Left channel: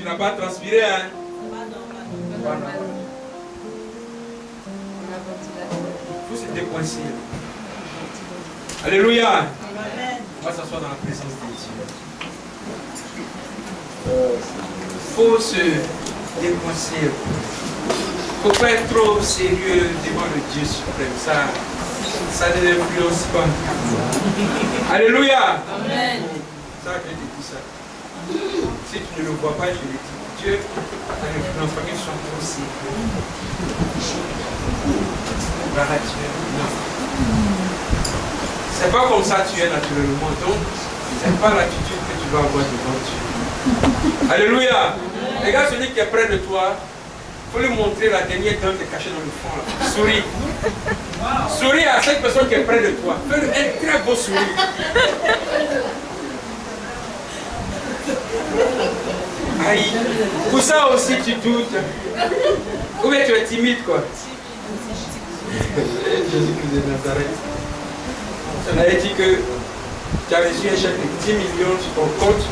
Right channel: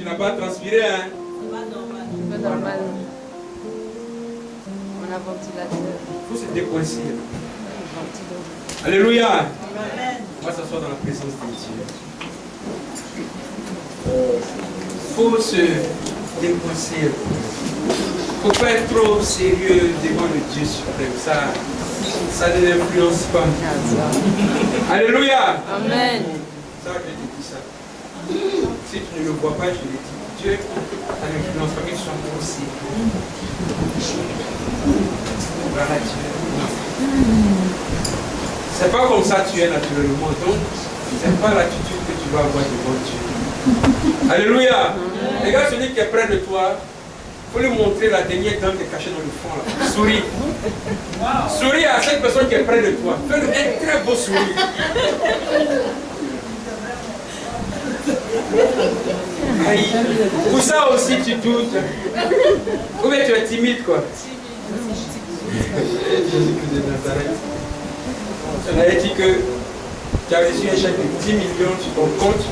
Tu n'as pas transpiré, hein? Il faut se décoincer. Alléluia. On va s'asseoir dans la présence de Dieu. Il faut se décoincer. Il ne faut pas être trop sérieux devant le Dieu suprême. Ça ne l'influence pas. Alléluia. Amen. Ça, je te dis ça. Si tu ne le vois pas, je le dis. Dieu, ça n'influence pas que tu sois trop sérieux. Voilà, Dieu. C'est pas comme ça tu es naturellement. Donc, c'est pas l'attitude que tu dois avoir devant Dieu. Alléluia. Regarde celui qui est près de toi. Il faut lui montrer la dernière dent qui est cachée dans le fond. Là. Souris. Souris à cette personne qui est près de toi. Fais-lui un très beau sourire. Aïe. Pour ça aussi tu doutes. Ou bien tu es timide quoi. Jésus-Christ de Nazareth. On avait dit que tu as reçu un chèque de 10 millions sur ton compte.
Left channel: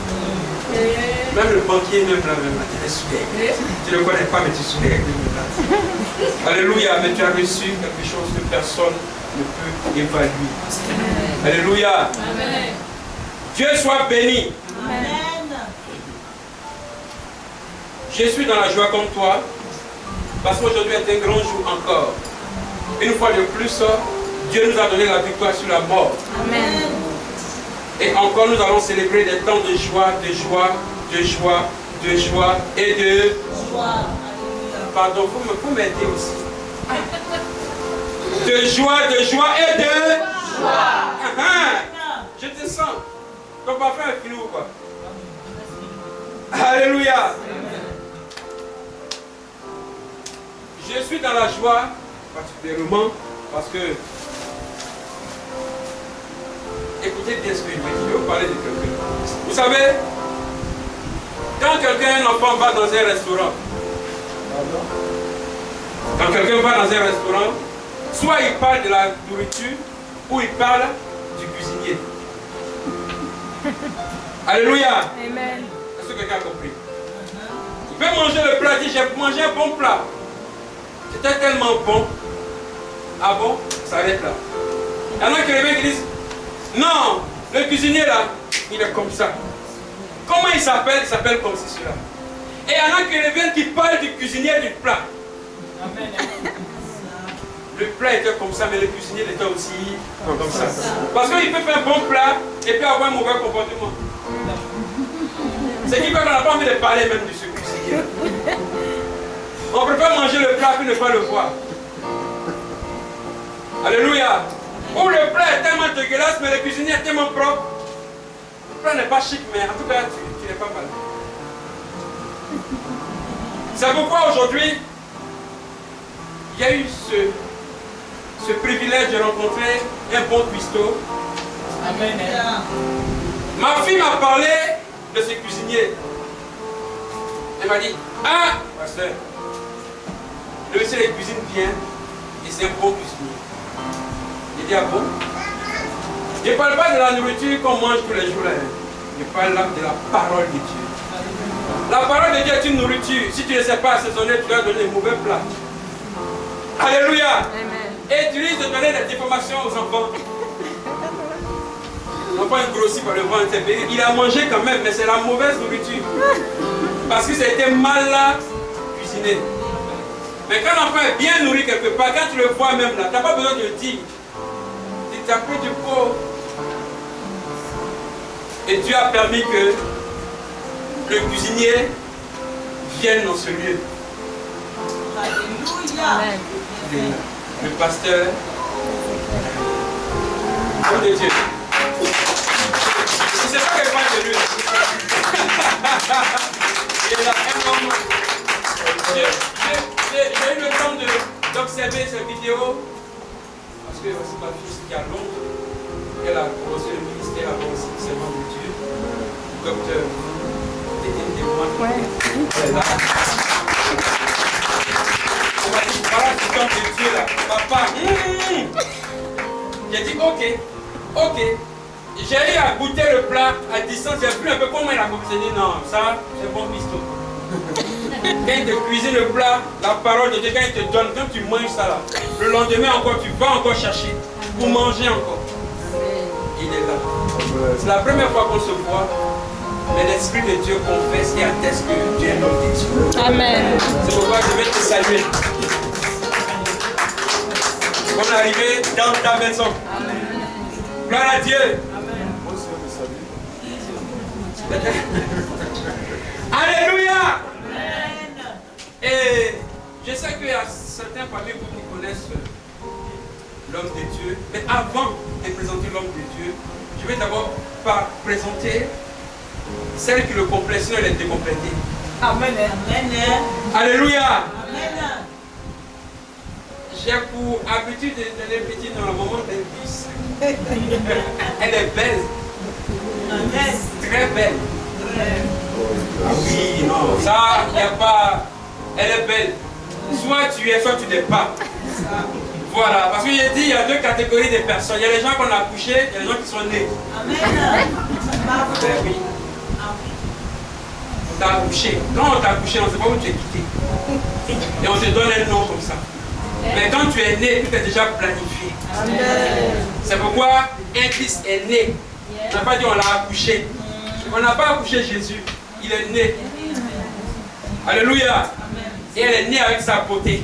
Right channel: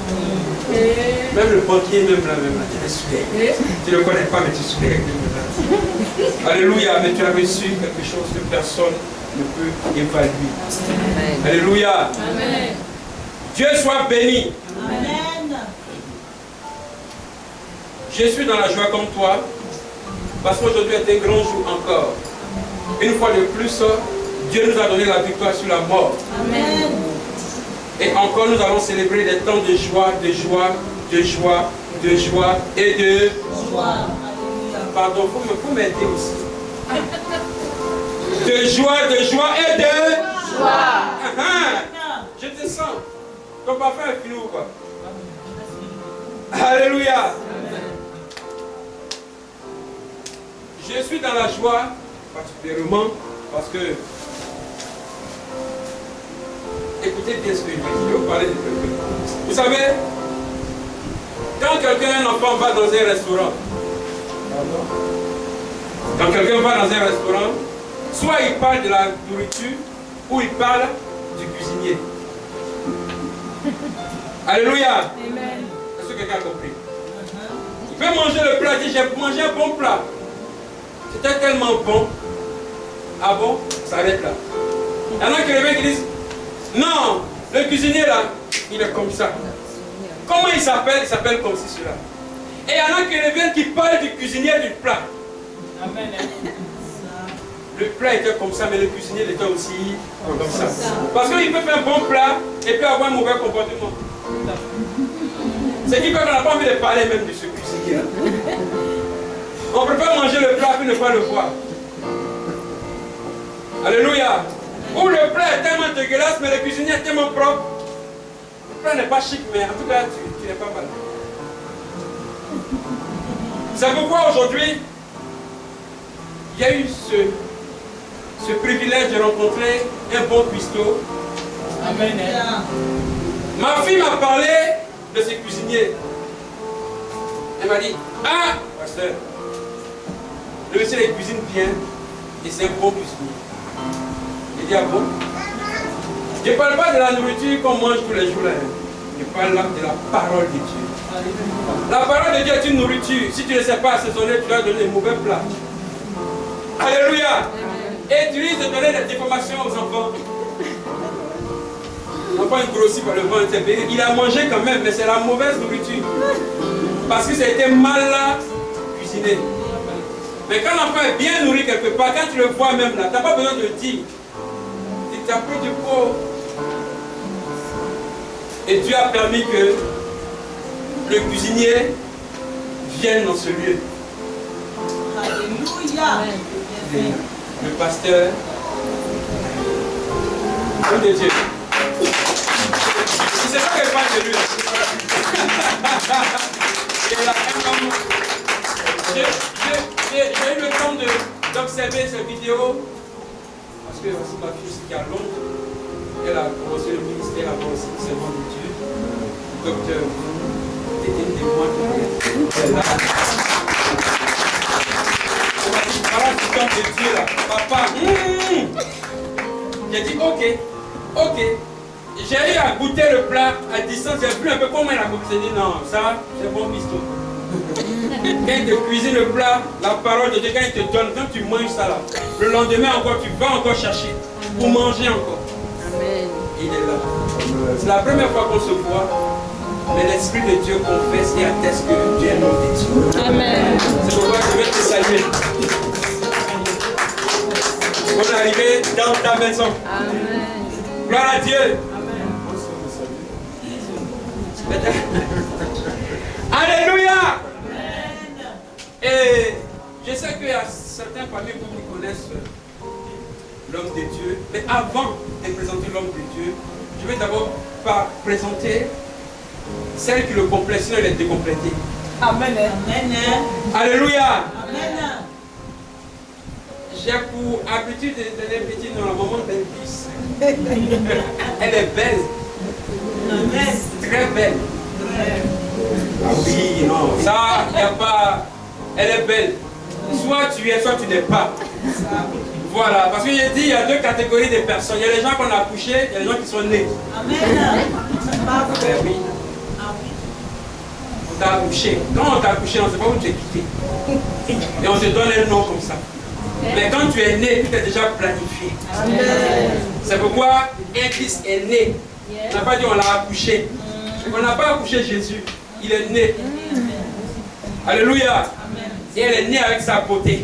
Même le banquier même là, tu le souviens. Tu ne le connais pas, mais tu te souviens de là. Alléluia, mais tu as reçu quelque chose que personne ne peut évaluer. Alléluia. Amen. Dieu soit béni. Amen. Je suis dans la joie comme toi, parce qu'aujourd'hui est un grand jour encore. Une fois de plus, Dieu nous a donné la victoire sur la mort. Amen. Et encore nous allons célébrer des temps de joie, de joie, de joie, de joie et de joie. Pardon, vous m'aider aussi. De joie et de joie. Je te sens. Ton parfum est fini ou quoi? Alléluia. Je suis dans la joie, particulièrement parce que, écoutez bien ce que je vais dire, je vais vous parler de quelqu'un. Vous savez, quand quelqu'un, un enfant va dans un restaurant, soit il parle de la nourriture, ou il parle du cuisinier. Alléluia. Amen. Est-ce que quelqu'un a compris? Il peut manger le plat, il dit j'ai mangé un bon plat. C'était tellement bon. Ah bon? Ça arrête là. Il y en a qui disent non, le cuisinier là, il est comme ça. Comment il s'appelle? Il s'appelle comme ceci, cela. Et il y en a qui reviennent qui parlent du cuisinier du plat. Amen. Le plat était comme ça, mais le cuisinier était aussi comme ça. Parce qu'il peut faire un bon plat et puis avoir un mauvais comportement. C'est qui fait qu'on n'a pas envie de parler même de ce cuisinier. On préfère manger le plat puis ne pas le voir. Alléluia. Ou le plat est tellement dégueulasse, mais le cuisinier est tellement propre. Le plat n'est pas chic, mais en tout cas, tu n'es pas mal. C'est pourquoi aujourd'hui, il y a eu ce privilège de rencontrer un bon cuistot. Amen. Ma fille m'a parlé de ce cuisinier. Elle m'a dit, ah, pasteur, le monsieur il cuisine bien et c'est un bon cuisinier. J'ai dit, ah bon? Je ne parle pas de la nourriture qu'on mange tous les jours là. Je parle là de la parole de Dieu. La parole de Dieu est une nourriture. Si tu ne sais pas assaisonner, tu vas donner des mauvais plats. Alléluia. Et tu risques de donner des informations aux enfants. L'enfant est grossi par le ventre. Il a mangé quand même, mais c'est la mauvaise nourriture. Parce que ça a été mal cuisiné. Mais quand l'enfant est bien nourri quelque part, quand tu le vois même là, tu n'as pas besoin de le dire. Tu as pris du pot. Et Dieu a permis que le cuisinier vienne dans ce lieu. Alléluia. Le pasteur. Nom de Dieu. C'est pas qu'elle parle de lui. J'ai eu le temps d'observer cette vidéo parce que c'est ma fille qui a Londres. Elle a commencé le ministère avant aussi, c'est le nom de Dieu. Docteur, était témoin. Elle a. On m'a dit, voilà ce temps de Dieu là. Papa, j'ai dit, ok. J'ai eu à goûter le plat à distance, j'ai vu un peu comment il a goûté. J'ai dit, non, ça, c'est bon piston. Quand il te cuisine le plat, la parole de Dieu, quand il te donne, quand tu manges ça là, le lendemain encore, tu vas encore chercher pour manger encore. Il est là. C'est la première fois qu'on se voit, mais l'Esprit de Dieu confesse et atteste que tu es l'homme de Dieu. Amen. C'est pourquoi je vais te saluer. On est arrivé dans ta maison. Amen. Gloire à Dieu. Amen. Alléluia. Et je sais qu'il y a certains parmi vous qui connaissent l'homme de Dieu. Mais avant de présenter l'homme de Dieu, je vais d'abord présenter celle qui le complète, sinon elle est décomplétée. Amen. Amen. Alléluia. Amen. J'ai pour habitude de donner petit dans la maman d'Elvis. Elle est belle. Amen. Très belle. Oui, non, ça, il n'y a pas. Elle est belle. Soit tu es, soit tu n'es pas. Voilà, parce que j'ai dit, il y a deux catégories de personnes. Il y a les gens qu'on a accouchés, il y a les gens qui sont nés. Amen. Ben oui. On t'a accouché. Quand on t'a accouché, on ne sait pas où tu es quitté. Et on te donne un nom comme ça. Mais quand tu es né, tout est déjà planifié. C'est pourquoi un fils est né. On n'a pas dit on l'a accouché. On n'a pas accouché Jésus. Il est né. Alléluia. Et elle est née avec sa beauté.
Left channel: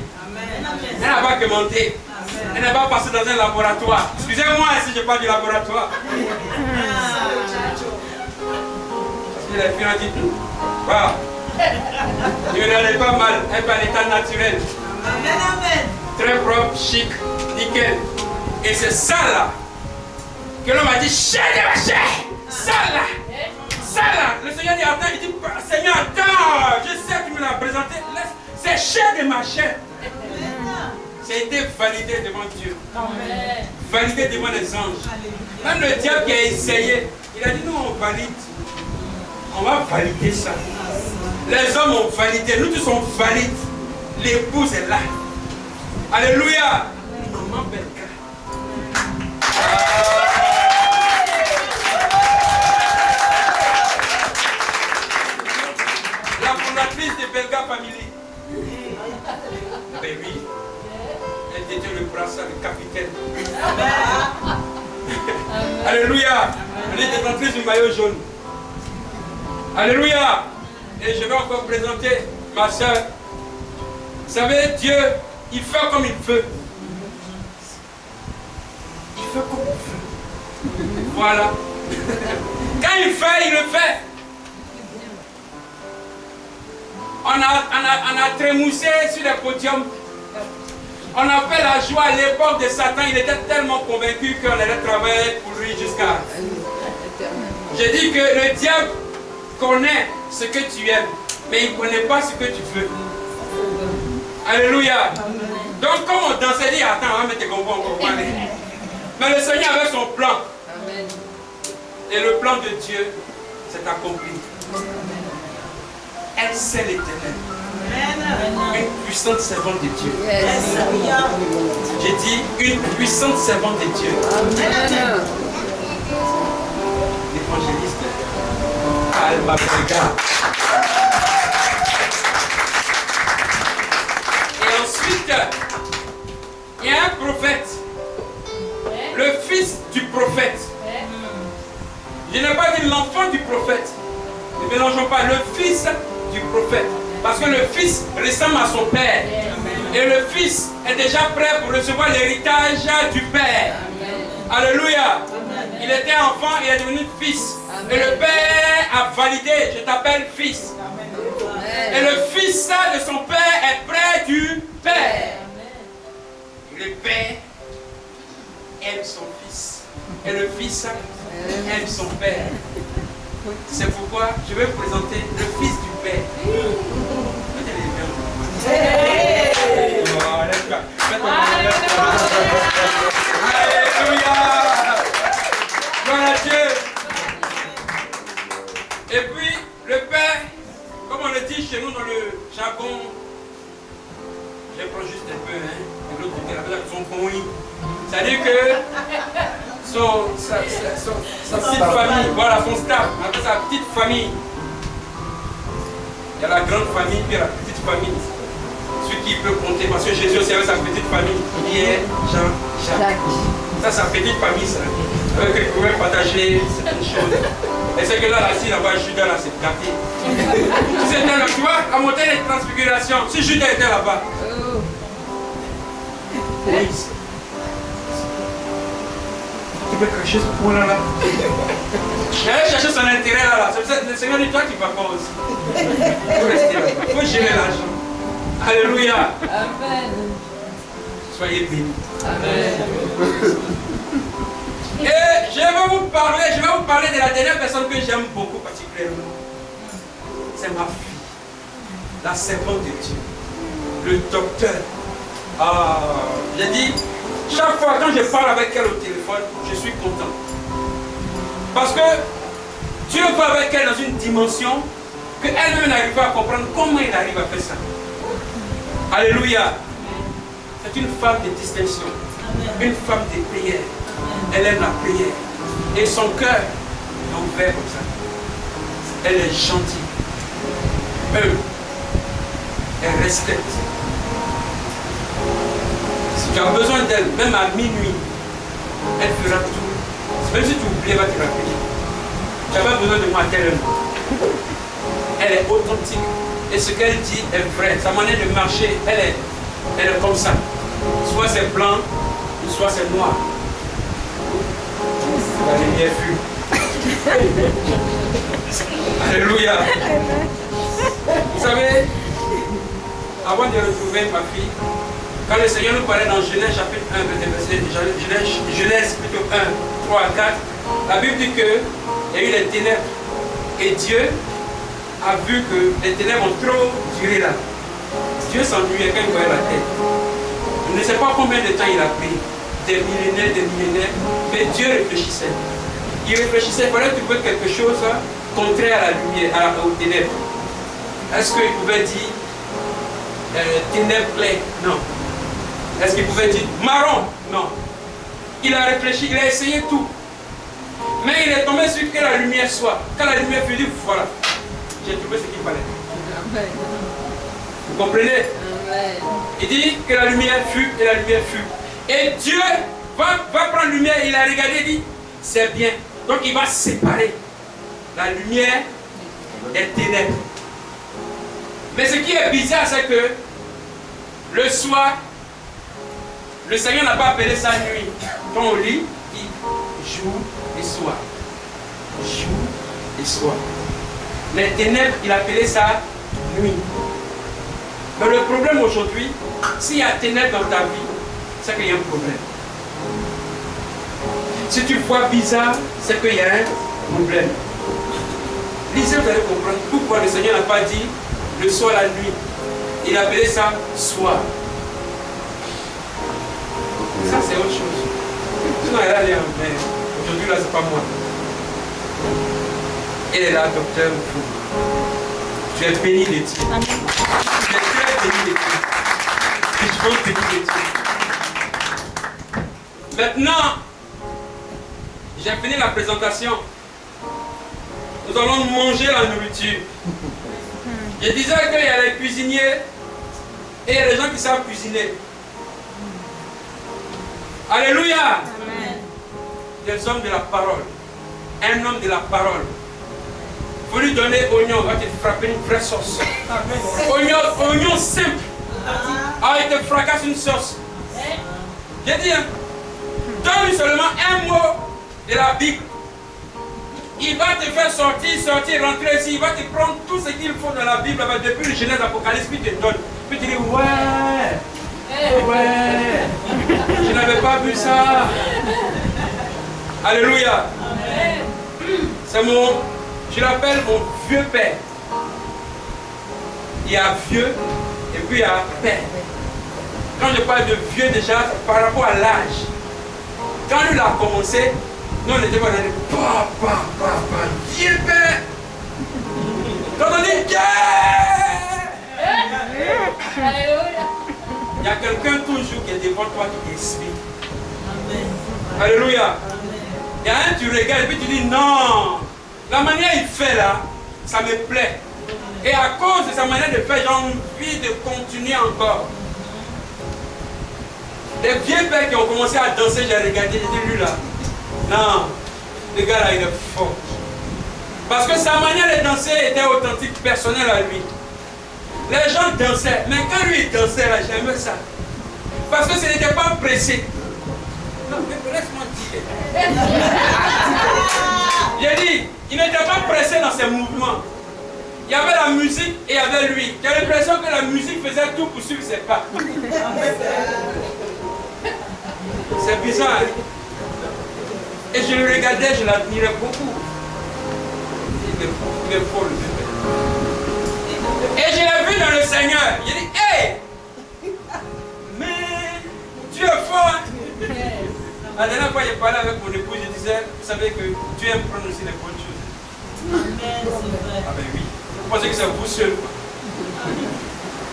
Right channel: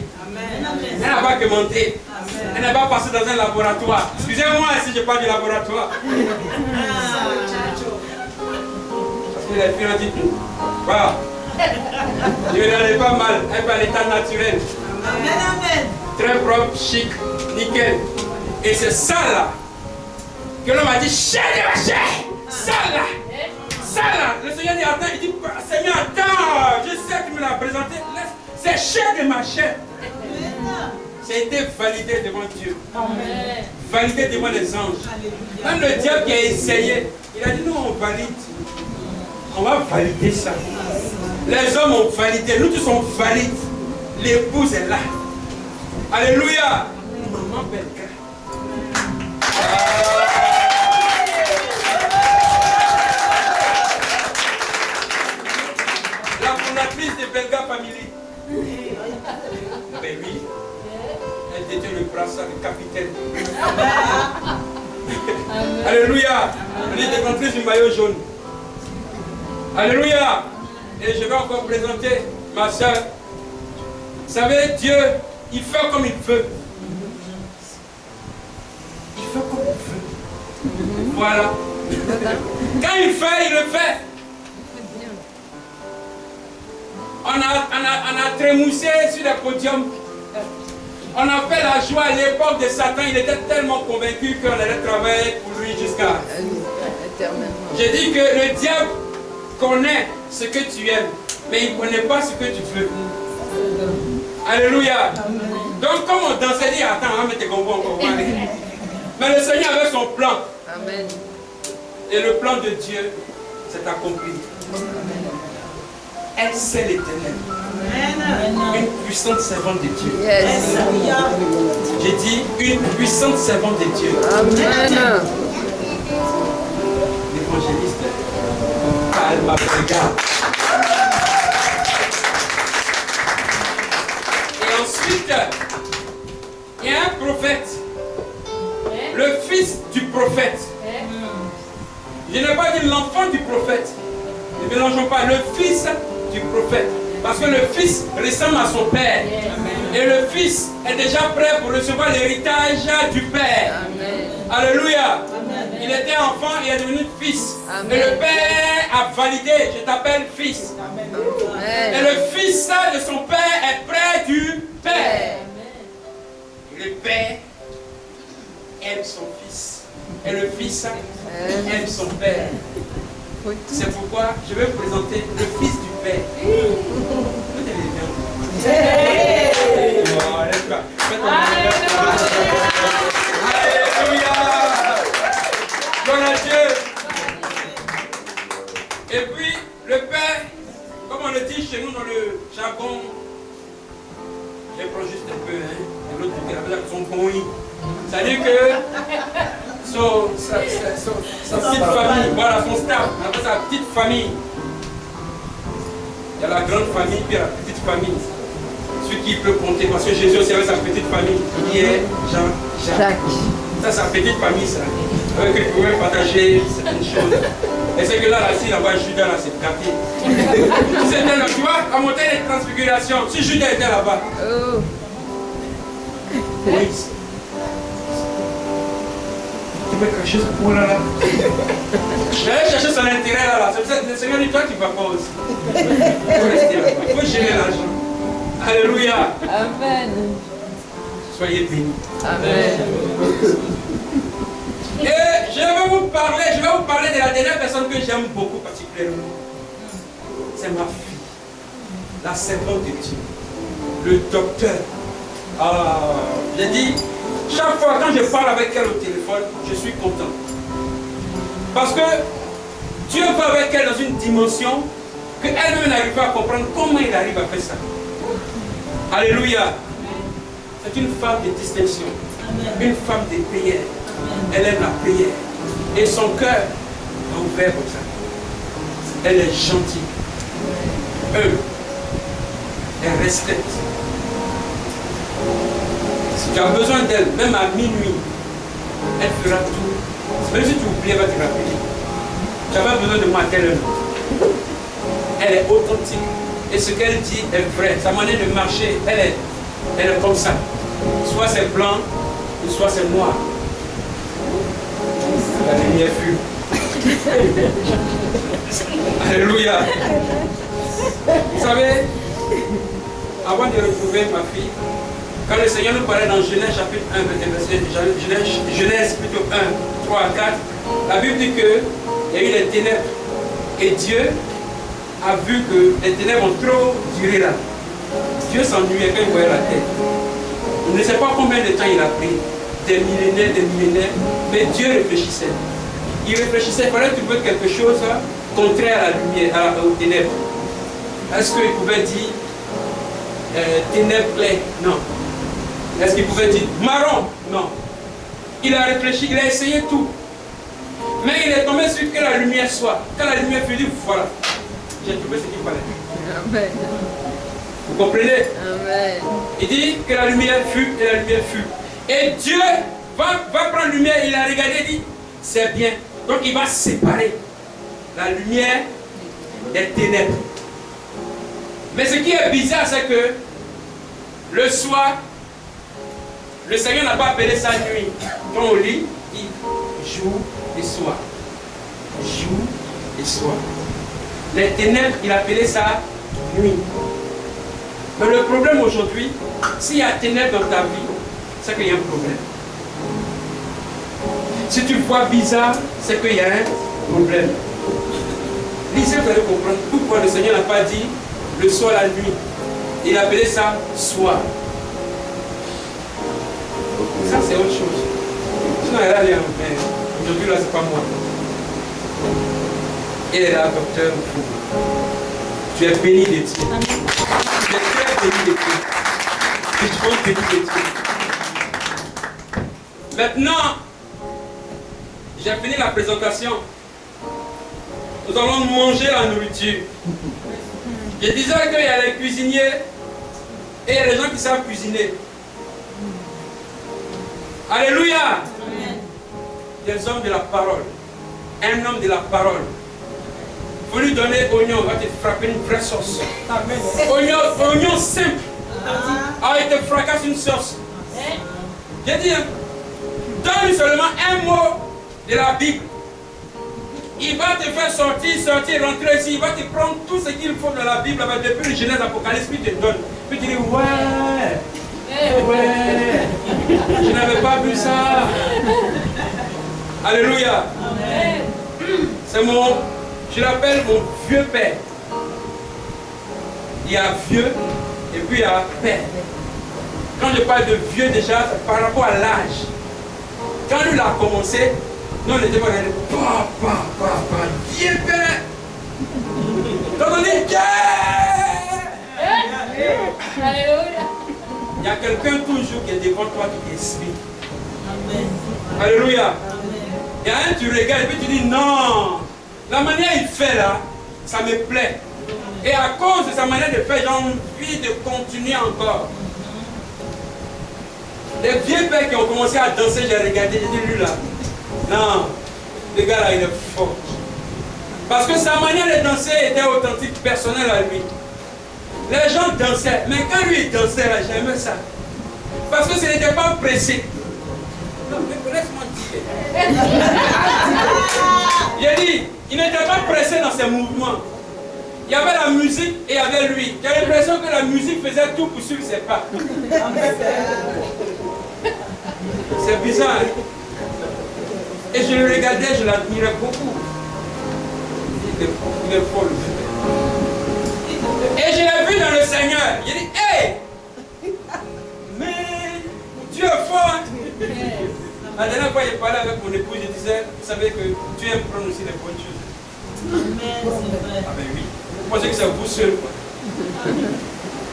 Elle n'a pas que monté. Elle n'est pas passée dans un laboratoire. Excusez-moi si je parle du laboratoire. Parce que les filles ont dit, waouh, je n'allais pas mal. Elle est à l'état naturel. Très propre, chic, nickel. Et c'est ça là que l'homme a dit, chair de ma chair. Ça là. Ça là. Le Seigneur dit, attends, il dit, Seigneur, attends, je sais que tu me l'as présenté. C'est chair de ma chair. Ça a été validé devant Dieu. Amen. Validé devant les anges. Même le diable qui a essayé, il a dit non, on valide. On va valider ça. Les hommes ont validé, nous tous on valide. L'épouse est là. Alléluia. Maman Belga. La fondatrice de Belga Family. Ben oui. Elle détient le brassard de capitaine. Alléluia. Elle est détentrice du maillot jaune. Alléluia. Et je vais encore présenter ma soeur. Vous savez, Dieu, il fait comme il veut. Il fait comme il veut. Voilà. Quand il fait, il le fait. On a trémoussé sur les podiums. On a fait la joie à l'époque de Satan. Il était tellement convaincu qu'on allait travailler pour lui jusqu'à... J'ai dit que le diable connaît ce que tu aimes, mais il ne connaît pas ce que tu veux. Alléluia. Donc comme on dansait, il dit, attends, on va mettre tes combos encore. Mais le Seigneur avait son plan. Et le plan de Dieu s'est accompli. Elle sait l'Éternel. Une puissante servante de Dieu. J'ai dit une puissante servante de Dieu. L'évangéliste Alma Belga. Et ensuite, il y a un prophète. Le fils du prophète. Je n'ai pas dit l'enfant du prophète. Ne mélangeons pas le fils du prophète. Parce que le fils ressemble à son père. Et le fils est déjà prêt pour recevoir l'héritage du père. Alléluia. Il était enfant, il est devenu fils. Et le père a validé, je t'appelle fils. Et le fils de son père est près du père. Le père aime son fils. Et le fils aime son père. C'est pourquoi je vais vous présenter le fils du père. Alléluia. Gloire à Dieu. Et puis le père, comme on le dit chez nous dans le jargon, je prends juste un peu, hein, et l'autre côté, la personne son bruit. C'est-à-dire que sa petite famille, voilà son staff, sa petite famille. y a la grande famille, puis il y a la petite famille. Celui qui peut compter, parce que Jésus aussi avait sa petite famille. Pierre, Jean, Jacques. Ça, c'est sa petite famille, ça. Avec qui il pouvait partager certaines choses. Et c'est que là, si là-bas, Judas, là, c'est gâté. Si c'était là, tu vois, à monter les transfigurations, si Judas était là-bas. Oui. Tu peux cacher ce point-là. J'allais chercher son intérêt là. C'est le Seigneur dit, toi, tu vas pas aussi. Il faut rester là. Il faut gérer l'argent. Alléluia. Amen. Soyez bénis. Amen. Et je vais vous parler de la dernière personne que j'aime beaucoup particulièrement. C'est ma fille, la servante de Dieu, le docteur. J'ai dit, chaque fois quand je parle avec elle au téléphone, je suis content. Parce que Dieu va avec elle dans une dimension qu'elle-même n'arrive pas à comprendre comment il arrive à faire ça. Alléluia. C'est une femme de distinction, une femme de prière. Elle aime la prière. Et son cœur est ouvert comme ça. Elle est gentille. Elle respecte. Si tu as besoin d'elle, même à minuit, elle fera tout. Même si tu oublies, elle va te rappeler. Tu n'as pas besoin de matériel. Elle est authentique. Et ce qu'elle dit est vrai. Sa manière de marcher, elle est comme ça. Soit c'est blanc, soit c'est noir. La lumière fut. Alléluia. Vous savez, avant de retrouver ma fille, quand le Seigneur nous parlait dans Genèse chapitre 1, Genèse plutôt 1, 3 à 4, la Bible dit qu'il y a eu les ténèbres. Et Dieu a vu que les ténèbres ont trop duré là. Dieu s'ennuyait quand il voyait la terre. On ne sait pas combien de temps il a pris. Des millénaires, mais Dieu réfléchissait. Il réfléchissait, il fallait trouver quelque chose contraire à la lumière, aux ténèbres. Est-ce qu'il pouvait dire ténèbres claires? Non. Est-ce qu'il pouvait dire marron? Non. Il a réfléchi, il a essayé tout. Mais il est tombé sur que la lumière soit. Quand la lumière fut dit, voilà, j'ai trouvé ce qu'il fallait. Amen. Vous comprenez? Amen. Il dit que la lumière fut et la lumière fut. Et Dieu va prendre la lumière, il a regardé et dit, c'est bien. Donc il va séparer la lumière des ténèbres. Mais ce qui est bizarre, c'est que le soir, le Seigneur n'a pas appelé ça nuit. Quand on lit, il dit jour et soir. Jour et soir. Les ténèbres, il appelait ça nuit. Mais le problème aujourd'hui, s'il y a ténèbres dans ta vie, c'est qu'il y a un problème. Si tu vois bizarre, c'est qu'il y a un problème. Lisez, vous allez comprendre pourquoi le Seigneur n'a pas dit le soir, la nuit. Il appelait ça soir. Ça, c'est autre chose. Sinon, elle a l'air, mais aujourd'hui, là, c'est pas moi. Elle est là, docteur. Tu es béni de Dieu. Tu es très béni de Dieu. Tu es béni de Dieu. Maintenant, j'ai fini la présentation. Nous allons manger la nourriture. Je disais qu'il y a les cuisiniers et il y a les gens qui savent cuisiner. Alléluia. Amen. Des hommes de la parole. Un homme de la parole. Vous lui donnez oignon, il va te frapper une vraie sauce. Oignon simple. Ah, il te fracasse une sauce. J'ai dit, donne-lui seulement un mot de la Bible. Il va te faire sortir, rentrer ici. Il va te prendre tout ce qu'il faut dans la Bible, depuis le Genèse, l'Apocalypse, puis il te donne. Puis tu dis, ouais, je n'avais pas vu ça. Alléluia. C'est je l'appelle mon vieux père. Il y a vieux et puis il y a père. Quand je parle de vieux déjà, par rapport à l'âge. Quand lui a commencé, nous on était pas dans papa, vieux père. Quand on dit Alléluia. il y a quelqu'un toujours qui est devant toi qui t'explique. Alléluia. Il y a un, tu regardes et puis tu dis non. La manière il fait là, ça me plaît. Et à cause de sa manière de faire, j'ai envie de continuer encore. Les vieux pères qui ont commencé à danser, j'ai regardé, j'ai dit lui là. Non, le gars là, il est fort. Parce que sa manière de danser était authentique, personnelle à lui. Les gens dansaient, mais quand lui il dansait là, j'aimais ça. Parce que ce n'était pas pressé. Non, mais laisse-moi dire. J'ai dit, il n'était pas pressé dans ses mouvements. Il y avait la musique et il y avait lui. J'ai l'impression que la musique faisait tout pour suivre ses pas. C'est bizarre. Et je le regardais, je l'admirais beaucoup. Il est fort, le bébé. Et je l'ai vu dans le Seigneur. J'ai dit, hey! Mais Dieu est fort. Hein? La dernière fois, j'ai parlé avec mon épouse, je disais, vous savez que Dieu aime prendre aussi les bonnes choses. Amen, c'est vrai. Ah ben oui. Vous pensez que c'est vous seul, quoi.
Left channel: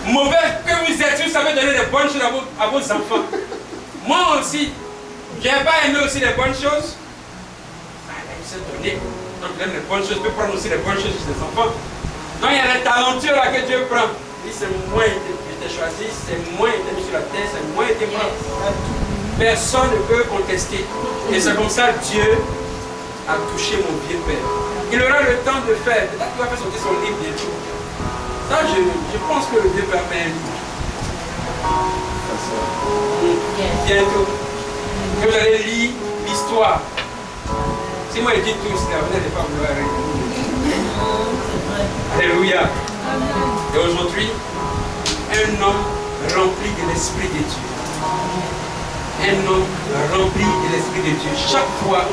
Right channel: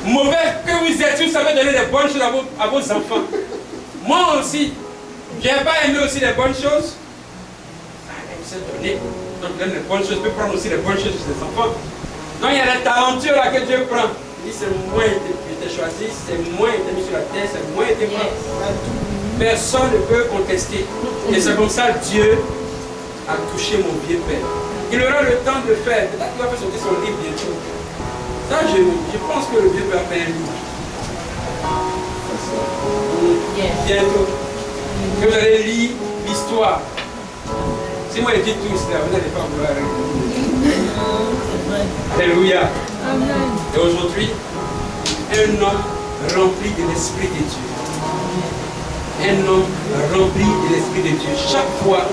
Mauvais que vous êtes, vous savez donner des bonnes choses à vos enfants. Moi aussi, je n'ai pas aimé aussi les bonnes choses. Ah, il s'est donné. Donc, il donne les bonnes choses, il peut prendre aussi les bonnes choses chez les enfants. Donc, il y a la talenture là que Dieu prend. Il dit, c'est moi qui t'ai choisi, c'est moi qui t'ai mis sur la terre, c'est moi qui t'ai pris. Personne ne peut contester. Et c'est comme ça que Dieu a touché mon vieux père. Il aura le temps de faire. Peut-être qu'il va faire sortir son livre bientôt. Ça, je pense que le vieux père fait un livre. Bientôt. Que vous allez lire l'histoire. Si moi je dis tout cela, vous n'allez pas vouloir arrêter. Alléluia. Et aujourd'hui, un homme rempli de l'Esprit de Dieu. Un homme rempli de l'Esprit de Dieu. Chaque fois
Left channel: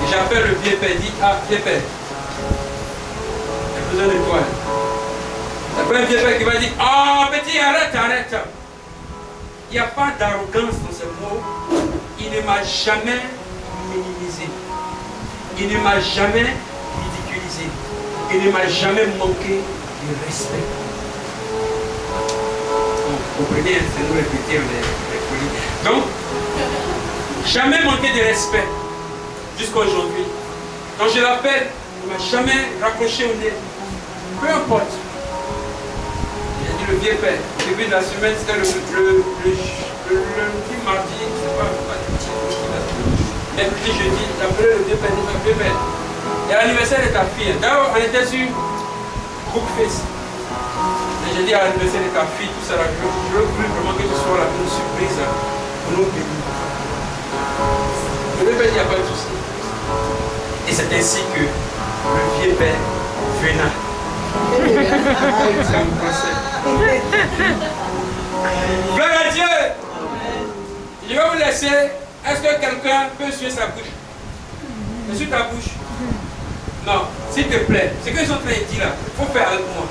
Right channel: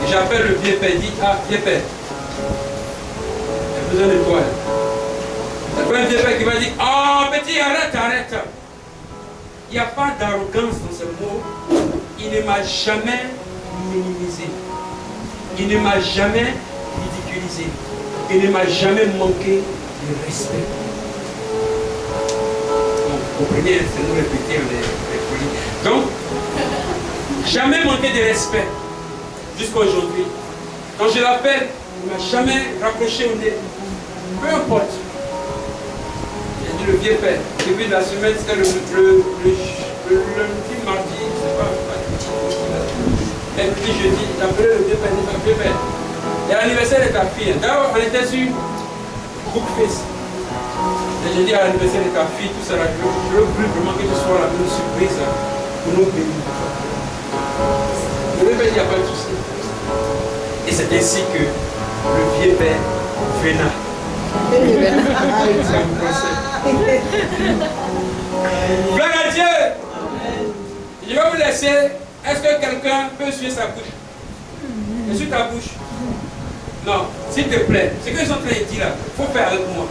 que j'appelle le vieux père, dit, ah, vieux père, j'ai besoin de toi. Après un vieux père qui va dire, oh petit, arrête, arrête. Il n'y a pas d'arrogance dans ce mot. Il ne m'a jamais minimisé. Il ne m'a jamais ridiculisé. Il ne m'a jamais manqué de respect. Vous comprenez, c'est nous répéter les folies. Donc, jamais manqué de respect jusqu'à aujourd'hui. Quand je l'appelle, il ne m'a jamais raccroché au nez. Peu importe. J'ai dit le vieux père. Au début de la semaine, c'était le lundi, mardi, je ne sais pas. Mercredi, jeudi, j'ai appelé le vieux père, il dit le vieux père. Il y a l'anniversaire de ta fille. D'abord, on était sur Groupe Face. Et j'ai dit à l'anniversaire de ta fille, tout ça là, je veux vraiment que tu sois là, une surprise là, pour nous bénir. Le vieux père, il n'y a pas de souci. Et c'est ainsi que le vieux père venait. C'est un procès. Gloire à Dieu. Je vais vous laisser. Est-ce que quelqu'un peut suivre sa bouche? Sur ta bouche? Non, s'il te plaît. Ce qu'ils sont en train de dire là, il faut faire avec moi.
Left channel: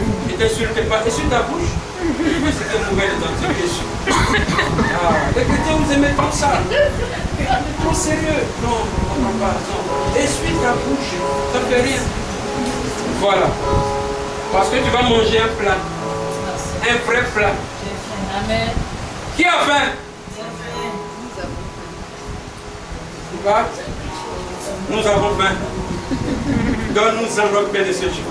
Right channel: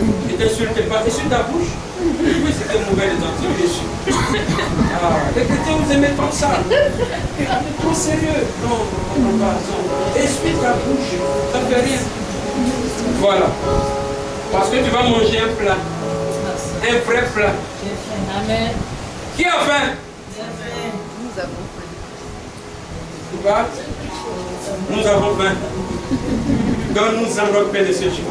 Ne t'insulte pas. Et sur ta bouche? Oui, c'était mauvais les dents, dessus. Ah, les chrétiens, vous aimez comme ça. Trop sérieux. Non, non, pas. Non. Essuie ta bouche. Ça ne fait rien. Voilà. Parce que tu vas manger un plat. Un vrai plat. Amen. Qui a faim? Nous avons faim. Donne-nous un repère de ce jour.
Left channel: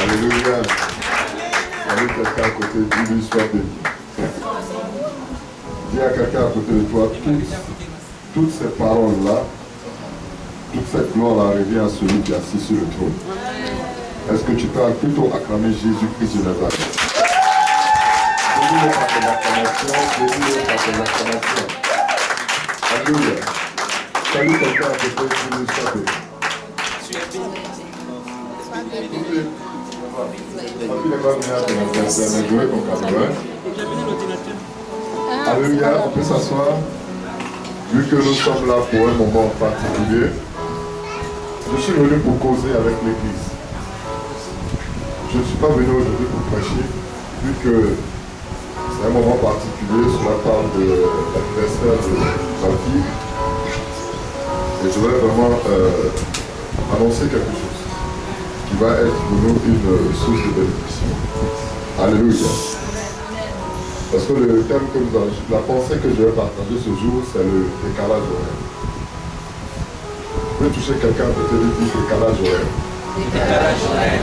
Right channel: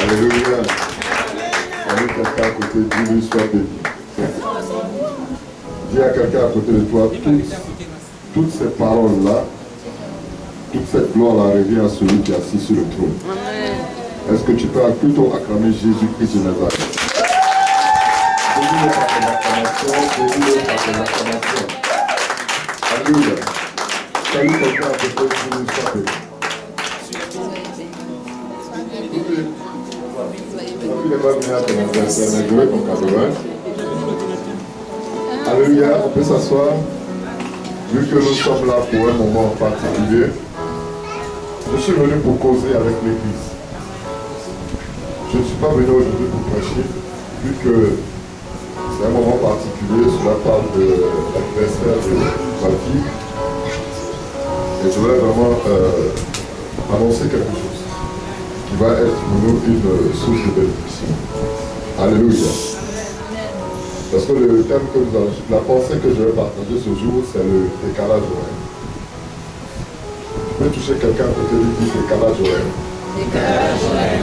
Alléluia. Salut quelqu'un à côté, dis-lui sois béni. Dis à quelqu'un à côté de toi, toutes ces paroles-là, toute cette gloire-là revient à celui qui est assis sur le trône. Est-ce que tu peux plutôt acclamer Jésus-Christ de Nazareth? Bénis-le par ton acclamation, bénis-le par ton acclamation. Alléluia. Salut quelqu'un à côté, dis-lui sois béni. Alléluia, on peut s'asseoir. Vu que nous sommes là pour un moment particulier, je suis venu pour causer avec l'Église. Je ne suis pas venu aujourd'hui pour prêcher, vu que c'est un moment particulier, cela parle de l'anniversaire de ma fille. Et je voulais vraiment annoncer quelque chose qui va être pour nous une source de bénédiction. Alléluia. Parce que le thème que nous allons, la pensée que je vais partager ce jour, c'est le décalage horaire. Tu peux toucher quelqu'un à côté de lui, décalage horaire. Décalage horaire.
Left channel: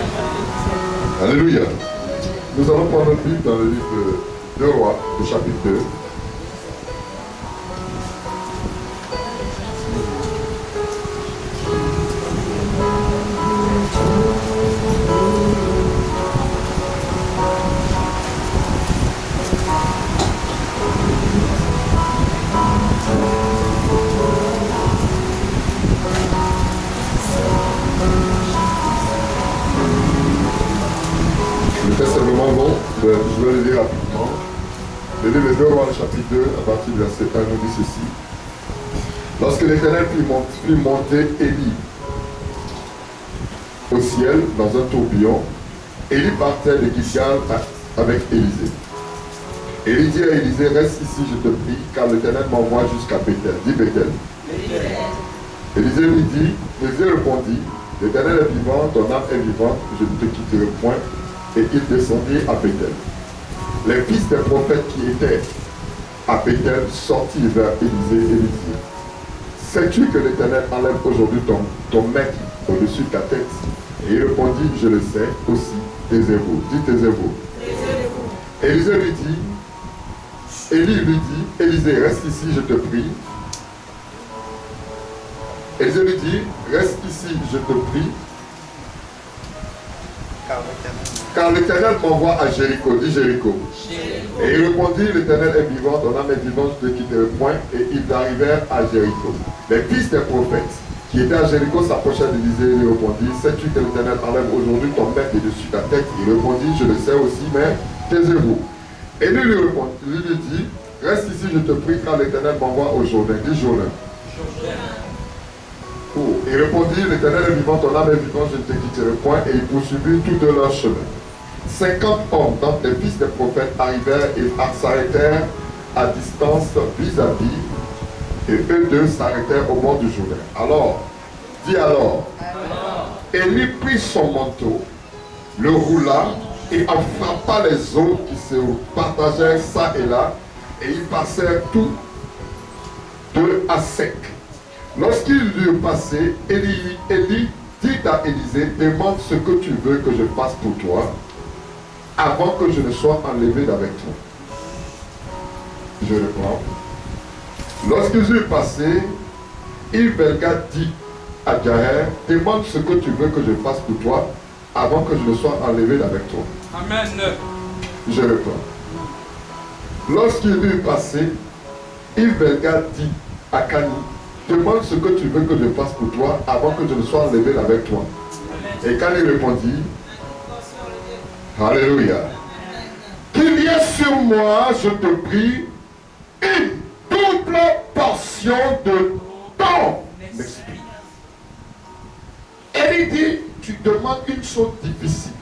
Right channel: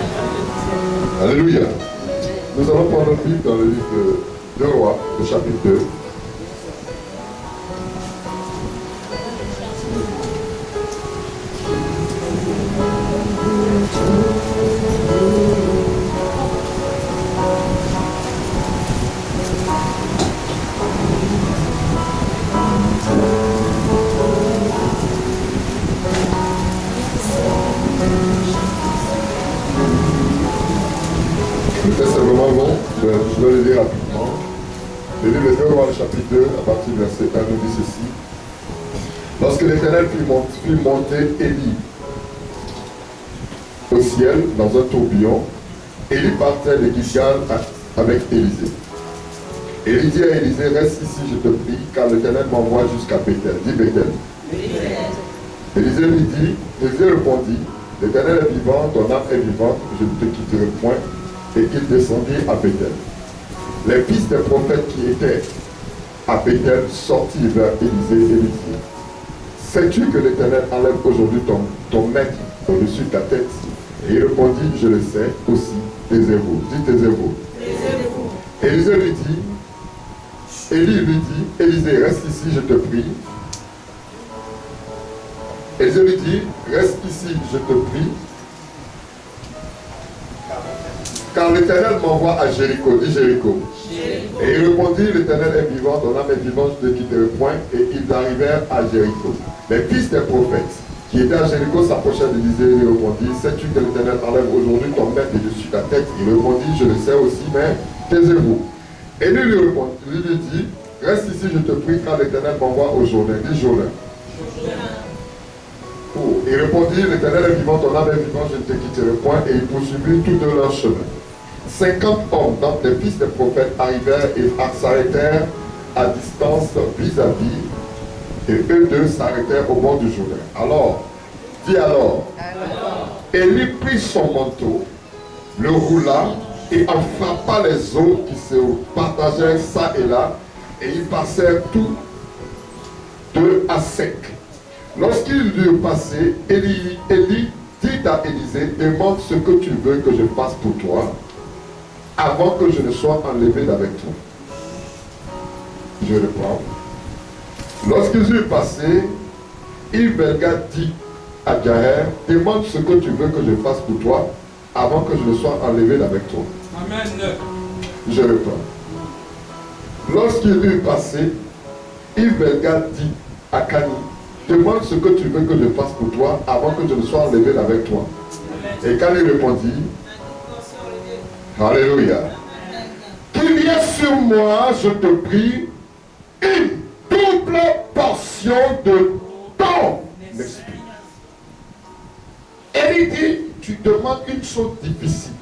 Alléluia. Nous allons prendre notre Bible dans le livre de Rois, le chapitre 2. Le texte est vraiment long, je vais le lire rapidement. Le livre de Rois, le chapitre 2, à partir du verset 1, nous dit ceci. Lorsque l'Éternel fit monter Élie au ciel dans un tourbillon, Élie partait de Gilgal avec Élisée. Élie dit à Élisée, reste ici, je te prie, car l'Éternel m'envoie jusqu'à Bethel. Dis Bethel. Élisée répondit, l'Éternel est vivant, ton âme est vivante, je ne te quitterai point. Et il descendit à Bethel. Les fils des prophètes qui étaient à Bethel sortirent vers Élisée et lui dirent, sais-tu que l'Éternel enlève aujourd'hui ton maître au-dessus de ta tête? Et il répondit, je le sais aussi, taisez-vous. Dis taisez-vous. Élisée lui dit, Élie lui dit, Élisée, reste ici, je te prie. Élisée lui dit, reste ici, je te prie. Car l'Éternel m'envoie à Jéricho. Dis Jéricho. Et il répondit, l'Éternel est vivant, ton âme est vivante, je ne te quitterai point. Et ils arrivèrent à Jéricho. Les fils des prophètes qui étaient à Jéricho s'approchèrent d'Élisée et lui répondit, sais-tu que l'Éternel enlève aujourd'hui ton maître de dessus ta tête? Il répondit, je le sais aussi, mais taisez-vous. Et lui dit, reste ici, je te prie, car l'Éternel m'envoie au Jourdain. Dis Jourdain. Il répondit, l'Éternel est vivant, ton âme est vivante, je ne te quitterai point. Et il poursuivit tout de leur chemin. 50 hommes, donc les fils des prophètes, arrivèrent et s'arrêtèrent à distance vis-à-vis. Et eux deux s'arrêtèrent au bord du Jourdain. Alors, Élie prit son manteau, le roula et en frappa les eaux qui se partagèrent ça et là. Et ils passèrent tous deux à sec. Lorsqu'ils eurent passé, Élie dit à Élisée, demande ce que tu veux que je fasse pour toi, avant que je ne sois enlevé d'avec toi. Je reprends. Lorsqu'ils eurent passé, Belga dit à Jaël, demande ce que tu veux que je fasse pour toi, avant que je ne sois enlevé d'avec toi. Amen. Je reprends. Lorsqu'ils eurent passé, Belga dit à Cani, demande ce que tu veux que je fasse pour toi avant que je ne sois enlevé avec toi. Et quand il répondit, Alléluia, qu'il y ait sur moi, je te prie, une double portion de ton esprit. Et il dit, tu demandes une chose difficile.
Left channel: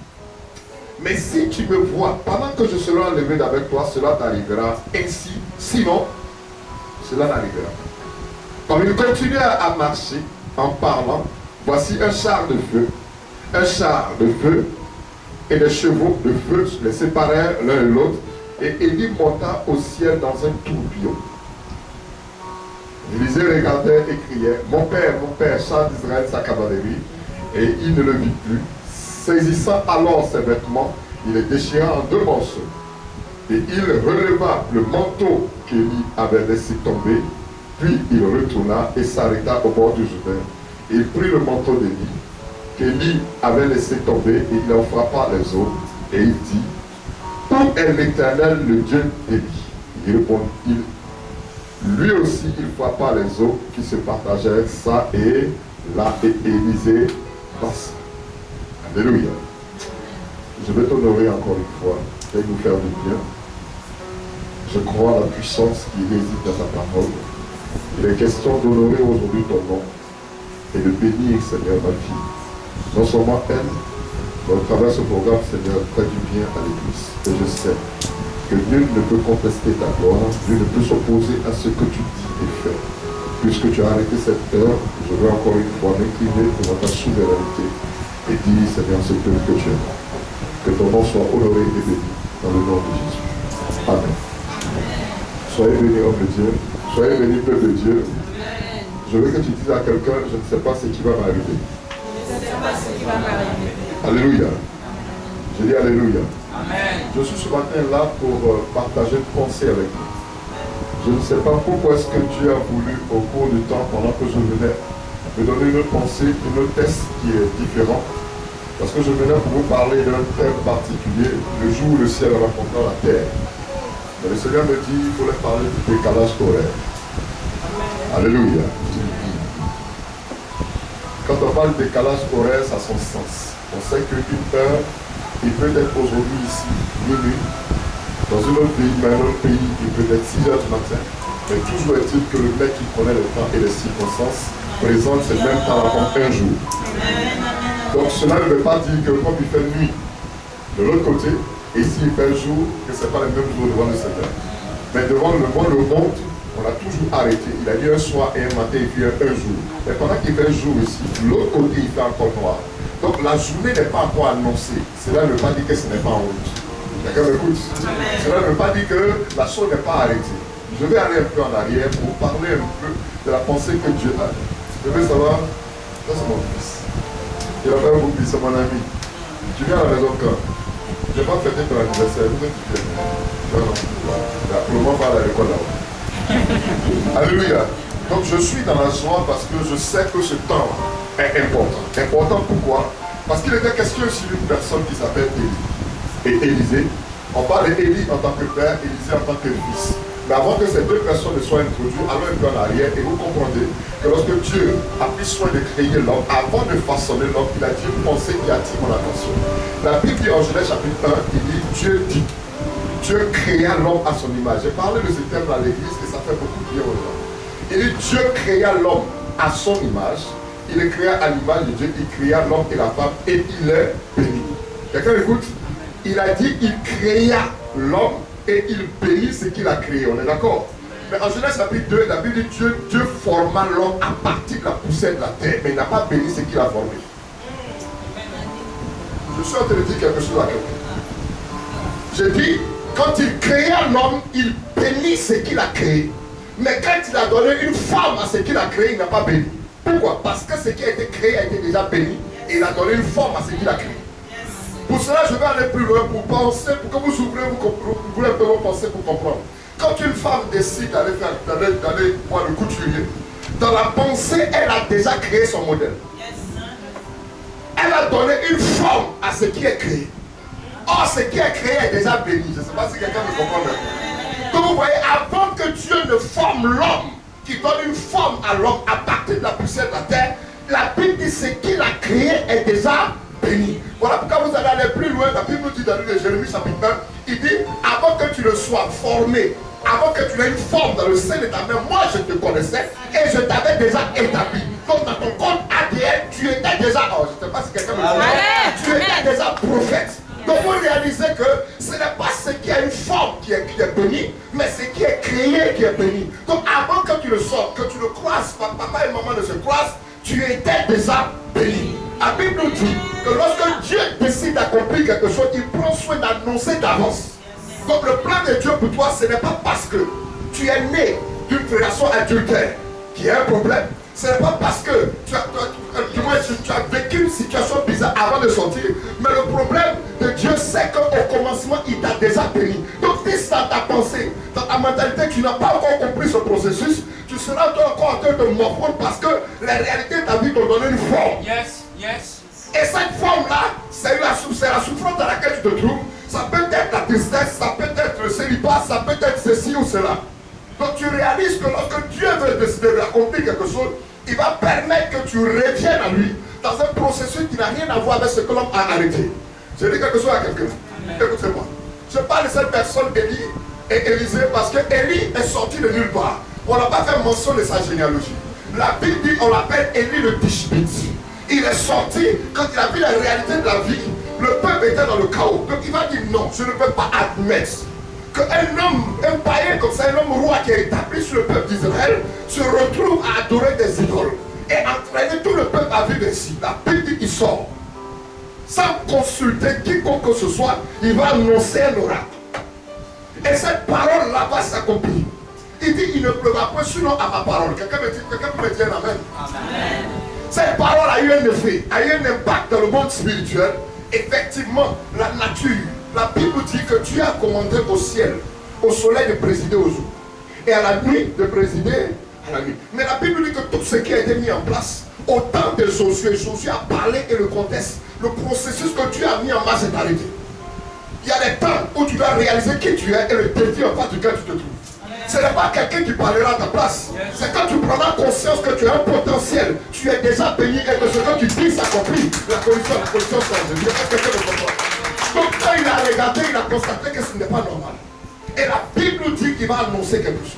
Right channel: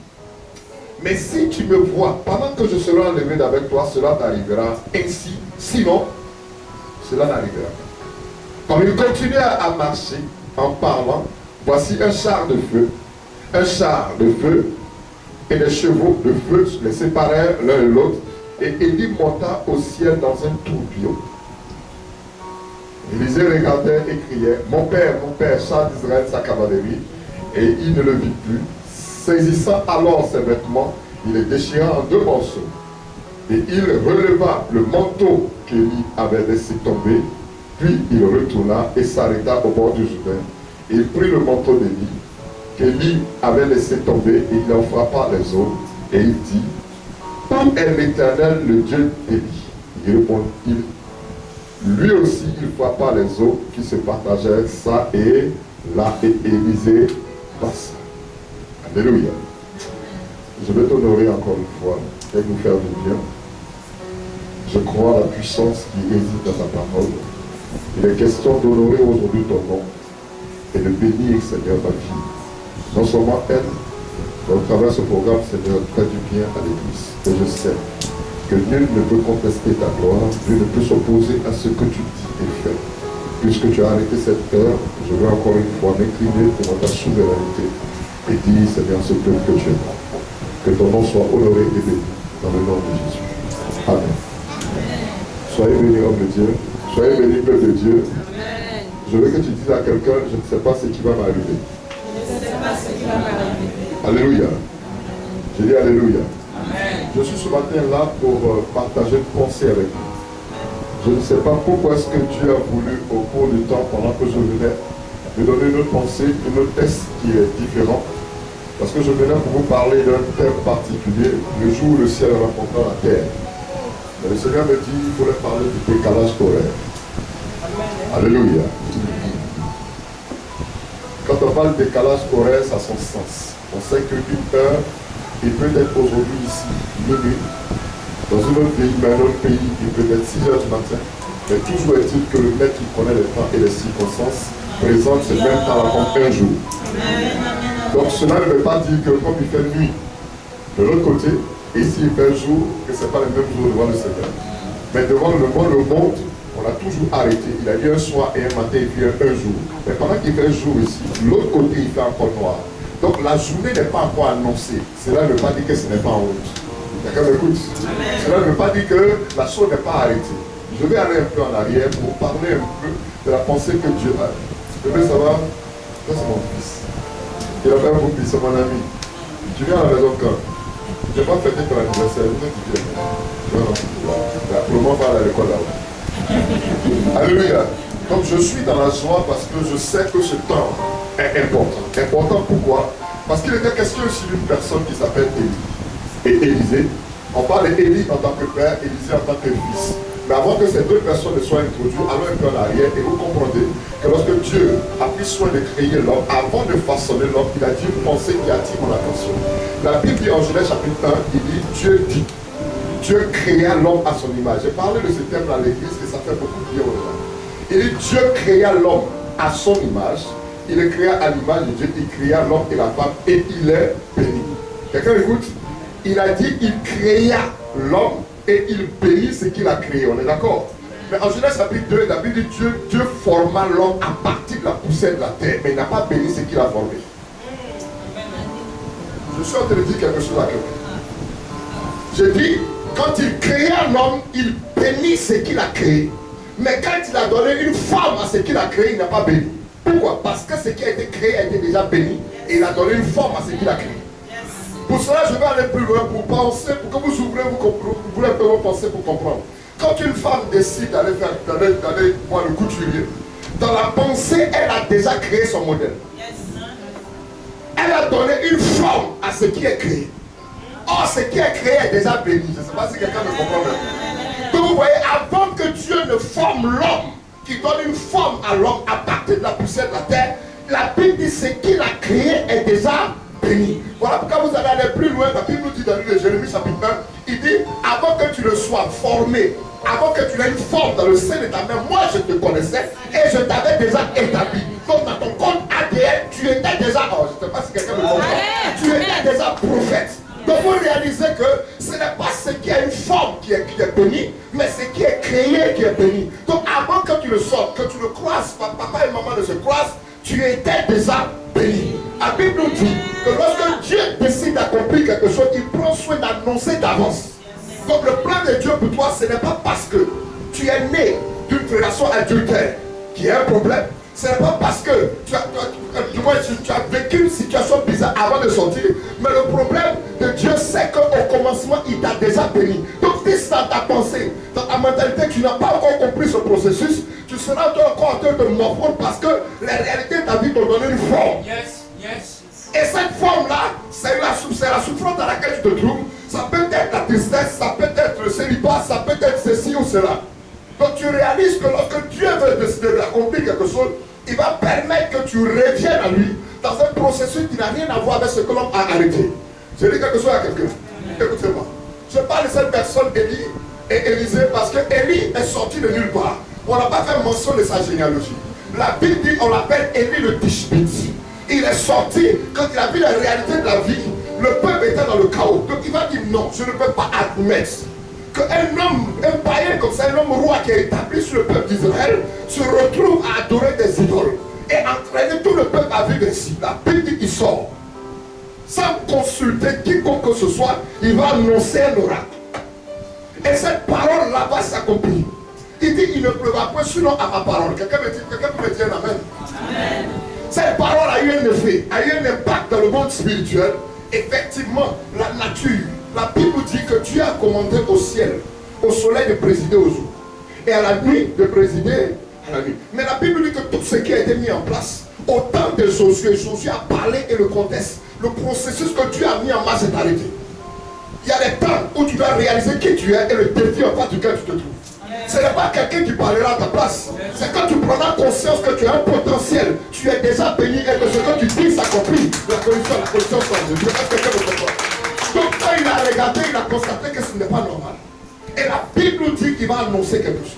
Mais si tu me vois, pendant que je serai enlevé d'avec toi, cela t'arrivera ainsi. Sinon, cela n'arrivera pas. Comme il continuait à marcher en parlant, voici un char de feu et des chevaux de feu les séparèrent l'un et l'autre, et Élie monta au ciel dans un tourbillon. Élisée regardait et criait, mon père, char d'Israël, sa cavalerie, et il ne le vit plus. Saisissant alors ses vêtements, il les déchira en deux morceaux, et il releva le manteau qu'Élie avait laissé tomber. Puis il retourna et s'arrêta au bord du Jourdain. Il prit le manteau d'Élie, qu'Élie avait laissé tomber, et il en frappa les eaux. Et il dit, où est l'Éternel, le Dieu d'Élie? Il répondit, lui aussi il frappa les eaux qui se partagèrent ça et là, et Élisée passa. Alléluia. Je vais t'honorer encore une fois et nous faire du bien. Je crois à la puissance qui réside dans ta parole. Il est question d'honorer aujourd'hui ton nom et de bénir, Seigneur, ma fille. Non seulement elle, mais au travers de ce programme, Seigneur, fais du bien à l'Église. Et je sais que nul ne peut contester ta gloire, nul ne peut s'opposer à ce que tu dis et fais. puisque tu as arrêté cette terre, je veux encore une fois m'incliner devant ta souveraineté et dire, Seigneur, ce peuple que tu es. Que ton nom soit honoré et béni dans le nom de Jésus. Amen. Soyez bénis, homme de Dieu. Soyez bénis, peuple de Dieu. Je veux que tu dises à quelqu'un, je ne sais pas ce qui va m'arriver. Alléluia. Je dis Alléluia. Amen. Je suis ce matin là pour partager une pensée avec vous. Je ne sais pas pourquoi est-ce que Dieu a voulu, au cours du temps, pendant que je venais, me donner une autre pensée, une autre test qui est différente. Parce que je venais pour vous parler d'un thème particulier, le jour où le ciel rencontrera la terre. Mais le Seigneur me dit qu'il fallait parler du décalage horaire. Alléluia. Quand on parle de décalage horaire, ça a son sens. On sait qu'une heure, il peut être aujourd'hui ici, minuit. Dans un autre pays, mais un autre pays, il peut être 6 heures du matin. Mais toujours est-il que le mec qui connaît le temps et les circonstances présente ce même temps comme un jour. Donc cela ne veut pas dire que comme il fait nuit de l'autre côté, et s'il fait jour, que ce n'est pas le même jour devant le Seigneur. Mais devant le monde, on a toujours arrêté. Il a dit un soir et un matin, il fait un jour. Mais pendant qu'il fait jour ici, l'autre côté, il fait encore noir. Donc la journée n'est pas encore annoncée. Cela ne veut pas dire que ce n'est pas en route. Quelqu'un m'écoute? Cela ne veut pas dire que la chose n'est pas arrêtée. Je vais aller un peu en arrière pour parler un peu de la pensée que Dieu a. Je veux savoir, ça c'est mon fils. Il a fait un beau fils, c'est mon ami. Tu viens à la maison quand? Je n'ai pas fêté ton anniversaire, vous êtes bien. Non, non. Pour le moment, on va à l'école là-haut. Alléluia. Donc je suis dans la joie parce que je sais que ce temps est important. Important pourquoi? Parce qu'il était question ici d'une personne qui s'appelle Élie. Et Élisée, on parle d'Élie en tant que père, Élisée en tant que fils. Mais avant que ces deux personnes ne soient introduites, allons un peu en arrière et vous comprendrez que lorsque Dieu a pris soin de créer l'homme, avant de façonner l'homme, il a dit une pensée qui attire mon attention. La Bible dit en Genèse chapitre 1, il dit Dieu créa l'homme à son image. J'ai parlé de ce thème à l'église et ça fait beaucoup de bien aux gens. Il dit Dieu créa l'homme à son image, il le créa à l'image de Dieu, il créa l'homme et la femme et il est béni. Quelqu'un écoute? Il a dit il créa l'homme et il bénit ce qu'il a créé. On est d'accord? Mais en Genèse chapitre 2, la Bible dit Dieu forma l'homme à partir de la poussière de la terre, mais il n'a pas béni ce qu'il a formé. Je suis en train de dire quelque chose à quelqu'un. J'ai dit, quand il créa l'homme, il bénit ce qu'il a créé. Mais quand il a donné une forme à ce qu'il a créé, il n'a pas béni. Pourquoi? Parce que ce qui a été créé a été déjà béni et il a donné une forme à ce qu'il a créé. Pour cela, je vais aller plus loin pour penser, pour que vous ouvrez, vous voulez un peu vos pensées pour comprendre. Quand une femme décide d'aller voir le couturier, dans la pensée, elle a déjà créé son modèle. Elle a donné une forme à ce qui est créé. Or, ce qui est créé est déjà béni. Je ne sais pas si quelqu'un me comprend même. Donc vous voyez, avant que Dieu ne forme l'homme, qui donne une forme à l'homme à partir de la poussière de la terre, la Bible dit ce qu'il a créé est déjà béni. Voilà pourquoi vous allez aller plus loin. La Bible nous dit dans le livre de Jérémie chapitre 1, il dit, avant que tu ne sois formé, avant que tu aies une forme dans le sein de ta mère, moi je te connaissais et je t'avais déjà établi. Donc dans ton compte ADN, tu étais déjà, oh je ne sais pas si quelqu'un me comprend, tu étais déjà prophète. Donc vous réalisez que ce n'est pas ce qui a une forme qui est béni, mais ce qui est créé qui est béni. Donc avant que tu le sortes, que tu le croises, papa et maman ne se croisent, tu étais déjà béni. La Bible nous dit que lorsque Dieu décide d'accomplir quelque chose, il prend soin d'annoncer d'avance. Donc le plan de Dieu pour toi, ce n'est pas parce que tu es né d'une relation adultère qui est un problème. Ce n'est pas parce que tu as vécu une situation bizarre avant de sortir, mais le problème de Dieu, c'est qu'au commencement, il t'a déjà béni. Donc si dans ta pensée, dans ta mentalité, tu n'as pas encore compris ce processus, tu seras encore en train de morfondre parce que la réalité de ta vie t'ont donné une forme. Yes, yes. Et cette forme-là, c'est la souffrance dans laquelle tu te trouves. Ça peut être la tristesse, ça peut être le célibat, ça peut être ceci ou cela. Donc tu réalises que lorsque Dieu veut décider d'accomplir quelque chose, il va permettre que tu reviennes à lui dans un processus qui n'a rien à voir avec ce que l'homme a arrêté. Je dis quelque chose à quelqu'un. Écoutez-moi. Je parle de cette personne, Élie et Élisée, parce que Élie est sorti de nulle part. On n'a pas fait mention de sa généalogie. La Bible dit, on l'appelle Élie le Tishbite. Il est sorti quand il a vu la réalité de la vie. Le peuple était dans le chaos. Donc il va dire non, je ne peux pas admettre qu'un homme, un païen comme ça, un homme roi qui est établi sur le peuple d'Israël, se retrouve à adorer des idoles et entraîner tout le peuple à vivre ainsi. La Bible dit qu'il sort. Sans consulter quiconque que ce soit, il va annoncer un oracle. Et cette parole-là va s'accomplir. Il dit, il ne pleuvra point sinon à ma parole. Quelqu'un peut me dire un amen. Amen. Cette parole a eu un effet, a eu un impact dans le monde spirituel. Effectivement, la nature, la Bible dit que Dieu a commandé au ciel, au soleil de présider au jour. Et à la nuit de présider à la nuit. Mais la Bible dit que tout ce qui a été mis en place, au temps de Josué, Josué a parlé et le contexte, le processus que Dieu a mis en marche est arrêté. Il y a des temps où tu dois réaliser qui tu es et le défi en face duquel tu te trouves. Ce n'est pas quelqu'un qui parlera à ta place. C'est quand tu prendras conscience que tu as un potentiel, tu es déjà béni et que ce que tu dis s'accomplit. La condition change. Je ne sais pas si quelqu'un me comprend. Donc quand il a regardé, il a constaté que ce n'est pas normal. Et la Bible nous dit qu'il va annoncer quelque chose.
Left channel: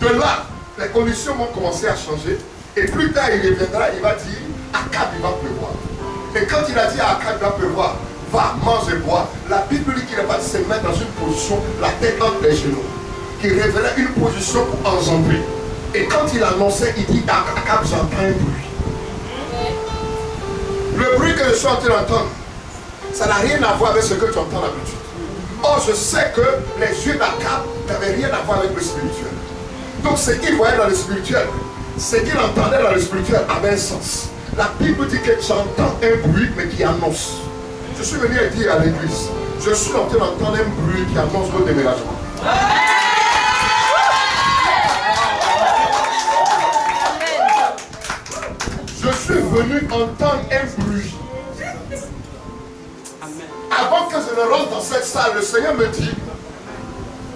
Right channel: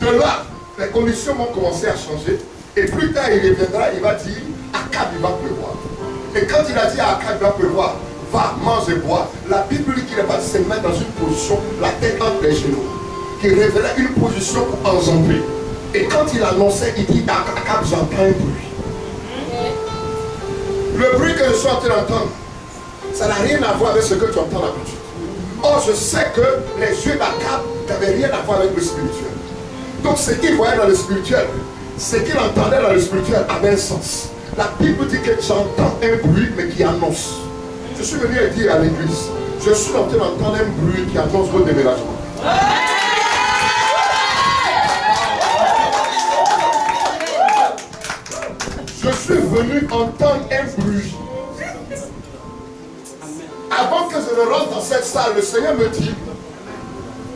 De là, les conditions vont commencer à changer. Et plus tard, il reviendra, il va dire, Akab, il va pleuvoir. Et quand il a dit à Akab, il va pleuvoir, va, mange et bois, la Bible dit qu'il va se mettre dans une position, la tête entre les genoux, qui révélait une position pour enjamber. Et quand il annonçait, il dit, Akab, j'entends un bruit. Le bruit que je suis en train d'entendre, ça n'a rien à voir avec ce que tu entends d'habitude. Or, je sais que les yeux d'Akab n'avaient rien à voir avec le spirituel. Donc, ce qu'il voyait dans le spirituel, ce qu'il entendait dans le spirituel avait un sens. La Bible dit que j'entends un bruit, mais qui annonce. Je suis venu à dire à l'église, je suis en train d'entendre un bruit qui annonce votre déménagement. Je suis venu entendre un bruit. Avant que je ne rentre dans cette salle, le Seigneur me dit,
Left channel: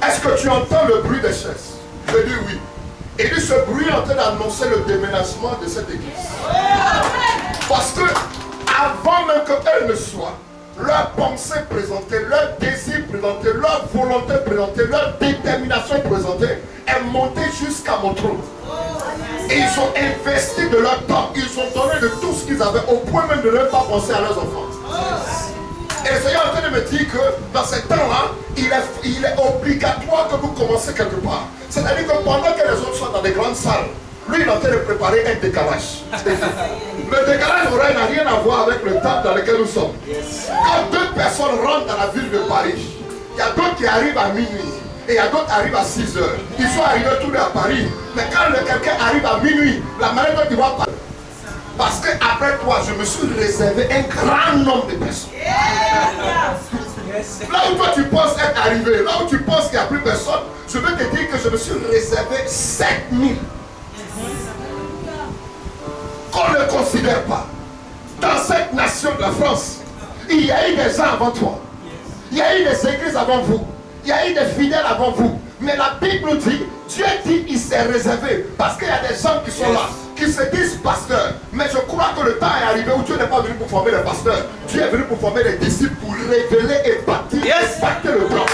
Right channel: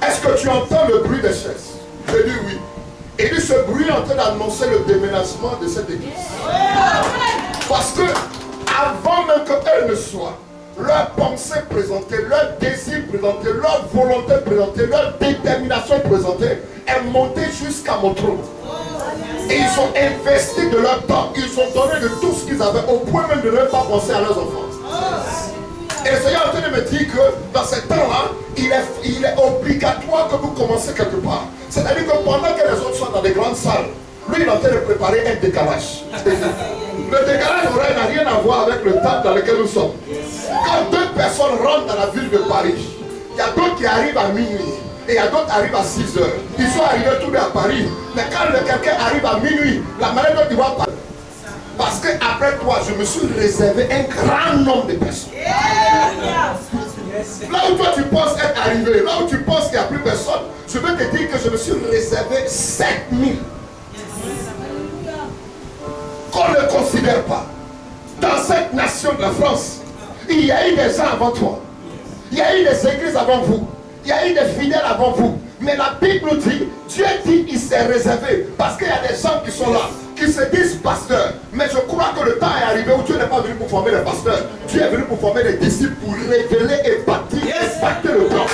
est-ce que tu entends le bruit des chaises? Je dis oui. Et lui, ce bruit est en train d'annoncer le déménagement de cette église. Parce que, avant même qu'elle ne soit, leur pensée présentée, leur désir présenté, leur volonté présentée, leur détermination présentée est montée jusqu'à mon trône. Et ils ont investi de leur temps, ils ont donné de tout ce qu'ils avaient, au point même de ne pas penser à leurs enfants. Et le Seigneur est en train de me dire que dans ce temps-là, il est obligatoire que vous commencez quelque part. C'est-à-dire que pendant que les autres sont dans des grandes salles, lui il est en train de préparer un décalage. Le décalage horaire n'a rien à voir avec le temps dans lequel nous sommes. Quand deux personnes rentrent dans la ville de Paris, il y a d'autres qui arrivent à minuit et il y a d'autres qui arrivent à 6 heures. Ils sont arrivés tous les à Paris. Mais quand quelqu'un arrive à minuit, la manière dont il va parler. Parce qu'après toi, je me suis réservé un grand nombre de personnes. Là où toi tu penses être arrivé, là où tu penses qu'il n'y a plus personne, je veux te dire que je me suis réservé 7000. Qu'on ne considère pas. Dans cette nation de la France, il y a eu des gens avant toi. Il y a eu des églises avant vous. Il y a eu des fidèles avant vous. Mais la Bible dit, Dieu dit qu'il s'est réservé. Parce qu'il y a des gens qui sont là, qui se disent pasteurs. Mais je crois que le temps est arrivé où Dieu n'est pas venu pour former des pasteurs. Dieu est venu pour former des disciples, pour révéler et bâtir et impacter le temps.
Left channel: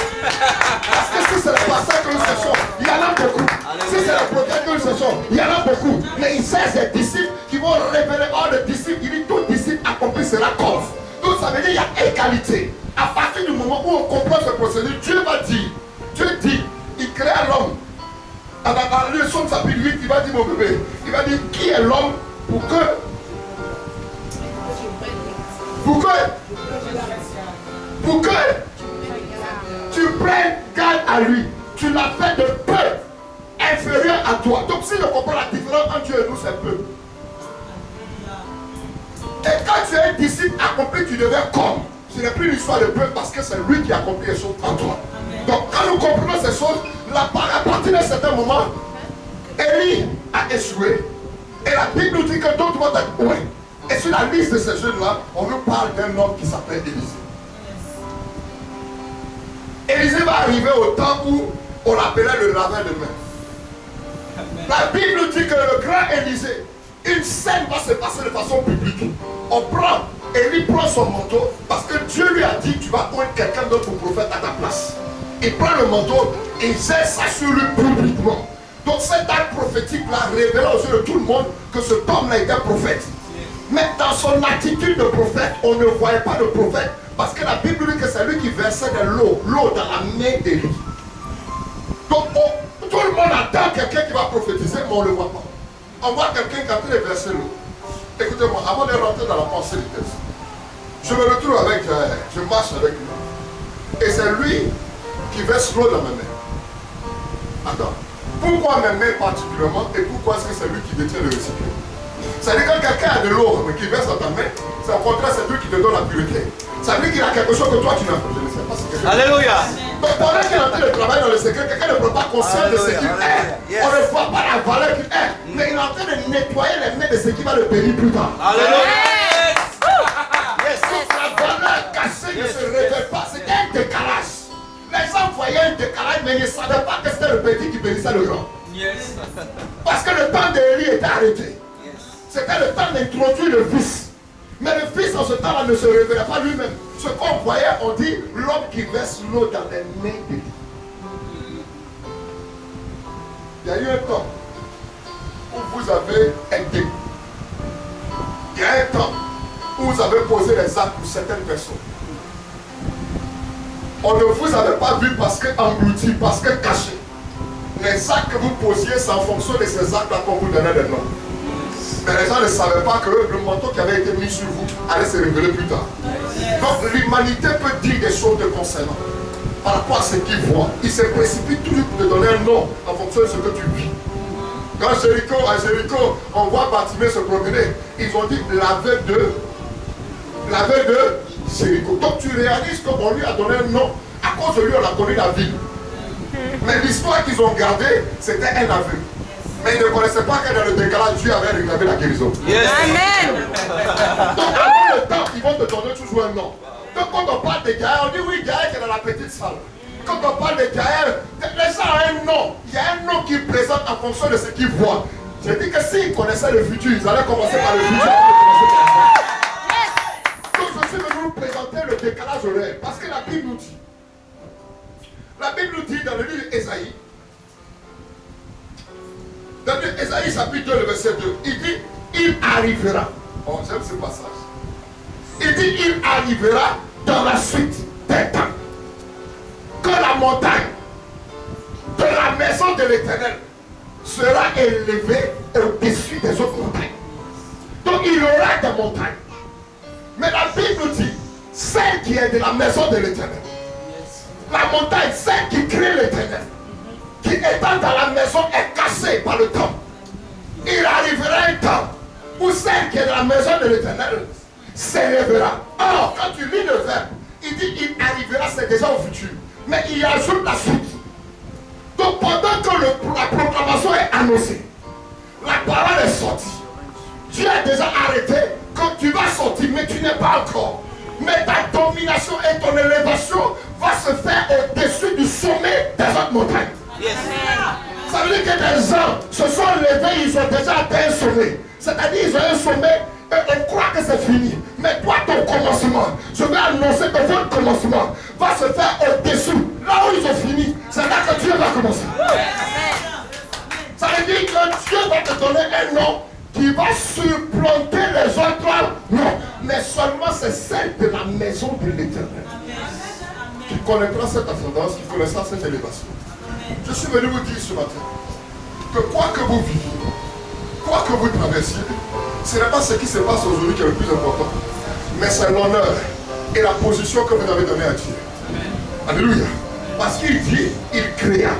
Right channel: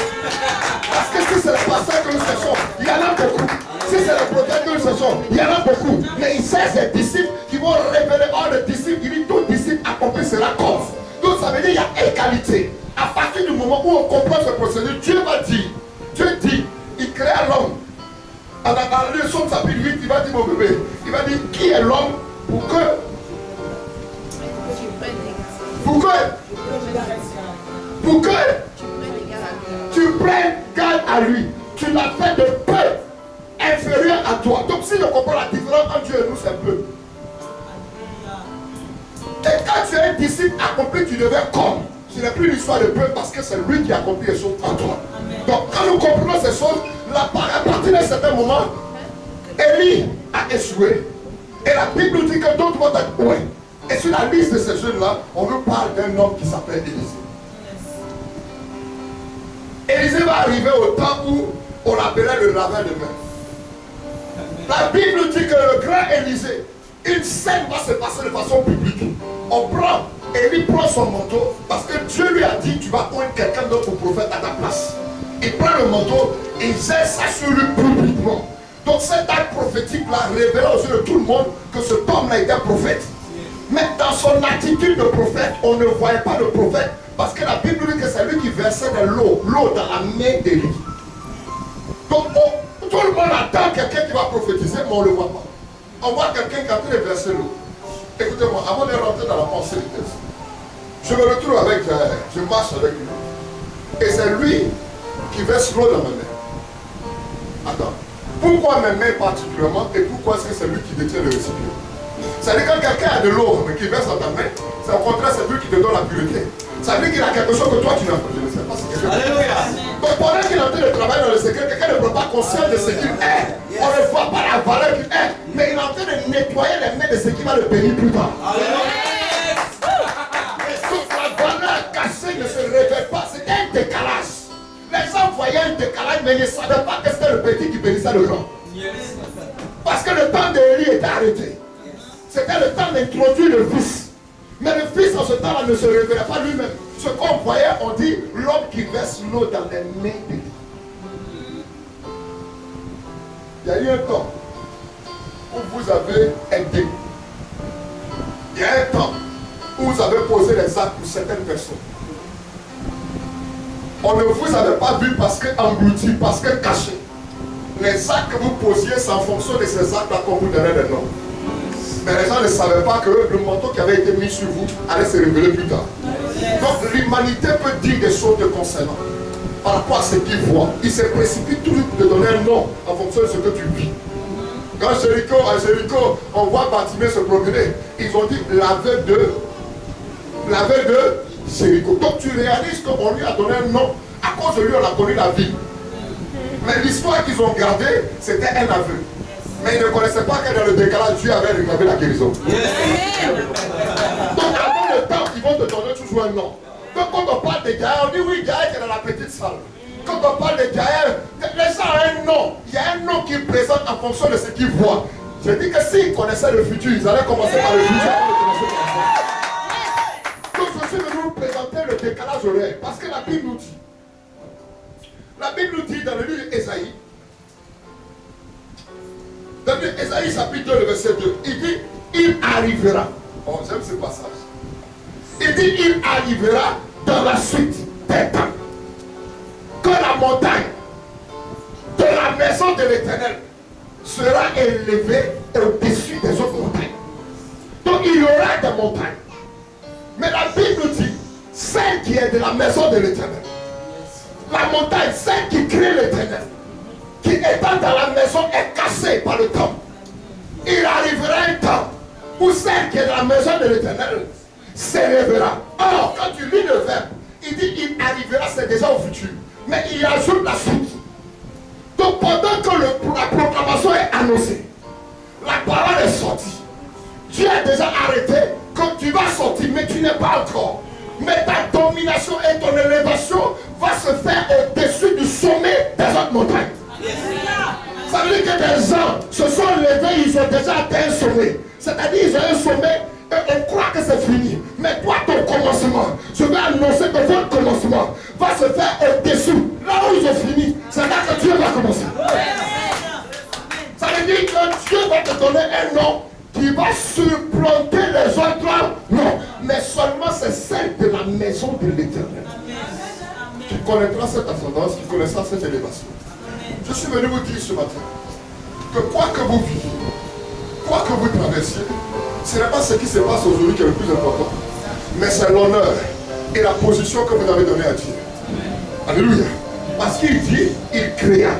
Parce que si c'est les pasteurs que nous cherchons, il y en a beaucoup. Si c'est les prophètes que nous cherchons, il y en a beaucoup. Mais il sait ces disciples qui vont révéler. Or, le disciple, il dit tout disciple accompli sera cause. Donc ça veut dire qu'il y a égalité. À partir du moment où on comprend ce procédé, Dieu va dire, Dieu dit, il créa l'homme. À la leçon de chapitre 8, il va dire, mon bébé, il va dire, qui est l'homme pour que tu prennes garde à lui. Tu l'as fait de peu inférieur à toi. Donc si on comprend la différence entre Dieu et nous, c'est peu. Et quand tu es un disciple accompli, tu deviens comme. Ce n'est plus l'histoire de peu parce que c'est lui qui accomplit les choses en toi. Donc quand nous comprenons ces choses, à partir d'un certain moment, Élie a échoué. Et la Bible nous dit que d'autres vont être ouais. Et sur la liste de ces jeunes-là, on nous parle d'un homme qui s'appelle Élisée. Élisée va arriver au temps où on l'appelait le laveur de main. La Bible nous dit que le grand Élisée, une scène va se passer de façon publique. On prend, Élie prend son manteau parce que Dieu lui a dit tu vas prendre quelqu'un d'autre pour prophète à ta place. Il prend le manteau et il jette ça sur lui publiquement. Donc cet acte prophétique-là révéla aux yeux de tout le monde que cet homme-là était prophète. Mais dans son attitude de prophète, on ne voyait pas le prophète Parce que la Bible dit que c'est lui qui versait de l'eau dans la main d'Élie. Donc tout le monde attend quelqu'un qui va prophétiser, mais on ne le voit pas. On voit quelqu'un qui est en train de verser l'eau. Écoutez-moi, avant de rentrer dans la pensée du texte, je me retrouve avec Jaël, je marche avec lui. Et c'est lui qui verse l'eau dans ma main. Attends, pourquoi mes mains particulièrement et pourquoi est-ce que c'est lui qui détient le récipient? C'est-à-dire que quand quelqu'un a de l'eau mais qui verse dans ta main, c'est au contraire, c'est lui qui te donne la pureté. Ça veut dire qu'il a quelque chose que toi tu n'as pas. Je ne sais pas si quelque chose. Alléluia. Donc pendant qu'il est en train de travailler dans le secret, quelqu'un ne prend pas conscience de ce qu'il est. On ne voit pas la valeur qu'il est. Mais il est en train de nettoyer les mains de ce qui va le bénir plus tard. Alléluia. Donc la valeur cachée ne se révèle pas. C'était un décalage. Les gens voyaient un décalage, mais ils ne savaient pas que c'était le petit qui bénissait le grand. Parce que le temps d'Élie était arrêté. C'était le temps d'introduire le fils. Mais le fils en ce temps-là ne se révélait pas lui-même. Ce qu'on voyait, on dit l'homme qui verse l'eau dans les mains d'Élie. Il y a eu un temps où vous avez aidé. Il y a un temps où vous avez posé les actes pour certaines personnes. On ne vous avait pas vu parce que englouti, parce que caché. Les actes que vous posiez, c'est en fonction de ces actes-là qu'on vous donnait des noms. Mais les gens ne savaient pas que le manteau qui avait été mis sur vous allait se révéler plus tard. Donc l'humanité peut dire des choses te concernant par rapport à ce qu'ils voient. Ils se précipitent toujours pour te donner un nom en fonction de ce que tu vis. Quand à Jéricho, on voit Bartimée se promener, ils ont dit la veuve de Jéricho. Donc tu réalises qu'on lui a donné un nom, à cause de lui on a connu la ville. Mais l'histoire qu'ils ont gardée, c'était un aveu. Mais ils ne connaissaient pas que dans le décalage, Dieu avait réclavé la guérison. Amen. Donc avant le temps, ils vont te donner toujours un nom. Donc quand on parle de Jaël, on dit oui, Jaël qui est dans la petite salle. Quand on parle de Jaël, les gens ont un nom. Il y a un nom qu'ils présentent en fonction de ce qu'ils voient. Je dis que s'ils connaissaient le futur, ils allaient commencer par le futur. Donc je suis venu vous présenter le décalage horaire. Parce que la Bible nous dit. La Bible nous dit dans le livre d'Ésaïe. Dans Ésaïe chapitre 2, le verset 2, il dit, il arrivera. Oh, j'aime ce passage. Il dit, il arrivera dans la suite des temps. Que la montagne de la maison de l'Éternel sera élevée au-dessus des autres montagnes. Donc il y aura des montagnes. Mais la Bible dit, celle qui est de la maison de l'Éternel. La montagne, celle qui crée l'Éternel. Qui étant dans la maison est cassée par le temps. Il arrivera un temps où celle qui est dans la maison de l'Éternel s'élèvera. Or, quand tu lis le verbe, il dit il arrivera, c'est déjà au futur. Mais il ajoute la suite. Donc pendant que la proclamation est annoncée, la parole est sortie. Dieu a déjà arrêté. Quand tu vas sortir, mais tu n'es pas encore. Mais ta domination et ton élévation va se faire au-dessus du sommet des autres montagnes. Ça veut dire que des gens se sont levés, ils ont déjà atteint un sommet. C'est-à-dire ils ont un sommet et on croit que c'est fini. Mais toi, ton commencement, je vais annoncer que votre commencement va se faire au-dessus. Là où ils ont fini, c'est là que Dieu va commencer. Ça veut dire que Dieu va te donner un nom qui va supplanter les autres noms. Mais seulement c'est celle de la maison de l'Éternel qui connaîtra cette ascendance, qui connaîtra cette élévation. Je suis venu vous dire ce matin que quoi que vous viviez, quoi que vous traversiez, ce n'est pas ce qui se passe aujourd'hui qui est le plus important, mais c'est l'honneur et la position que vous avez donnée à Dieu. Alléluia. Parce qu'il dit, il créa.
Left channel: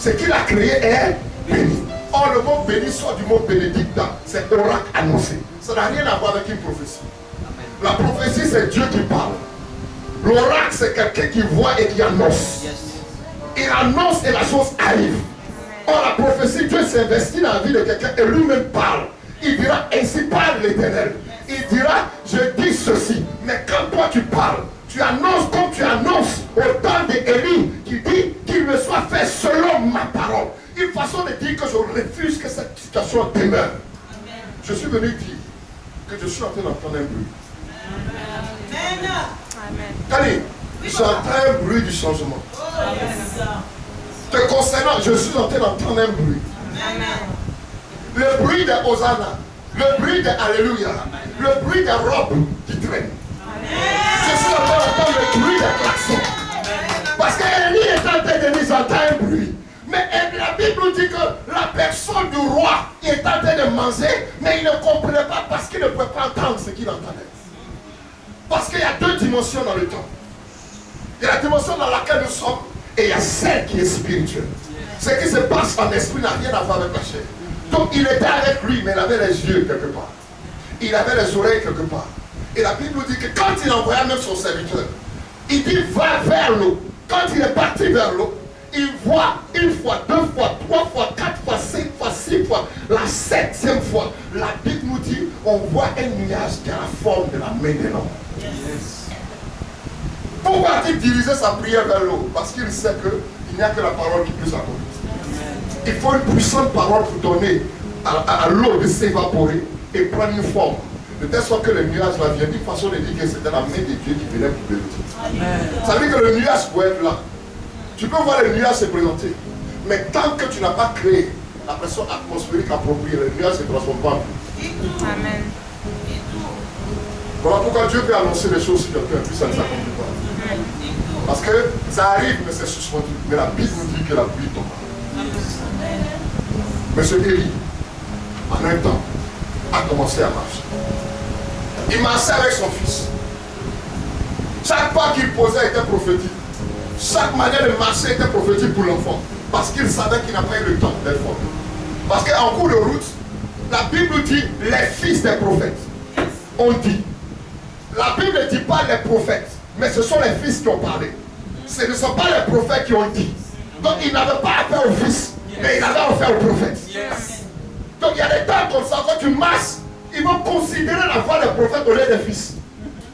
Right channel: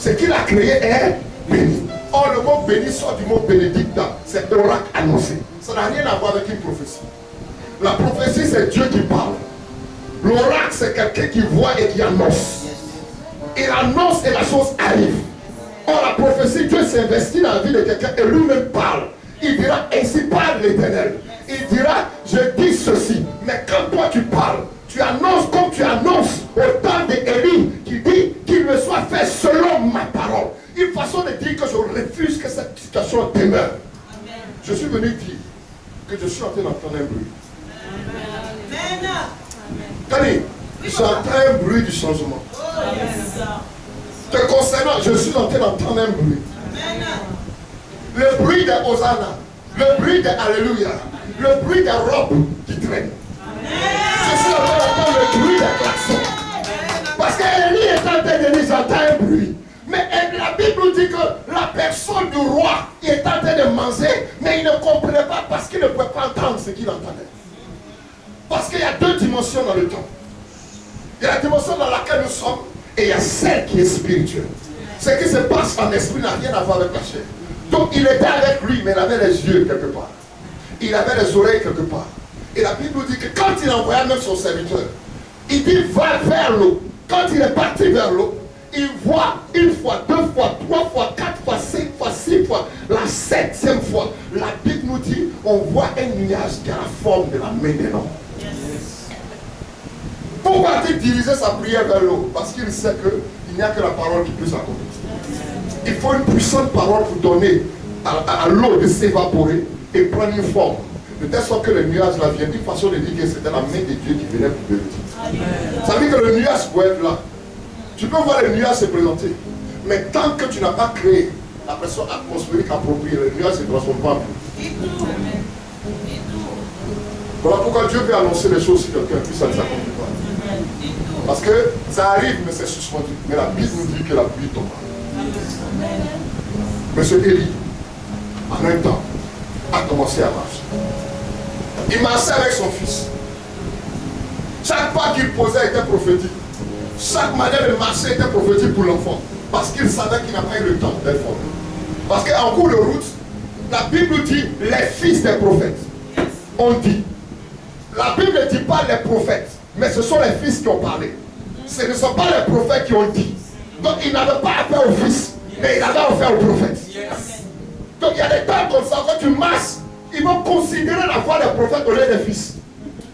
Ce qu'il a créé est béni. Or, le mot béni sort du mot bénédicta. C'est oracle annoncé. Ça n'a rien à voir avec une prophétie. La prophétie, c'est Dieu qui parle. L'oracle, c'est quelqu'un qui voit et qui annonce. Il annonce et la chose arrive. Or, la prophétie, Dieu s'investit dans la vie de quelqu'un et lui-même parle. Il dira, ainsi parle l'Éternel. Il dira, je dis ceci. Mais quand toi tu parles, tu annonces comme tu annonces au temps d'Élie qui dit qu'il me soit fait selon ma parole. Une façon de dire que je refuse que cette situation demeure. Je suis venu dire que je suis en train d'entendre un bruit. Tani, j'entends un bruit du changement. Te concernant, je suis en train d'entendre un bruit. Le bruit des Hosanna, le bruit des Alléluia, le bruit des robes qui traînent. Je je suis encore entendre le bruit des klaxons. Parce qu'Élie est en train de nous entendre un bruit. Mais la Bible nous dit que la personne du roi est en train de manger, mais il ne comprenait pas parce qu'il ne pouvait pas entendre ce qu'il entendait. Parce qu'il y a deux dimensions dans le temps. Il y a la dimension dans laquelle nous sommes et il y a celle qui est spirituelle. Ce qui se passe en esprit n'a rien à voir avec la chair. Donc il était avec lui, mais il avait les yeux quelque part. Il avait les oreilles quelque part. Et la Bible nous dit que quand il envoya même son serviteur, il dit va vers l'eau. Quand il est parti vers l'eau, il voit une fois, deux fois, trois fois, quatre fois, cinq fois, six fois, la septième fois. La Bible nous dit on voit un nuage qui a la forme de la main de l'homme. Pourquoi a-t-il dirigé sa prière vers l'eau? Parce qu'il sait qu'il n'y a que la parole qui peut s'accomplir. Il faut une puissante parole pour donner à l'eau de s'évaporer et prendre une forme. De telle sorte que le nuage là vient d'une façon de dire que c'était la main de Dieu qui venait pour bénir. Ça veut dire que le nuage peut être là. Tu peux voir le nuage se présenter. Mais tant que tu n'as pas créé la pression atmosphérique appropriée, le nuage ne se transforme pas en pluie. Amen. Voilà pourquoi Dieu peut annoncer les choses si quelqu'un puisse, ça ne s'accomplit pas. Parce que ça arrive, mais c'est suspendu. Mais la Bible nous dit que la pluie tombe. Monsieur Élie, en un temps, a commencé à marcher. Il marchait avec son fils. Chaque pas qu'il posait était prophétique. Chaque manière de marcher était prophétique pour l'enfant. Parce qu'il savait qu'il n'a pas eu le temps d'être formé. Parce qu'en cours de route, la Bible dit les fils des prophètes. On dit. La Bible ne dit pas les prophètes, mais ce sont les fils qui ont parlé. Ce ne sont pas les prophètes qui ont dit. Donc il n'avait pas affaire aux fils, mais il avait affaire aux prophètes. Donc il y a des temps comme ça, quand tu marches, ils vont considérer la voix des prophètes au lieu des fils.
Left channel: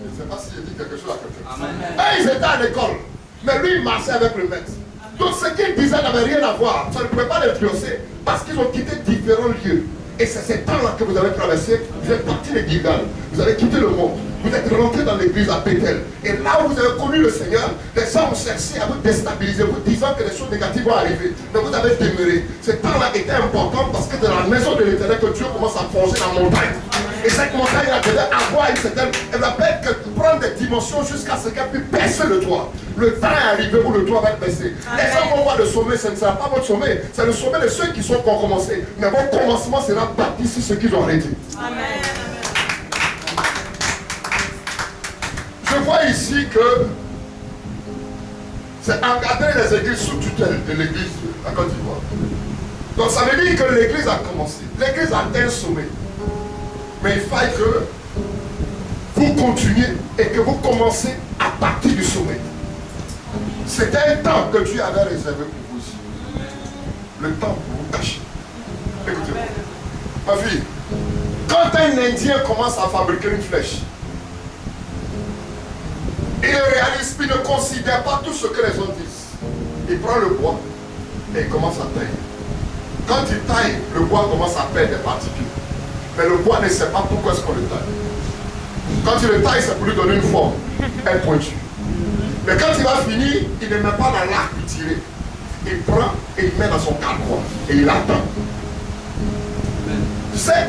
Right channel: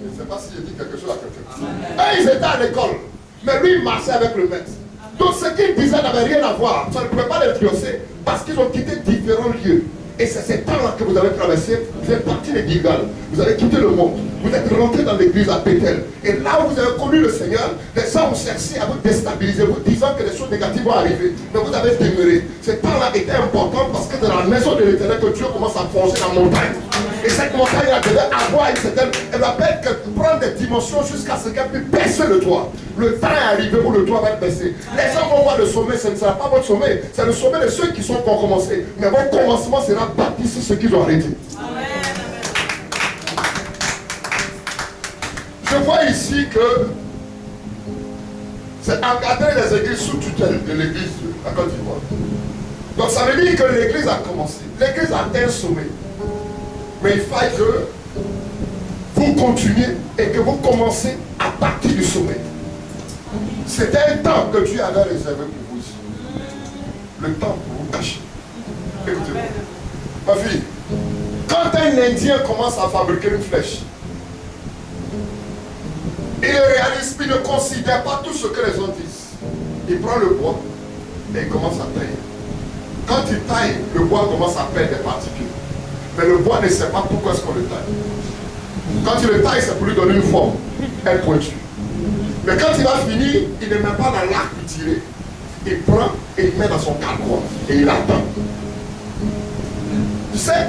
Je ne sais pas si j'ai dit quelque chose à quelqu'un. Eux, ils étaient à l'école, mais lui, il marchait avec le maître. Donc ce qu'ils disaient n'avait rien à voir. Ça ne pouvait pas l'influencer parce qu'ils ont quitté différents lieux. Et c'est ces temps-là que vous avez traversé. Vous êtes parti de Gilgal. Vous avez quitté le monde. Vous êtes rentré dans l'église à Bethel. Et là où vous avez connu le Seigneur, les gens ont cherché à vous déstabiliser, vous disant que les choses négatives vont arriver. Mais vous avez demeuré. Ce temps-là était important parce que dans la maison de l'Éternel que Dieu commence à forger la montagne. Et cette montagne-là devait avoir une certaine... Elle va prendre des dimensions jusqu'à ce qu'elle puisse baisser le toit. Le temps est arrivé où le toit va être baissé. Les gens vont voir le sommet, ce ne sera pas votre sommet. C'est le sommet de ceux qui sont qui ont commencé. Mais votre commencement sera bâti sur ce qu'ils ont arrêté. Amen. Je vois ici que c'est encadrer les églises sous tutelle de l'église de la Côte d'Ivoire. Donc ça veut dire que l'église a commencé. L'église a atteint un sommet. Mais il faille que vous continuez et que vous commencez à partir du sommet. C'était un temps que Dieu avait réservé pour vous ici. Le temps pour vous cacher. Écoutez-moi. Ma fille, quand un Indien commence à fabriquer une flèche, il ne réalise, il ne considère pas tout ce que les autres disent. Il prend le bois et il commence à tailler. Quand il taille, le bois commence à perdre des particules. Mais le bois ne sait pas pourquoi est-ce qu'on le taille. Quand il le taille, c'est pour lui donner une forme, un pointu. Mais quand il va finir, il ne met pas dans l'arc pour tirer. Il prend et il met dans son carquois et il attend. Tu sais,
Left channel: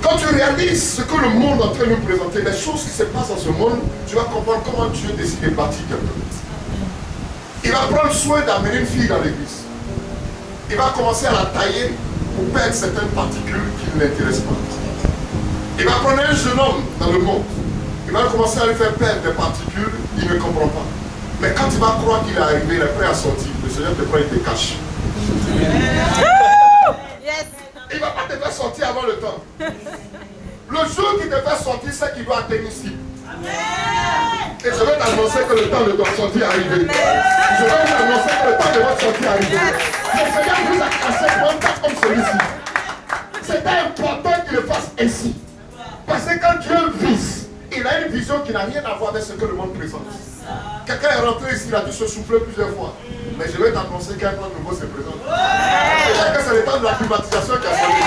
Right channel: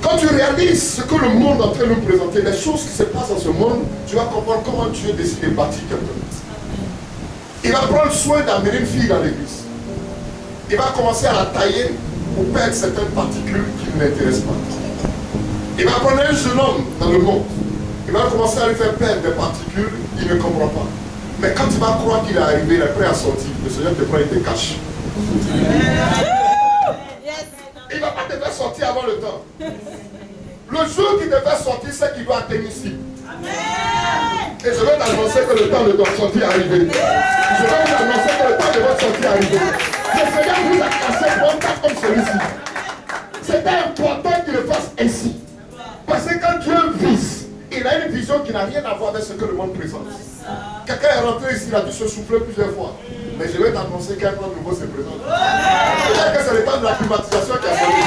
quand tu réalises ce que le monde est en train de nous présenter, les choses qui se passent dans ce monde, tu vas comprendre comment Dieu décide de bâtir quelqu'un. Il va prendre soin d'amener une fille dans l'église. Il va commencer à la tailler pour perdre certaines particules qui ne l'intéressent pas. Il va prendre un jeune homme dans le monde. Il va commencer à lui faire perdre des particules qu'il ne comprend pas. Mais quand il va croire qu'il est arrivé, il est prêt à sortir. Le Seigneur te prend et te cache. Il ne va pas te faire sortir avant le temps. Le jour qu'il te fait sortir, c'est qu'il doit atteindre ici. Et je vais t'annoncer que le temps de ton sortie est arrivé. Je vais vous annoncer que le temps de votre sortie est arrivé. Le Seigneur vous a cassé pour un cas comme celui-ci. C'était important qu'il le fasse ainsi. Parce que quand Dieu vise, il a une vision qui n'a rien à voir avec ce que le monde présente. Quelqu'un est rentré ici, il a dû se souffler plusieurs fois. Mais je vais t'annoncer qu'un plan nouveau se présente. Peut-être que c'est le temps de la privatisation qui a changé.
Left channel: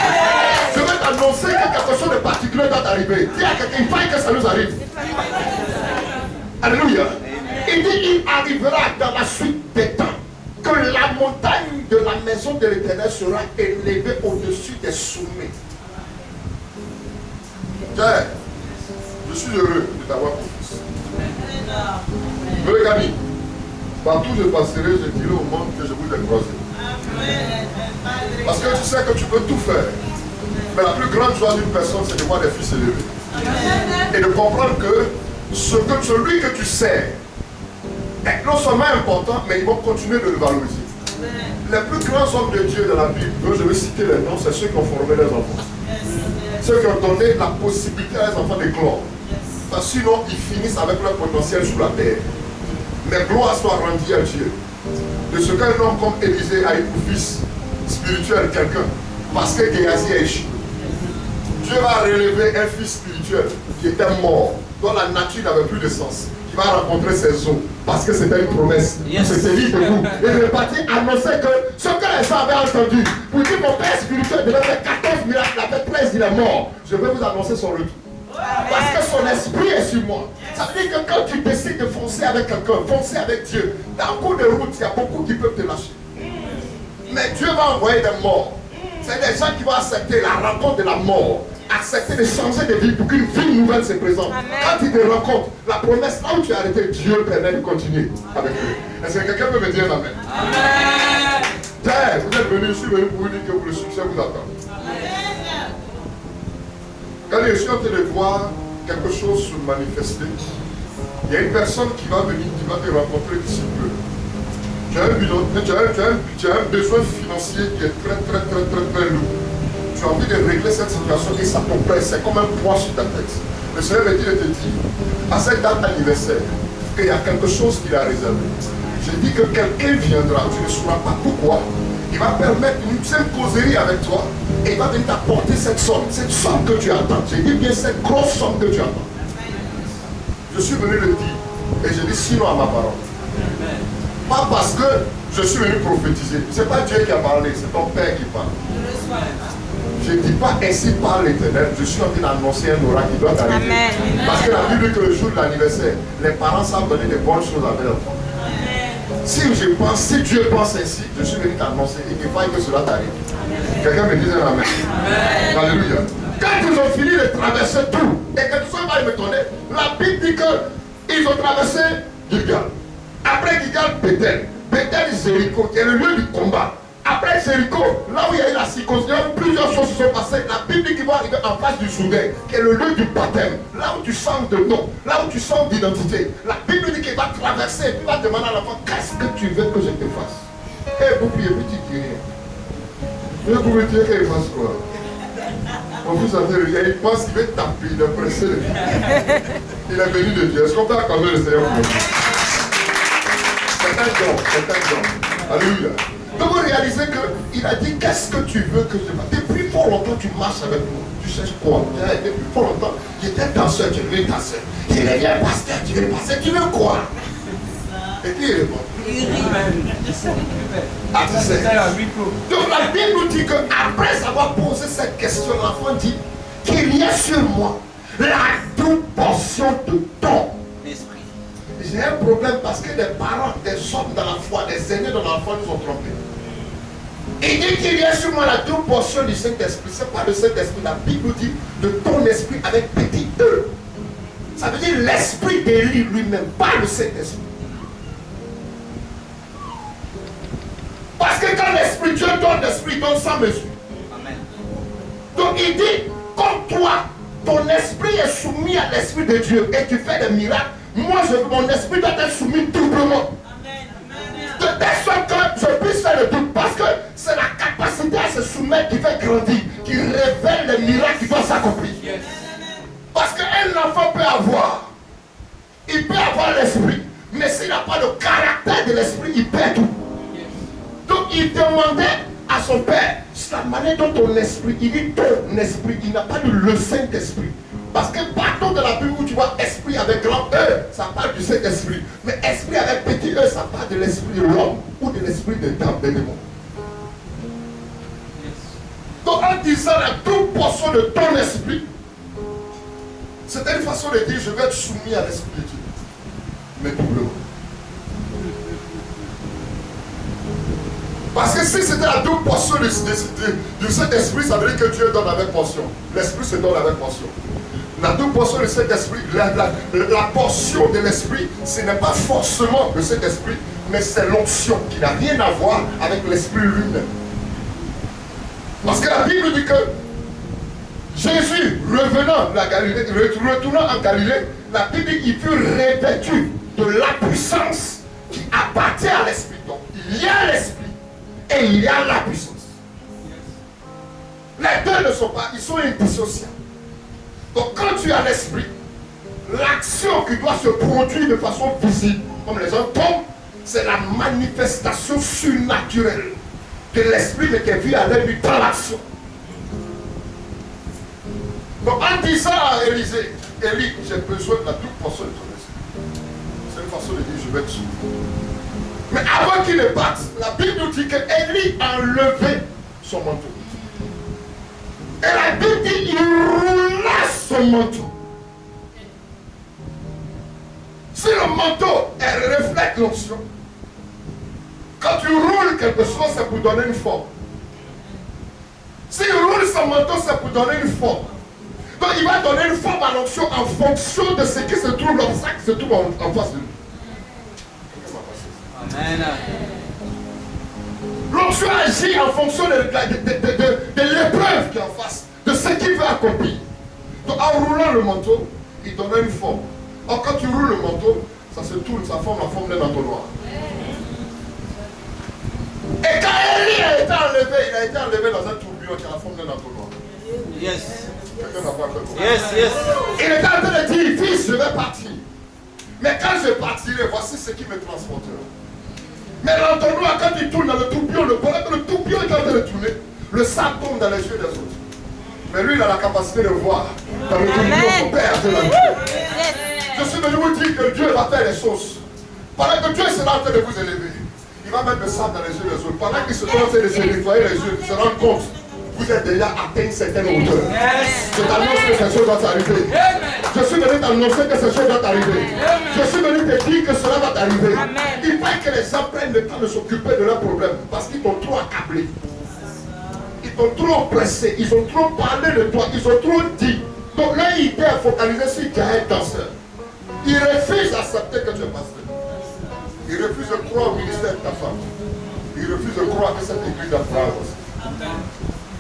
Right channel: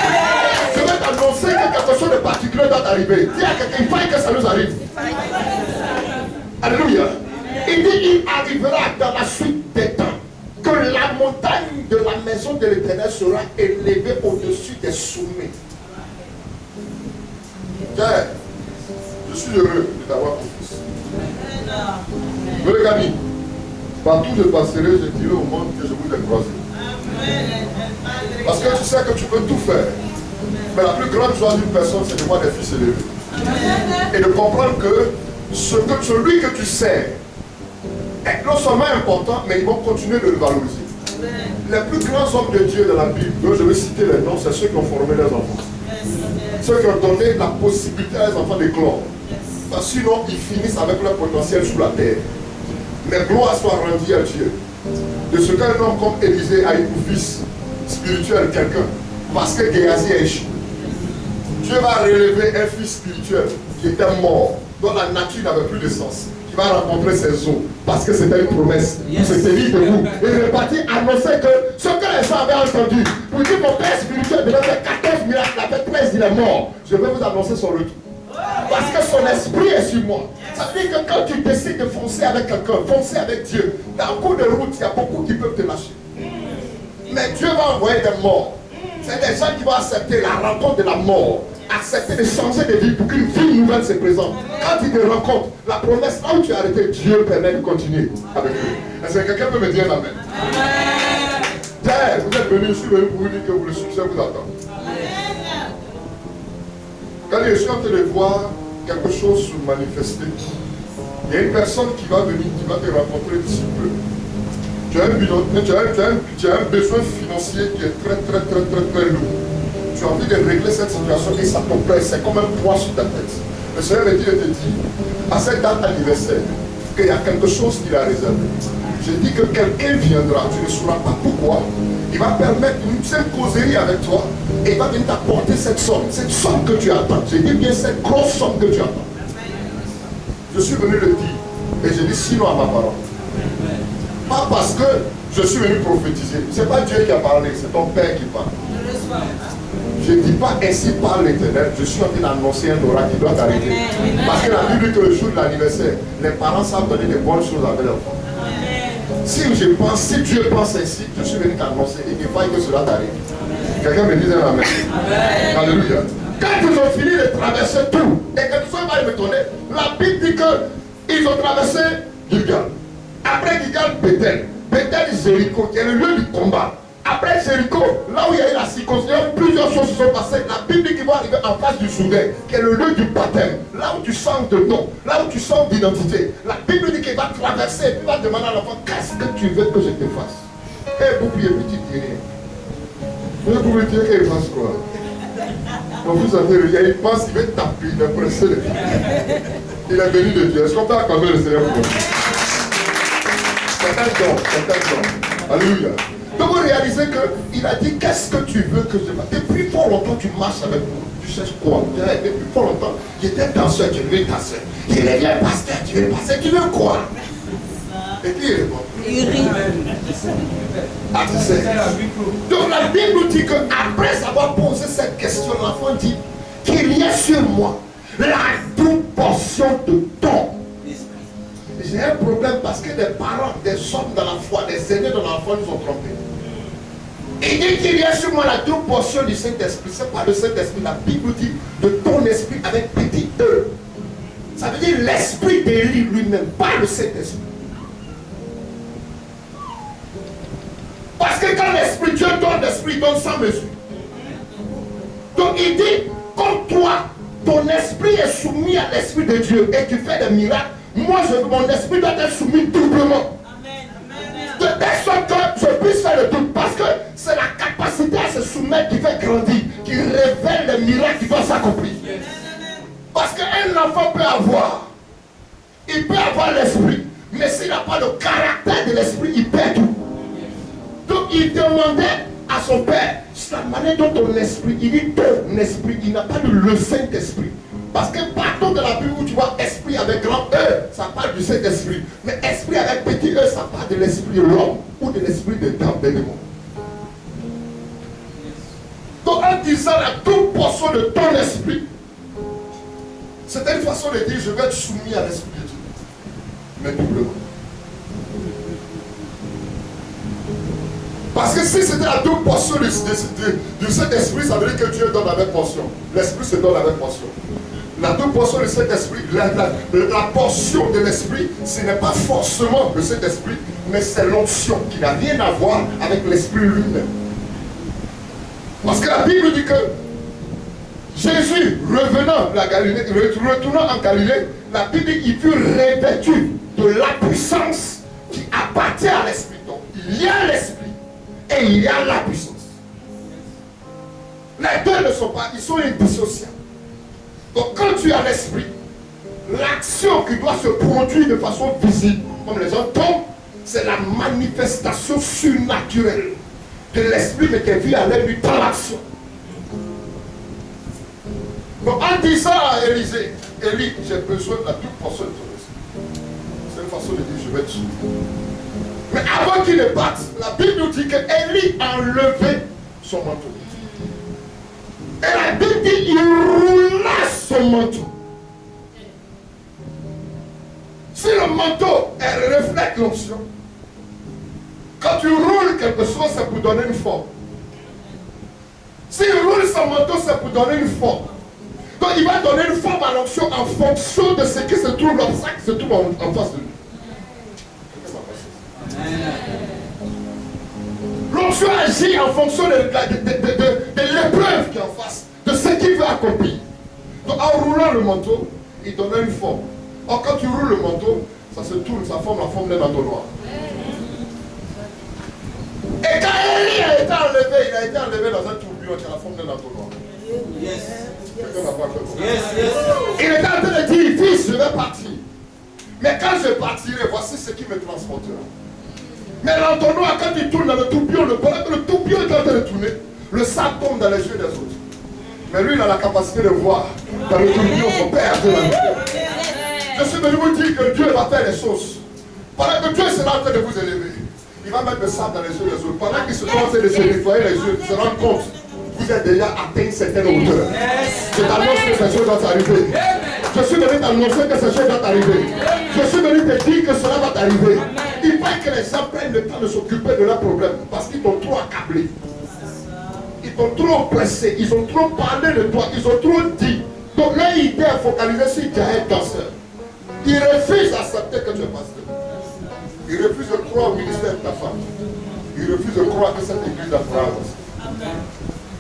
Je vais t'annoncer que quelque chose de particulier doit arriver. Dis à quelqu'un, il faille que ça nous arrive. Alléluia. Il dit, il arrivera dans la suite des temps que la montagne de la maison de l'Éternel sera élevée au-dessus des sommets. Tiens, je suis heureux de t'avoir confiance. Les amis, partout où je passerai, je dirai au monde que je vous ai croisé. Parce que tu sais que tu peux tout faire. Mais la plus grande joie d'une personne, c'est de voir des fils élevés. Et de comprendre que celui que tu sers est non seulement important, mais ils vont continuer de le valoriser. Les plus grands hommes de Dieu de la Bible, dont je vais citer les noms, c'est ceux qui ont formé leurs enfants. Ceux qui ont donné la possibilité à leurs enfants d'éclore. Parce que sinon, ils finissent avec leur potentiel sous la terre. Mais gloire soit rendue à Dieu. De ce qu'un homme comme Élisée a eu pour fils spirituel quelqu'un. Parce que Géasi a échoué. Dieu va relever un fils spirituel qui était mort, dont la nature n'avait plus de sens. Qui va rencontrer ses os. Parce que c'était une promesse. Yes. C'était dit debout. Et il est parti annoncer que ce que les gens avaient entendu, pour dire mon père spirituel devait faire 14 miracles, il a fait 13, il est mort. Je vais vous annoncer son retour. Parce que son esprit est sur moi. Ça veut dire que quand tu décides de foncer avec quelqu'un, foncer avec Dieu, dans le cours de route, il y a beaucoup qui peuvent te lâcher. Mais Dieu va envoyer des morts. C'est des gens qui vont accepter la rencontre de la mort, accepter de changer de vie pour qu'une vie nouvelle se présente. Quand ils te rencontrent, la promesse, là où tu as arrêté, Dieu permet de continuer avec eux. Est-ce que quelqu'un peut me dire amen? Amen. Vous êtes venus, je suis venu pour vous dire que le succès vous attend. Quand je suis en train de voir quelque chose se manifester, il y a une personne qui va venir, qui va te rencontrer d'ici peu. Tu as un besoin financier qui est très lourd. Tu as envie de régler cette situation et ça t'oppresse, c'est comme un poids sur ta tête. Le Seigneur me dit de te dire, à cette date anniversaire, qu'il y a quelque chose qu'il a réservé. Je dis que quelqu'un viendra, tu ne sauras pas pourquoi. Il va permettre une simple causerie avec toi et il va venir t'apporter cette somme que tu attends. Je dis bien cette grosse somme que tu attends. Je suis venu le dire et je dis sinon à ma parole. Pas parce que je suis venu prophétiser. Ce n'est pas Dieu qui a parlé, c'est ton Père qui parle. Je ne dis pas ainsi par l'Éternel, je suis en train d'annoncer un oracle qui doit arriver. Parce que la Bible dit que le jour de l'anniversaire, les parents savent donner de bonnes choses avec leurs enfants. Si Dieu pense ainsi, je suis venu t'annoncer et qu'il faille que cela t'arrive. Quelqu'un me dit un amen. Alléluia. Quand ils ont fini de traverser tout, et que tout ça va m'étonner, la Bible dit qu'ils ont traversé Gilgal. Après Gilgal, Bethel, Jéricho, qui est le lieu du combat. Après Jéricho, là où il y a eu la circoncision, plusieurs choses se sont passées. La Bible dit qu'ils vont arriver en face du Jourdain, qui est le lieu du baptême. Là où tu sens de nom, là où tu sens d'identité. La Bible dit qu'il va traverser et puis va demander à l'enfant, qu'est-ce que tu veux que je te fasse? Et vous priez, petit rien. Mais vous me dites qu'il fasse quoi? Mon fils a fait le gars, il pense qu'il va taper, il est pressé. Il est béni de Dieu. Est-ce qu'on peut accorder le Seigneur pour nous? C'est un don. Alléluia. Donc vous réalisez qu'il a dit, qu'est-ce que tu veux que je fasse? Depuis fort longtemps tu marches avec moi. Tu cherches quoi? Depuis fort longtemps, j'étais danseur, tu veux danser. Il devient pasteur, tu veux passer, tu veux quoi? Et qui répond? Il rit. Ah, tu sais. Donc la Bible dit qu'après avoir posé cette question, l'enfant dit qu'il y a sur moi la double portion de ton esprit. J'ai un problème parce que des parents, des hommes dans la foi, des aînés dans la foi nous ont trompés. Il dit qu'il y a sur moi la double portion du Saint-Esprit. Ce n'est pas le Saint-Esprit, la Bible dit de ton esprit avec petit E. Ça veut dire l'esprit d'Élie lui-même, pas le Saint-Esprit. Parce que quand l'esprit, Dieu donne l'esprit, donne sans mesure. Donc il dit, comme toi, ton esprit est soumis à l'esprit de Dieu et tu fais des miracles, moi, mon esprit doit être soumis doublement. De telle sorte que je puisse faire le doute. Parce que c'est la capacité à se soumettre qui fait grandir, qui révèle les miracles qui vont s'accomplir. Parce qu'un enfant peut avoir, il peut avoir l'esprit, mais s'il n'a pas le caractère de l'esprit, il perd tout. Donc il demandait à son père, c'est la manière dont ton esprit, il dit ton esprit, il n'a pas dit le Saint-Esprit. Parce que partout de la Bible où tu vois esprit avec grand E, ça parle du Saint-Esprit. Mais esprit avec petit E, ça parle de l'esprit de l'homme ou de l'esprit des démons. Donc en disant la double portion de ton esprit, c'était une façon de dire je vais être soumis à l'esprit de Dieu. Mais doublement. Parce que si c'était la double portion du Saint-Esprit, ça veut dire que Dieu donne avec portion. L'Esprit se donne avec portion. La double portion du Saint-Esprit, la portion de l'Esprit, ce n'est pas forcément le Saint-Esprit, mais c'est l'onction qui n'a rien à voir avec l'Esprit lui-même. Parce que la Bible dit que Jésus, revenant de la Galilée, retournant en Galilée, la Bible dit qu'il fut revêtu de la puissance qui appartient à l'Esprit. Donc, il y a l'Esprit et il y a la puissance. Les deux ne sont pas, ils sont indissociables. Donc, quand tu as l'Esprit, l'action qui doit se produire de façon visible, comme les gens tombent, c'est la manifestation surnaturelle de l'Esprit, mais qui est vue à l'œil dans l'action. Donc, en disant à Élisée, Élie, j'ai besoin de la toute portion de ton esprit. C'est une façon de dire, je vais te suivre. Mais avant qu'il ne parte, la Bible nous dit que Élie a enlevé son manteau. Et la Bible dit qu'il roula son manteau. Si le manteau, elle reflète l'onction, quand tu roules quelque chose, c'est pour donner une forme. S'il roule son manteau, c'est pour donner une forme. Donc il va donner une forme à l'onction en fonction de ce qui se trouve, l'obstacle qui se trouve en face de lui. Amen. L'onction agit en fonction de l'épreuve qui est en face, de ce qu'il veut accomplir. Donc en roulant le manteau, il donne une forme. Or quand tu roules le manteau, ça se tourne, ça forme la forme d'un entonnoir. Et quand Élie a été enlevé, il a été enlevé dans un tourbillon qui a la forme d'un entonnoir. Yes. Yes, yes. Il était en train de dire, fils, je vais partir. Mais quand je partirai, voici ce qui me transportera. Mais l'entonnoir, quand il tourne dans le tourbillon, le tourbillon est en train de tourner, le sable tombe dans les yeux des autres. Mais lui, il a la capacité de voir dans le tourbillon son Père de la vie. Je suis venu vous dire que Dieu va faire les choses. Pendant que Dieu sera en train de vous élever, il va mettre le sable dans les yeux des autres. Pendant qu'ils se sont en train de se nettoyer les yeux, ils se rendent compte. Vous êtes déjà atteint une certaine hauteur. Je t'annonce que ces choses vont arriver. Je suis venu t'annoncer que ces choses vont arriver. Je suis venu te dire que cela va t'arriver. Il faut que les gens prennent le temps de s'occuper de leurs problèmes parce qu'ils t'ont trop accablé. Ils t'ont trop pressé. Ils ont trop parlé de toi. Ils ont trop dit. Donc leur idée est focalisée sur Gaël danseur. Ils refusent d'accepter que tu es pasteur. Ils refusent de croire au ministère de ta femme. Ils refusent de croire que cette église a phrase.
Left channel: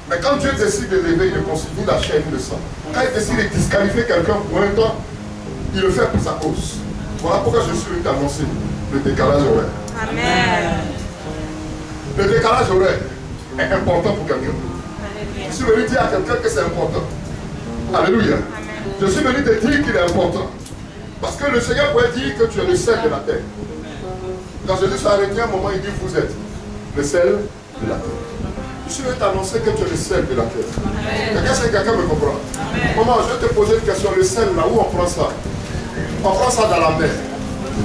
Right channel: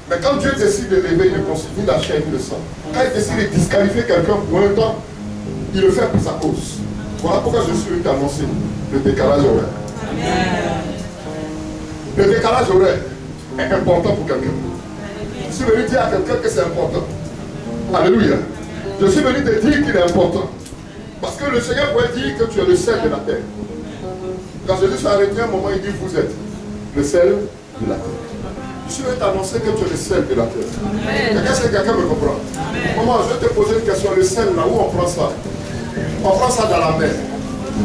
Mais quand Dieu décide de lever, il constitue la chaîne de sang. Quand il décide de disqualifier quelqu'un pour un temps, il le fait pour sa cause. Voilà pourquoi je suis venu t'annoncer le décalage horaire. Amen. Le décalage horaire est important pour quelqu'un. Je suis venu dire à quelqu'un que c'est important. Alléluia. Je suis venu te dire qu'il est important. Parce que le Seigneur pourrait dire que tu es le sel de la terre. Quand Jésus s'est arrêté un moment, il dit vous êtes le sel de la terre. Je suis venu t'annoncer que tu es le sel de la terre. Est-ce que quelqu'un me comprend? Maman, je vais te poser une question. Le sel, là où on prend ça? On prend ça dans la mer.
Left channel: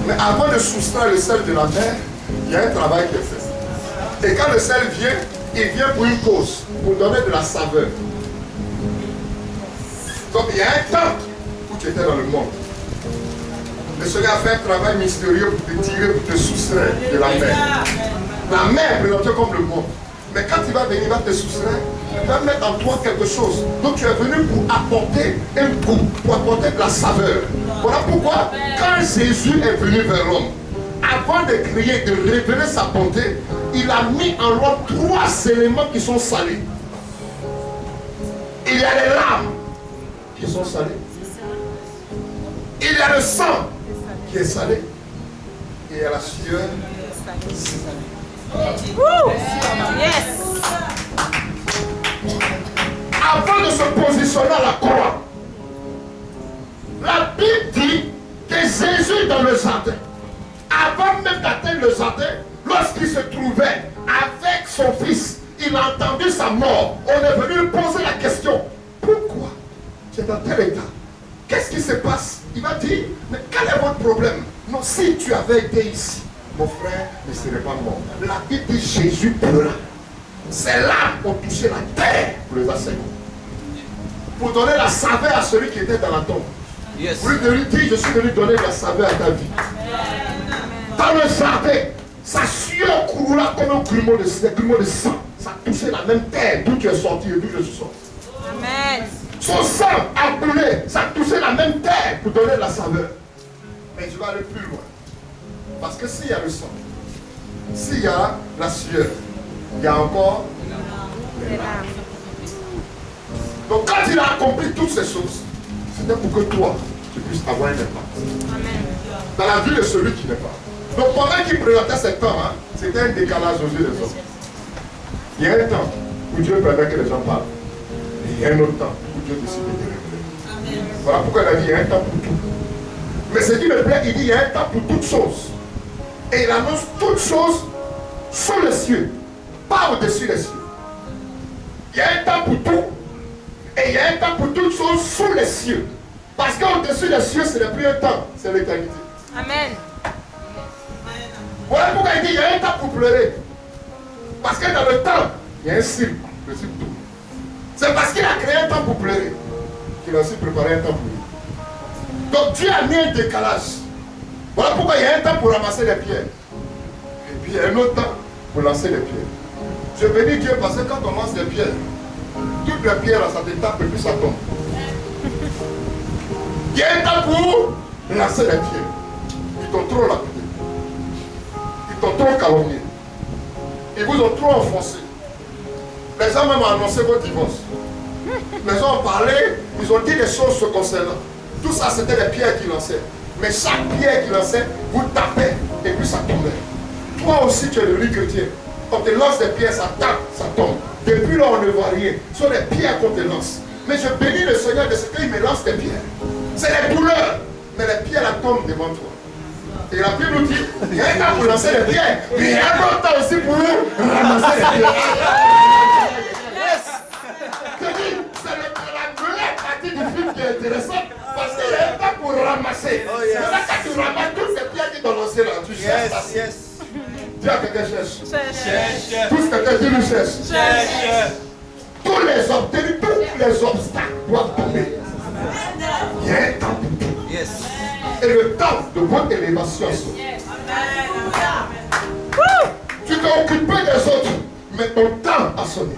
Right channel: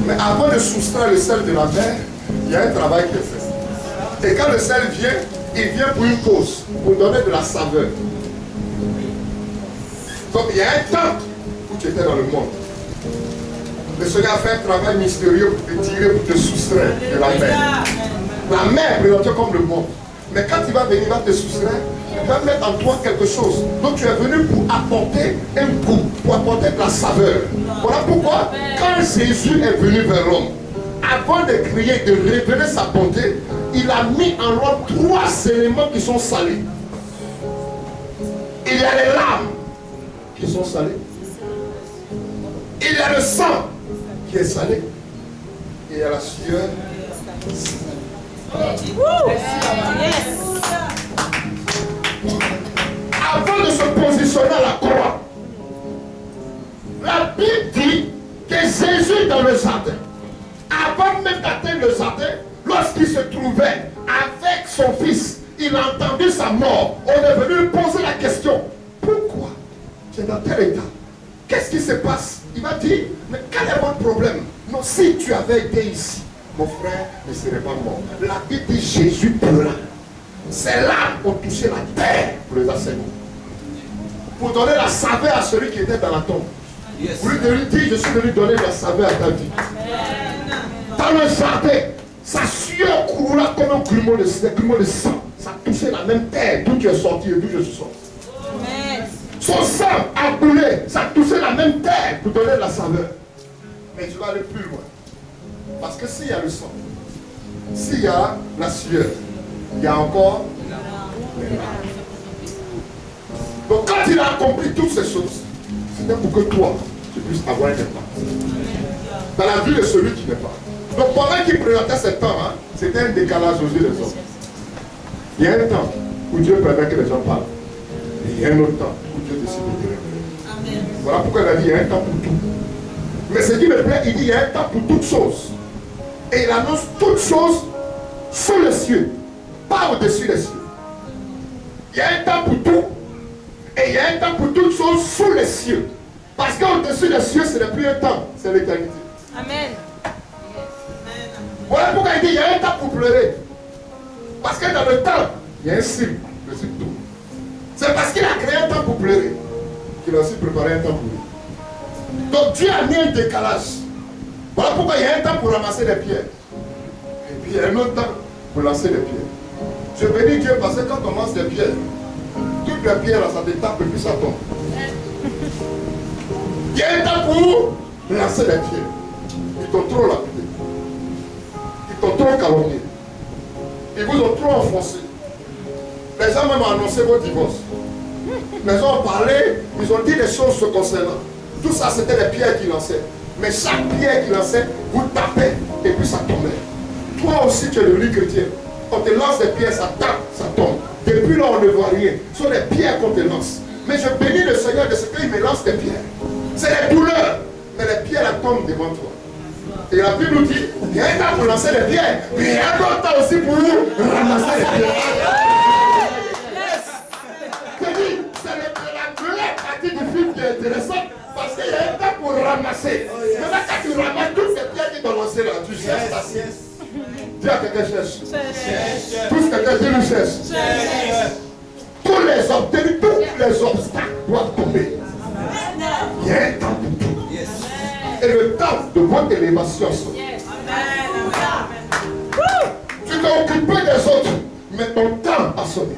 Mais avant de soustraire le sel de la mer, il y a un travail qui est fait. Et quand le sel vient, il vient pour une cause, pour donner de la saveur. Donc il y a un temps où tu étais dans le monde. Le Seigneur a fait un travail mystérieux pour te tirer, pour te soustraire de la mer. La mer est présentée comme le monde. Mais quand il va venir, il va te soustraire, il va mettre en toi quelque chose. Donc tu es venu pour apporter un goût, pour apporter de la saveur. Voilà pourquoi, quand Jésus est venu vers l'homme, avant de crier, de révéler sa bonté, il a mis en l'homme 3 éléments qui sont salés. Il y a les larmes qui sont salées. Il y a le sang qui est salé. Et il y a la sueur salée. Avant de se positionner à la croix, la Bible dit que Jésus dans le jardin, avant même d'atteindre le jardin, lorsqu'il se trouvait avec son fils, il a entendu sa mort. On est venu lui poser la question: pourquoi tu es dans tel état? Qu'est-ce qui se passe? Il va dire: mais quel est votre problème? Non, si tu avais été ici, mon frère ne serait pas mort. La Bible dit Jésus pleura. Ses larmes ont touché la terre pour les assaillants. Pour donner la saveur à celui qui était dans la tombe. Pour lui dire: je suis venu donner la saveur à ta vie. Dans le jardin, sa sueur coula comme un grumeau de sang. Ça touchait la même terre d'où tu es sorti et d'où je suis sorti. Amen. Son sang a coulé, ça touchait la même terre pour donner la saveur. Mais je vais aller plus loin. Parce que s'il y a le sang, s'il y a la sueur, il y a encore les larmes. Donc quand il a accompli toutes ces choses, c'était pour que toi, tu puisses avoir un impact dans la vie de celui qui n'est pas. Donc pendant qu'il présentait cet temps, c'était un décalage aux yeux des hommes. Il y a un temps où Dieu permet que les gens parlent. Et il y a un autre temps où Dieu décide de te révéler. Voilà pourquoi il a dit il y a un temps pour tout. Mais ce qui me plaît, il dit il y a un temps pour toutes choses. Et il annonce toutes choses sous les cieux, pas au-dessus des cieux. Il y a un temps pour tout. Et il y a un temps pour toutes choses sous les cieux. Parce qu'au-dessus des cieux, ce n'est plus un temps, c'est l'éternité. Amen. Voilà pourquoi il dit il y a un temps pour pleurer. Parce que dans le temps, il y a un cycle, le cycle tout. C'est parce qu'il a créé un temps pour pleurer qu'il a aussi préparé un temps pour lui. Donc Dieu a mis un décalage. Voilà pourquoi il y a un temps pour ramasser les pierres. Et puis il y a un autre temps pour lancer les pierres. Je bénis Dieu parce que quand on lance les pierres, toutes les pierres, ça détape et puis ça tombe. Il y a un temps pour lancer les pierres. Ils t'ont trop lapidé. Ils t'ont trop calomnié. Ils vous ont trop enfoncé. Les gens même ont annoncé vos divorces. Les gens ont parlé, ils ont dit des choses se concernant. Tout ça, c'était les pierres qu'ils lançaient. Mais chaque pierre qu'ils lançaient, vous tapez et puis ça tombait. Toi aussi, tu es devenu chrétien. On te lance des pierres, ça tape, ça tombe. Depuis là, on ne voit rien. Ce sont les pierres qu'on te lance. Mais je bénis le Seigneur de ce qu'il me lance des pierres. C'est les douleurs. Mais les pierres, elles tombent devant toi. Et la Bible nous dit, il y a un temps pour lancer les pierres, mais il y a un autre temps aussi pour ramasser les pierres. Je dis, c'est la première partie du film qui est intéressante, parce qu'il y a un temps pour ramasser. Maintenant, quand tu ramasses toutes ces pierres qui t'ont lancé là, tu cherches ta sieste. Dis à quelqu'un cherche. Tous quelqu'un dit lui cherche. Tous les obtenus, tous les obstacles doivent tomber. Il y a un temps pour tout. Et le temps de votre élévation. Tu t'es occupé des autres, mais ton temps a sonné.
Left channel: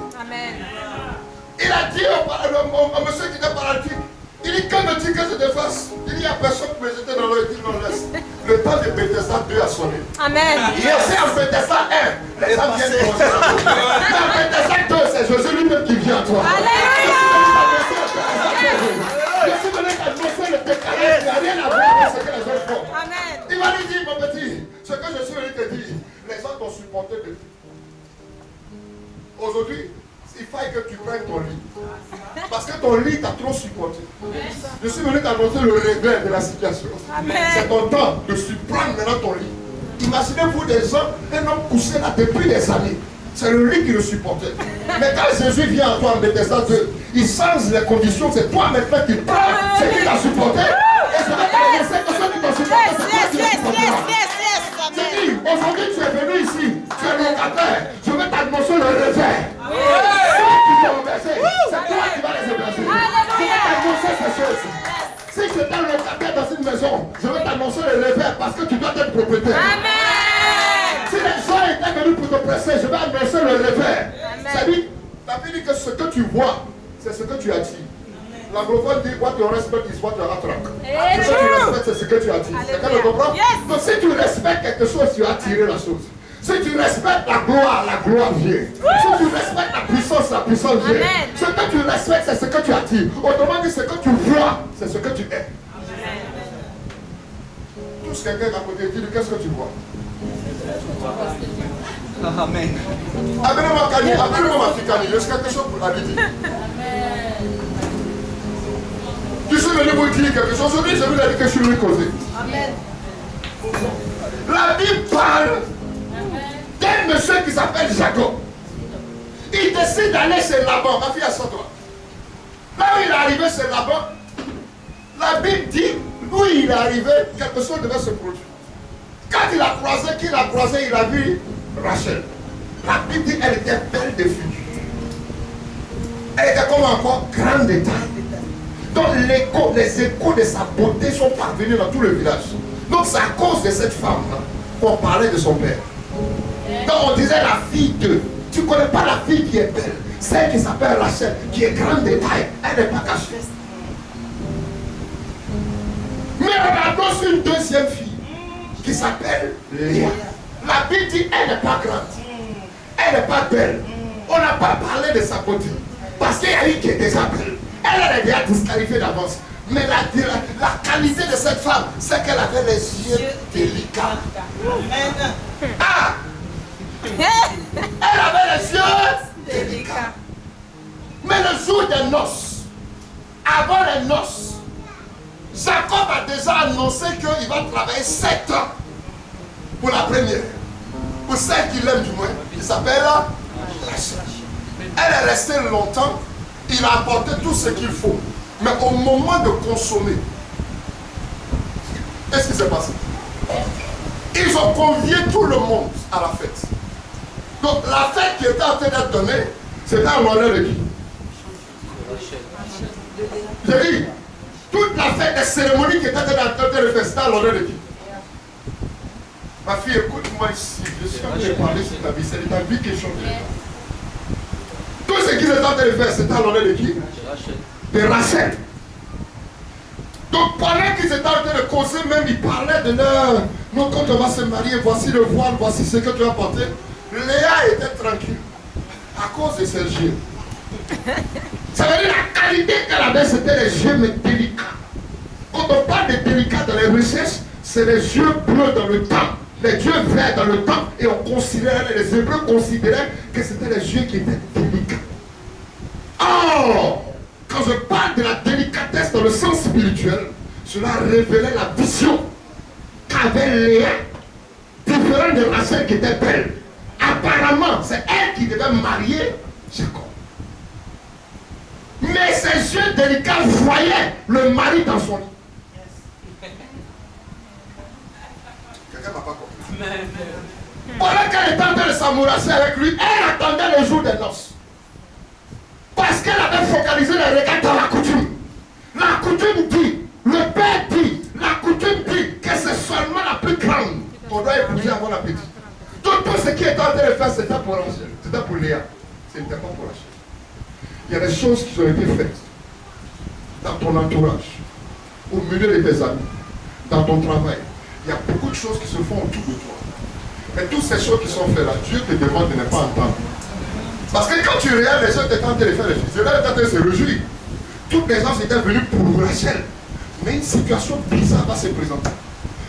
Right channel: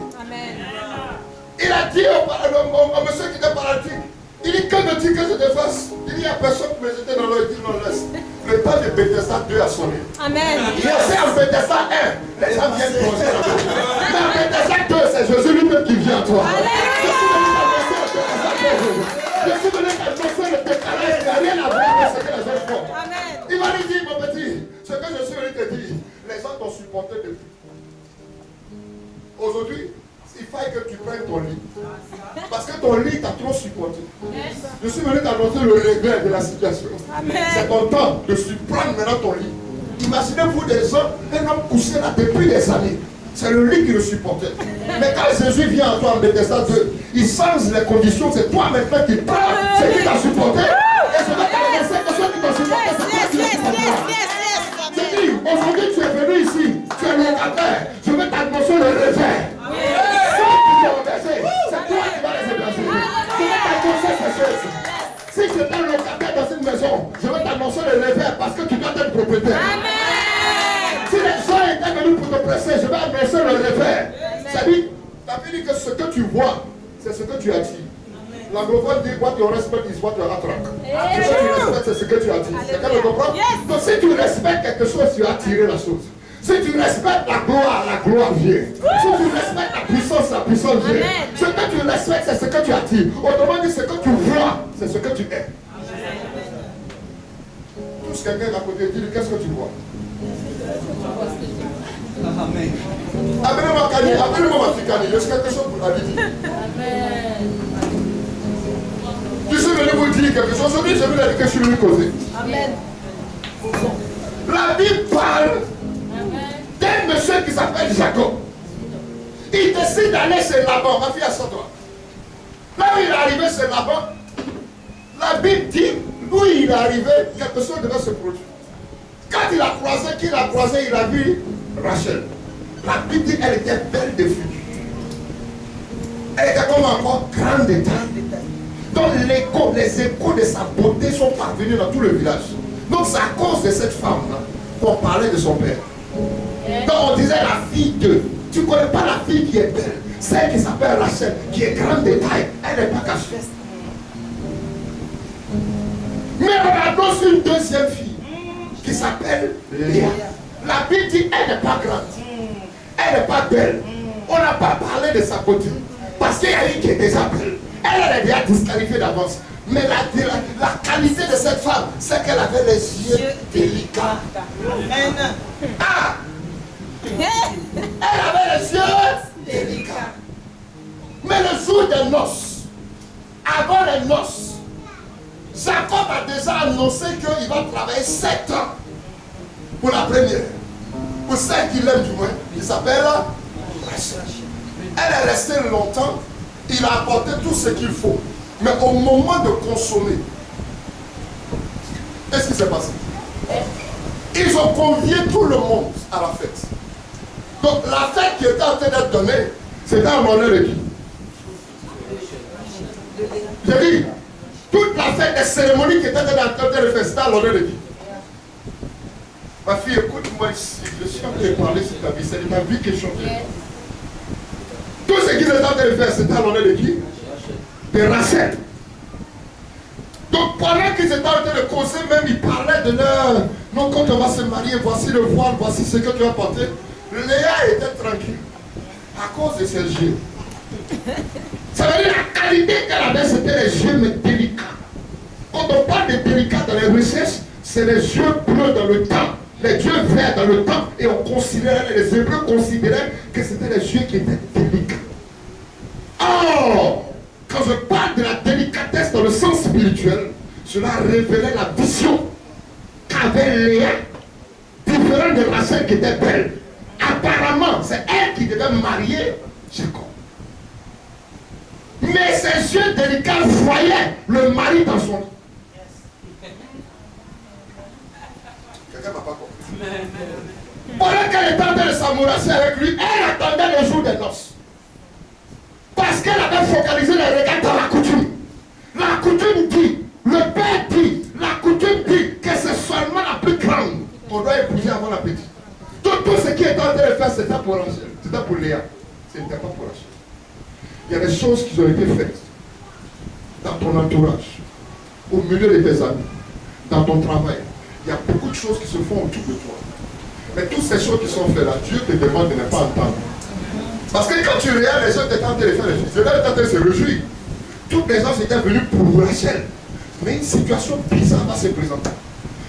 Il a dit au monsieur qui était paralytique, il dit que me dit que je te fasse. Il dit il n'y a personne qui me jeter dans l'eau. Il dit non, laisse. Le temps de Bethesda 2 a sonné. Amen. Il y a aussi en Bethesda 1, les gens viennent commencer à vous. Mais en Bethesda 2, c'est Jésus lui-même qui vient à toi. Je suis venu t'annoncer le décalage qui n'a rien à voir avec ce que les autres font. Amen. Il va lui dire, mon petit, ce que je suis venu te dire, les gens t'ont supporté depuis. Aujourd'hui, il faut que tu prennes ton lit. Parce que ton lit t'a trop supporté. Je suis venu t'annoncer le regret de la situation. C'est ton temps de prendre maintenant ton lit. Imaginez-vous des gens, un homme couché là depuis des années. C'est le lit qui le supportait. Mais quand Jésus vient à toi en Bethesda 2, il change les conditions. C'est toi maintenant qui prends ce qui t'a supporté. Et je vais t'annoncer que ceux qui t'ont supporté, c'est toi qui les supporteras. Je dis, aujourd'hui tu es venu ici, tu es locataire. Je vais t'annoncer le réveil. Ceux qui t'ont reversé, c'est toi qui vas les héberger. Je vais t'annoncer ces choses. Si tu es un locataire dans une maison, je vais t'annoncer le réveil parce que tu dois être propriétaire. Si les gens étaient venus pour te presser, je vais annoncer le réveil. C'est-à-dire, la Bible dit que ce que tu vois, c'est ce que tu attires. L'anglophone dit what you respect is what you attract. Ce que tu respectes, c'est ce que tu attires. Quelqu'un le comprend? Donc si tu respectes quelque chose, tu as attiré la chose. Si tu respectes la gloire vient. Si tu respectes la puissance vient. Ce que tu respectes, c'est ce que tu attires. Autrement dit, ce que tu vois, c'est ce que tu es. Tous quelqu'un à côté dit, qu'est-ce que tu vois? Amen. Appelez-moi ma fille Kani, j'ai quelque chose pour la dire. Tu suis venu vous dire quelque chose. Aujourd'hui, je vais vous dire que je suis venu causer. Amen. La Bible parle d'un monsieur qui s'appelle Jacob. Il décide d'aller chez Laban. Ma fille, assois-toi. Là où il est arrivé chez Laban, la Bible dit, où il est arrivé, quelque chose devait se produire. Quand il a croisé, il a vu Rachel. La Bible dit qu'elle était belle de figure. Elle était comme encore grande de taille. Donc les échos de sa beauté sont parvenus dans tout le village. Donc c'est à cause de cette femme-là qu'on parlait de son père. Donc on disait la fille de. Tu ne connais pas la fille qui est belle. Celle qui s'appelle Rachel, qui est grande de taille, elle n'est pas cachée. Mais regardons sur une deuxième fille qui s'appelle Léa. La Bible dit elle n'est pas grande, elle n'est pas belle. On n'a pas parlé de sa beauté parce qu'il y a une qui est déjà belle. Elle est déjà disqualifiée d'avance. Mais la qualité de cette femme, c'est qu'elle avait les yeux délicats. Ah! Elle avait les yeux délicats. Mais le jour des noces, avant les noces, Jacob a déjà annoncé qu'il va travailler 7 ans pour la première. Pour celle qu'il aime du moins, il s'appelle Rachel. Elle est restée longtemps, il a apporté tout ce qu'il faut. Mais au moment de consommer, qu'est-ce qui s'est passé? Ils ont convié tout le monde à la fête. Donc la fête qui était en train d'être donnée, c'était en honneur de qui? J'ai dit, toute la fête des cérémonies qui étaient en train de faire, c'était en honneur de qui? Ma fille, écoute-moi ici, je suis en train de parler sur ta vie, c'est de ta vie que je chantais. Tout ce qu'ils étaient en train de faire, c'était en honneur de qui? De Rachel. Donc pendant qu'ils étaient en train de causer, même ils parlaient de leur... Non, quand on va se marier, voici le voile, voici ce que tu vas porter. Léa était tranquille à cause de ses yeux. Ça veut dire la qualité qu'elle avait, c'était les yeux mais délicats. Quand on parle de délicats dans les recherches, c'est les yeux bleus dans le temps, les yeux verts dans le temps, et on considérait, les Hébreux considéraient que c'était les yeux qui étaient délicats. Oh! Quand je parle de la délicatesse dans le sens spirituel, cela révélait la vision qu'avait Léa, différente de Rachel qui était belle. Apparemment, c'est elle qui devait marier Jacob. Mais ses yeux délicats voyaient le mari dans son lit. Quelqu'un m'a pas compris. Pendant qu'elle était en train de s'amourasser avec lui, elle attendait le jour des noces. Parce qu'elle avait focalisé les regards dans la coutume. La coutume dit, le père dit, la coutume dit que c'est seulement la plus grande qu'on doit épouser avant la petite. Tout ce qui était en train de faire, c'était pour Rachel, c'était pour Léa. Ce n'était pas pour Rachel. Il y a des choses qui ont été faites dans ton entourage, au milieu de tes amis, dans ton travail. Il y a beaucoup de choses qui se font autour de toi. Mais toutes ces choses qui sont faites là, Dieu te demande de ne pas entendre. Parce que quand tu regardes les gens étaient en train de faire les choses, ils étaient en train de se réjouir. Toutes les gens étaient venus pour Rachel. Mais une situation bizarre va se présenter.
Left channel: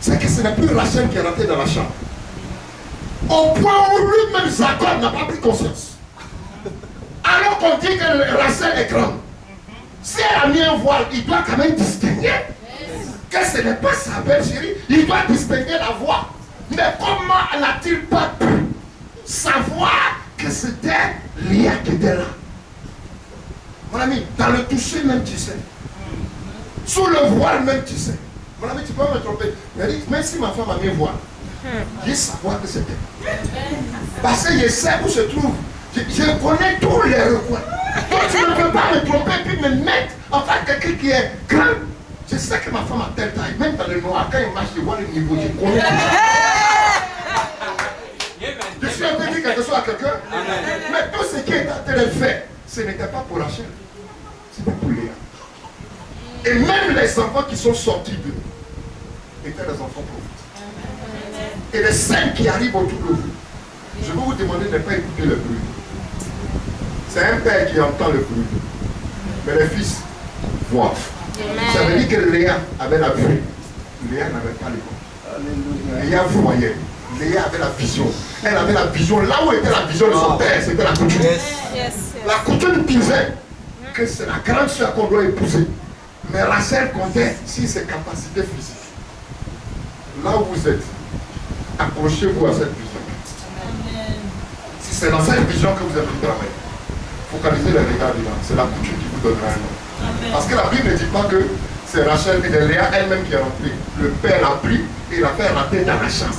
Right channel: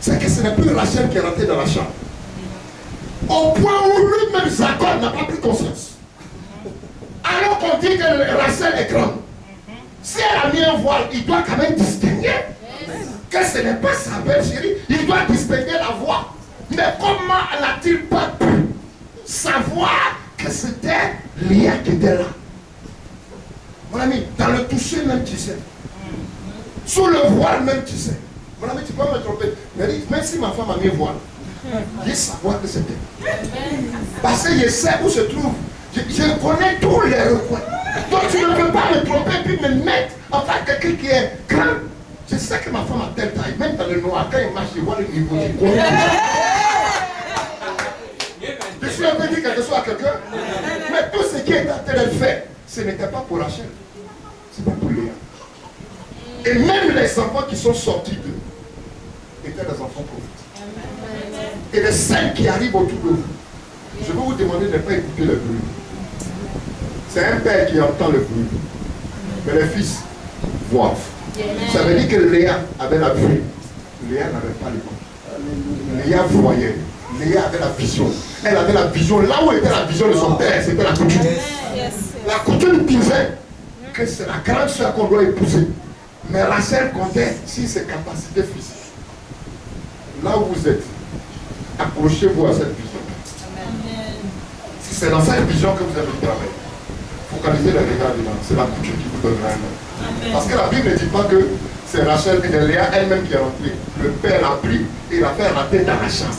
C'est que ce n'est plus Rachel qui est rentrée dans la chambre. Au point où lui-même, Jacob, n'a pas pris conscience. Alors qu'on dit que Rachel est grande. Si elle a mis un voile, il doit quand même distinguer que ce n'est pas sa belle chérie. Il doit distinguer la voix. Mais comment n'a-t-il pas pu savoir que c'était Léa qui était là? Mon ami, dans le toucher même tu sais. Sous le voile même tu sais. Mon ami, tu peux me tromper. Mais même si ma femme a mis un voile, je sais savoir que c'était. Parce que je sais où se trouve. Je connais tous les recoins. Donc tu ne peux pas me tromper et puis me mettre en tant que quelqu'un qui est grand. Je sais que ma femme a telle taille. Même dans le noir, quand il marche, je vois le niveau. Je connais. Je suis en train de dire quelque chose à quelqu'un. Mais tout ce qui est en train de faire, ce n'était pas pour Rachel. C'était pour Léa. Et même les enfants qui sont sortis d'eux étaient des enfants prophètes. Et les scènes qui arrivent autour de vous, je vais vous demander de ne pas écouter le bruit. C'est un père qui entend le bruit. Mais les fils voient. Ça veut dire que Léa avait la vue. Léa n'avait pas l'écoute. Léa voyait. Léa avait la vision. Elle avait la vision. Là où était la vision de son père, c'était la coutume. La coutume disait que c'est la grande soeur qu'on doit épouser. Mais Rachel comptait sur ses capacités physiques. Là où vous êtes, accrochez-vous à cette vision. Si c'est dans cette vision que vous avez travaillé, focalisez les regards dedans. C'est la coutume qui vous donnera un nom. Parce que la Bible ne dit pas que c'est Rachel et Léa elle-même qui est rentrée. Le père l'a pris et l'a fait rentrer dans la chambre.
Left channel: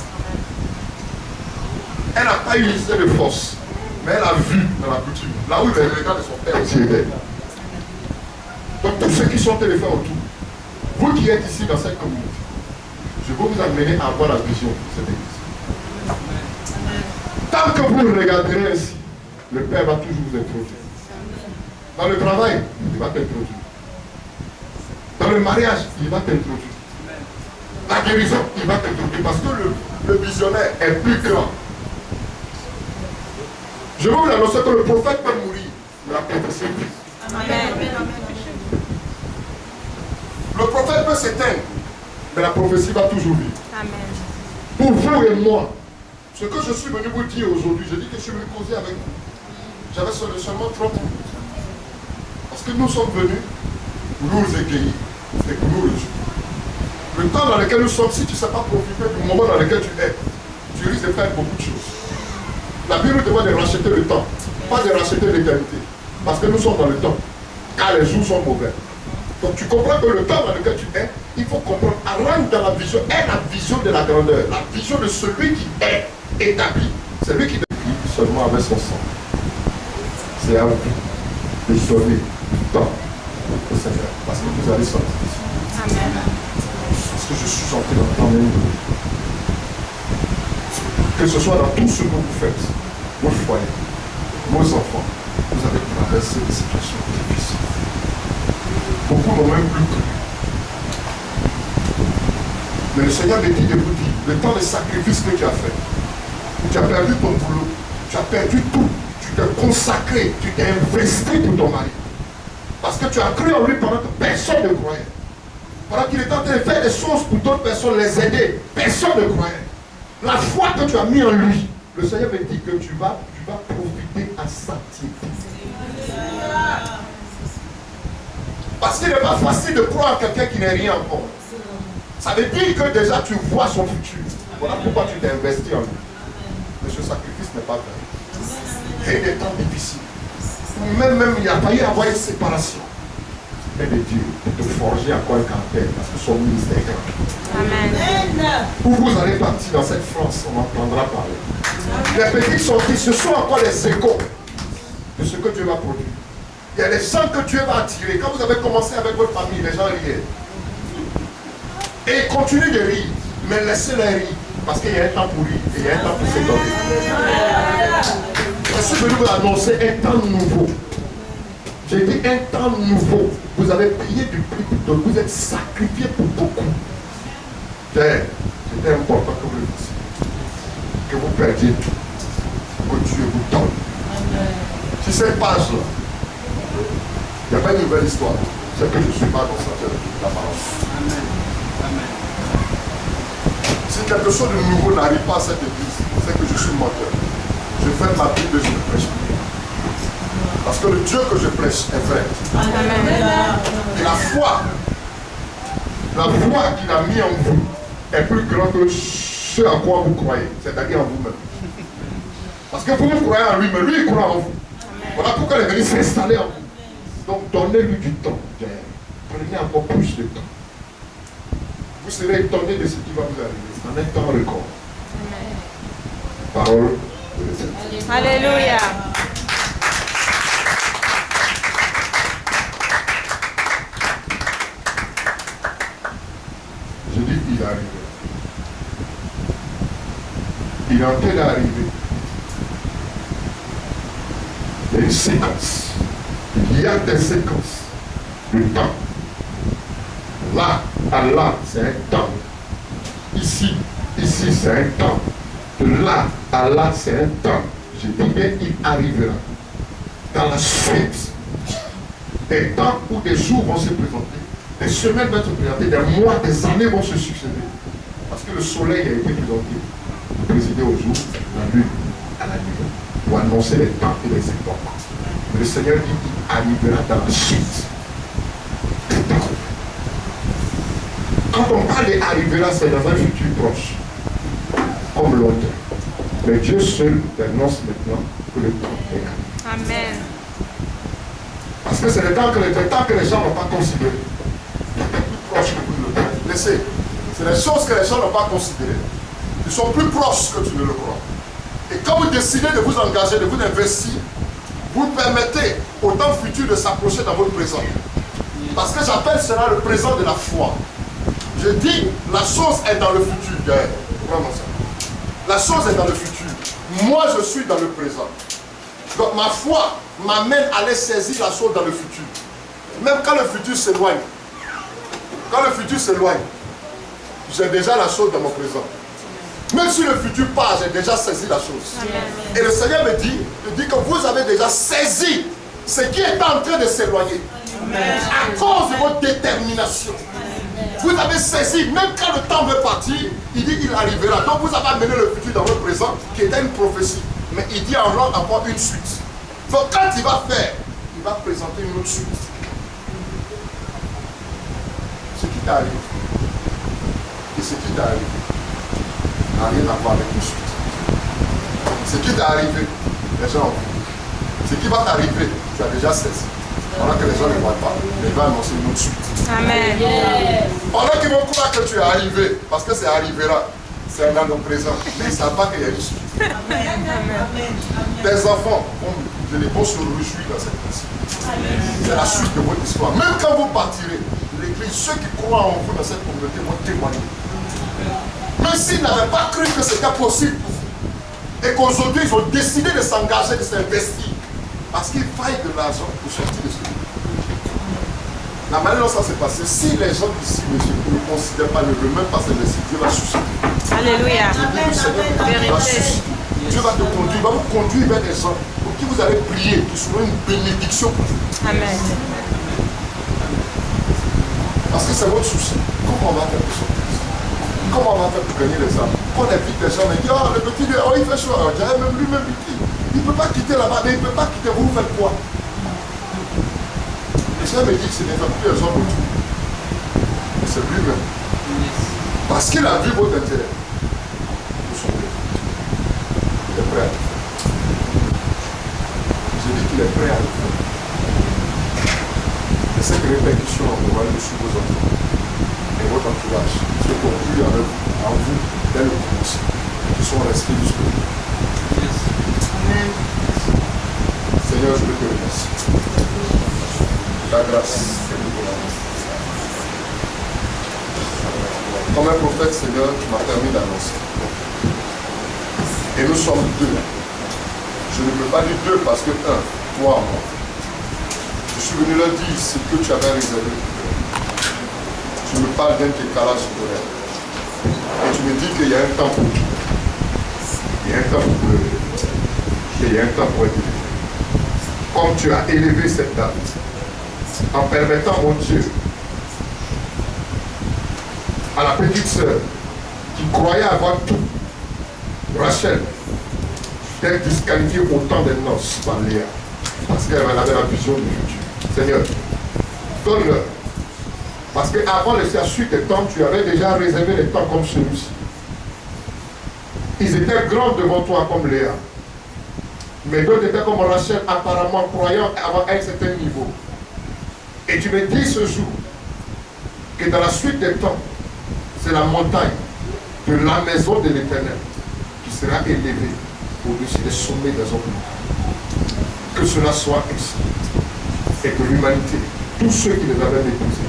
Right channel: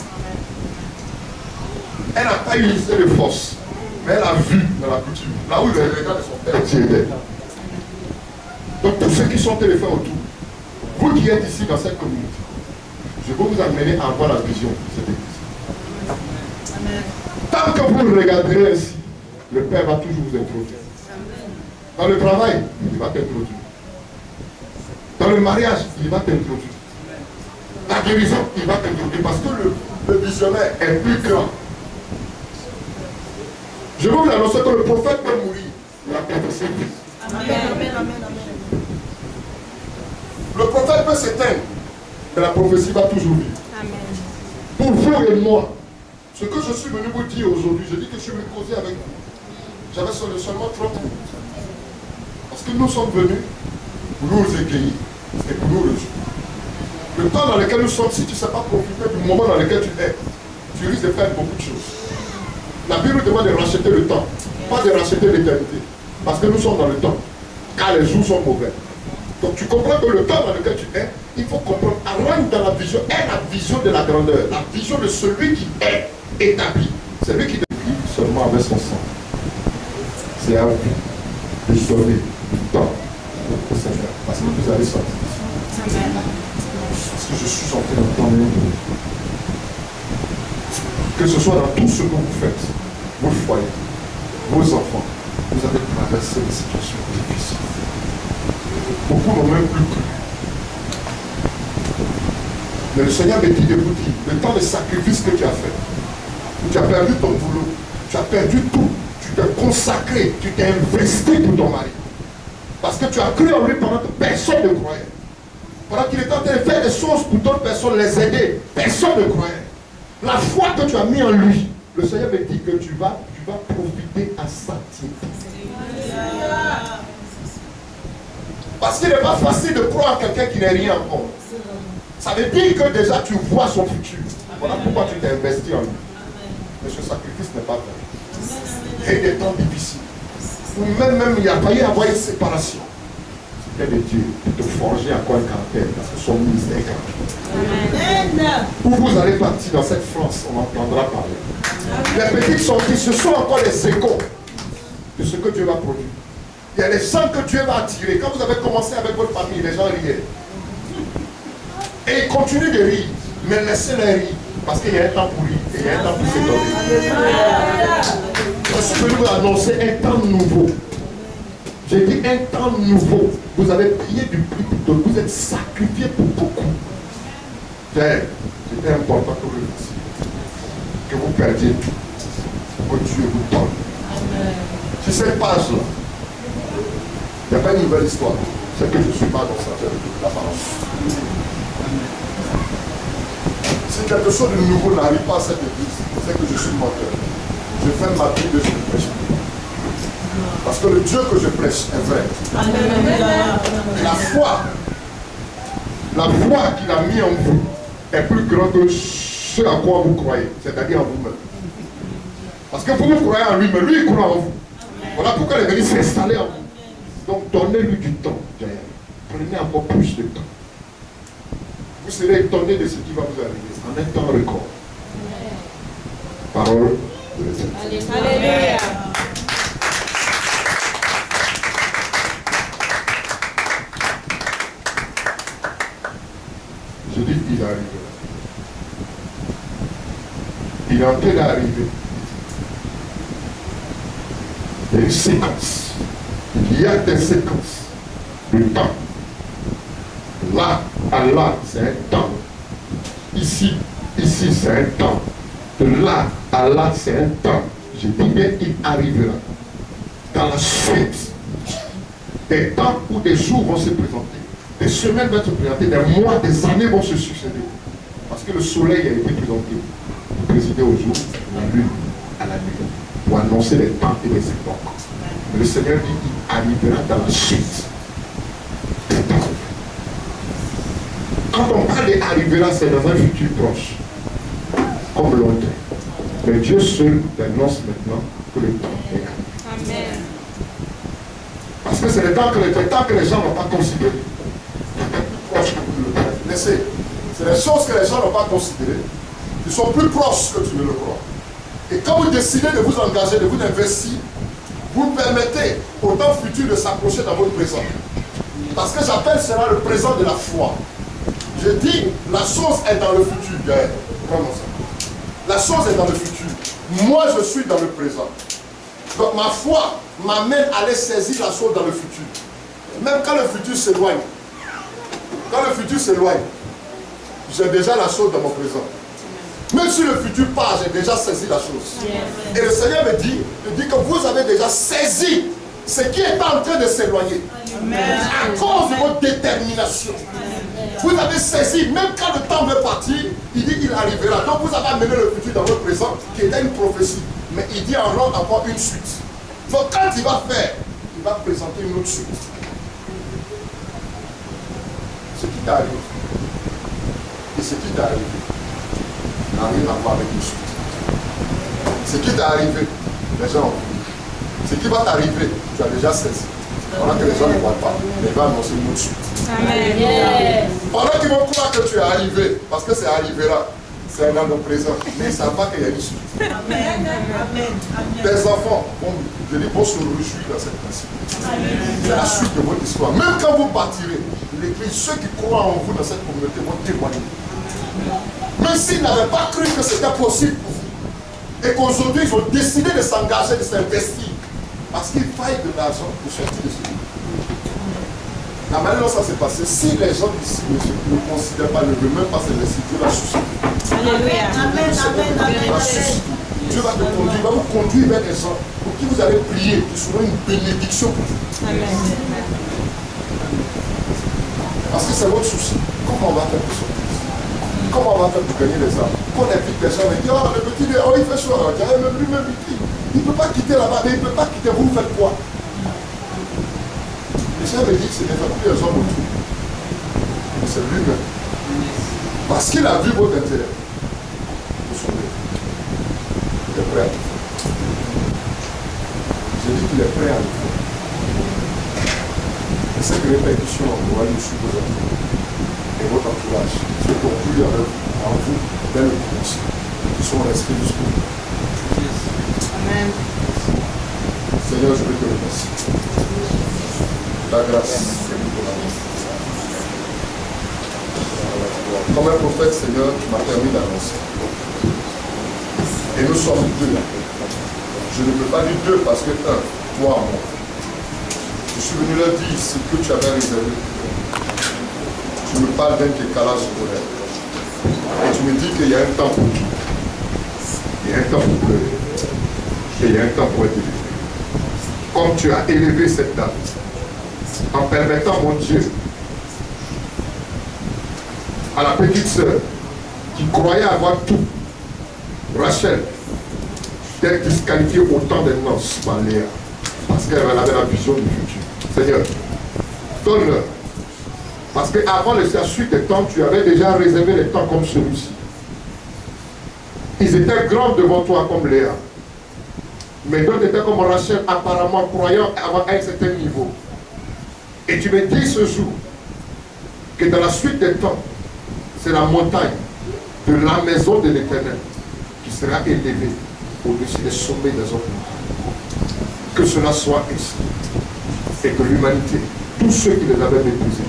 Elle n'a pas utilisé de force, mais elle a vu dans la coutume, là où les regards de son père aussi étaient. Donc tous ceux qui sont téléphonés autour, vous qui êtes ici dans cette communauté, je vais vous amener à avoir la vision de cette église. Tant que vous regarderez ainsi, le Père va toujours vous introduire. Dans le travail, il va t'introduire. Dans le mariage, il va t'introduire. La guérison, il va t'introduire. Parce que le visionnaire est plus grand. Je vais vous annoncer que le prophète peut mourir. La prophétie. Amen. Le prophète peut s'éteindre. Mais la prophétie va toujours vivre. Amen. Pour vous et moi, ce que je suis venu vous dire aujourd'hui, je dis que je suis venu causer avec vous. J'avais seulement 30 minutes. Parce que nous sommes venus pour nous égayer et pour nous réjouir. Le temps dans lequel nous sommes, si tu ne sais pas profiter du moment dans lequel tu es, tu risques de faire beaucoup de choses. La Bible nous demande de racheter le temps, pas de racheter l'éternité. Parce que nous sommes dans le temps, car les jours sont mauvais. Donc tu comprends que le temps dans lequel tu es, il faut comprendre, rendre dans la vision, est la vision de la grandeur, la vision de celui qui est établi. Celui qui depuis seulement avec son sang. C'est à vous de donner du temps au Seigneur. Parce que vous allez sortir. Amen. Parce que je suis en train d'entendre un bruit. Que ce soit dans tout ce que vous faites, vos foyers, vos enfants, vous avez traversé des situations difficiles. Beaucoup n'ont même plus cru. Mais le Seigneur me dit de vous dire, le temps de sacrifice que tu as fait, où tu as perdu ton boulot, tu as perdu tout, tu t'es consacré, tu t'es investi pour ton mari. Parce que tu as cru en lui pendant que personne ne croyait. Pendant qu'il était en train de faire des choses pour d'autres personnes, les aider, personne ne croyait. La foi que tu as mis en lui, le Seigneur me dit que tu vas profiter à centime. Parce qu'il n'est pas facile de croire en quelqu'un qui n'est rien encore. Ça veut dire que déjà tu vois son futur. Voilà pourquoi tu t'es investi en lui. Mais ce sacrifice n'est pas fait. Et des temps difficiles. Ou même il y a failli avoir une séparation. C'est de Dieu pour te forger encore un caractère. Parce que son ministère est grand. Amen. Où vous allez partir dans cette France, on entendra parler. Les petites sorties, ce sont encore les échos de ce que Dieu va produire. Il y a des gens que Dieu va attirer. Quand vous avez commencé avec votre famille, les gens riaient. Et ils continuent de rire. Mais laissez-les rire. Parce qu'il y a un temps pour rire. Et il y a un temps pour s'étonner. Je suis venu vous annoncer un temps nouveau. J'ai dit un temps nouveau. Vous avez payé du prix pour tout. Vous êtes sacrifié pour beaucoup. C'était important que vous le fassiez. Que vous perdiez tout. Pour que Dieu vous donne. Sur cette page-là, il n'y a pas une nouvelle histoire. C'est que je suis mal dans sa tête de la parole. Si quelque chose de nouveau n'arrive pas à cette église, c'est que je suis menteur. Je fais ma Bible et je ne prêche plus. Parce que le Dieu que je prêche est vrai. Et la foi qu'il a mis en vous est plus grande que ce à quoi vous croyez, c'est-à-dire en vous-même. Parce que vous croyez en lui, mais lui il croit en vous. Voilà pourquoi il est venu s'installer en vous. Donc donnez-lui du temps. Prenez encore plus de temps. Vous serez étonné de ce qui va vous arriver en un temps record. Parole de l'Éternel. Alléluia. Je dis il arrivera. Il est en train d'arriver. Il y a une séquence. Il y a des séquences. Le temps. Là, à là, c'est un temps. Ici, c'est un temps. De là à là, c'est un temps. Je dis bien, il arrivera. Dans la suite, des temps où des jours vont se présenter, des semaines vont se présenter, des mois, des années vont se succéder. Parce que le soleil a été présenté pour présider au jour, la lune à la nuit, pour annoncer les temps et les époques. Mais le Seigneur dit qu'il arrivera dans la suite des temps. Quand on parle d'arrivera, c'est dans un futur proche, comme longtemps. Mais Dieu seul annonce maintenant que le temps est arrivé. Amen. Parce que c'est le temps que les gens n'ont pas considéré. C'est plus proche que vous le croyez. Laissez. C'est les choses que les gens n'ont pas considérées. Ils sont plus proches que tu ne le crois. Et quand vous décidez de vous engager, de vous investir, vous permettez au temps futur de s'approcher dans votre présent. Parce que j'appelle cela le présent de la foi. Je dis, la chose est dans le futur. Vraiment ça. La chose est dans le futur. Moi, je suis dans le présent. Donc ma foi m'amène à aller saisir la chose dans le futur. Même quand le futur s'éloigne. Quand le futur s'éloigne, j'ai déjà la chose dans mon présent. Même si le futur part, j'ai déjà saisi la chose. Et le Seigneur me dit que vous avez déjà saisi ce qui est en train de s'éloigner. À cause de votre détermination. Vous avez saisi, même quand le temps veut partir, il dit qu'il arrivera. Donc vous avez amené le futur dans votre présent, qui était une prophétie. Mais il dit encore une suite. Donc quand il va faire, il va présenter une autre suite. Ce qui t'arrive et ce qui t'est arrivé n'a rien à voir avec une suite. Ce qui t'est arrivé, les gens ont vu. Ce qui va t'arriver, tu as déjà saisi. Pendant que les gens ne voient pas, mais il va annoncer une autre suite. Amen. Pendant qu'ils vont croire que tu es arrivé, parce que c'est arrivera, c'est dans le présent, mais ils ne savent pas qu'il y a une suite. Amen. Tes enfants, vont se réjouir dans cette principe. C'est la suite de votre histoire. Même quand vous partirez, l'Église, ceux qui croient en vous dans cette communauté vont témoigner. Même s'ils n'avaient pas cru que c'était possible pour vous, et qu'aujourd'hui ils ont décidé de s'engager, de s'investir, parce qu'il faille de l'argent pour sortir de ce lieu. La manière dont ça s'est passé, si les gens d'ici ne considèrent pas, ne veulent même pas s'investir, Dieu va susciter. Alléluia. Dieu va te conduire, il va vous conduire vers des gens pour qui vous allez prier, qui seront une bénédiction pour vous. Amen. Parce que c'est votre souci. Comment on va faire pour sortir? Comment on va faire pour gagner les âmes? Quand on invite les gens, on dit, oh le petit, oh, il fait chaud. Même lui-même, il ne peut pas quitter là-bas, mais il ne peut pas quitter. Vous faites quoi? Le Seigneur me dit que ce n'est pas plus les hommes autour, mais c'est lui-même. Parce qu'il a vu votre intérêt pour son bien. Il est prêt à le faire. J'ai dit qu'il est prêt à le faire. Et cette répercussion aura lieu sur vos enfants et votre entourage, ceux qui ont cru en vous dès le commencement, qui sont restés jusqu'au bout. Amen. Seigneur, je veux te remercier. Ta grâce. Comme un prophète, Seigneur, tu m'as permis d'annoncer. Et nous sommes deux. Je ne peux pas dire deux parce que un, toi, moi. Je suis venu leur dire ce que tu avais réservé. Tu me parles d'un décalage horaire. Et tu me dis qu'il y a un temps pour tout. Il y a un temps pour pleurer. Et il y a un temps pour être élevé. Comme tu as élevé cette dame, en permettant, mon Dieu, à la petite sœur qui croyait avoir tout, Rachel, d'être disqualifiée au temps des noces par Léa, parce qu'elle avait la vision du futur. Seigneur, donne-leur. Parce qu'avant la suite des temps, tu avais déjà réservé les temps comme celui-ci. Ils étaient grands devant toi comme Léa. Mais d'autres étaient comme Rachel, apparemment croyant avoir un certain niveau. Et tu me dis ce jour que dans la suite des temps, c'est la montagne de la maison de l'Éternel qui sera élevée au-dessus des sommets des hommes. Que cela soit ainsi. Et que l'humanité, tous ceux qui les avaient méprisés,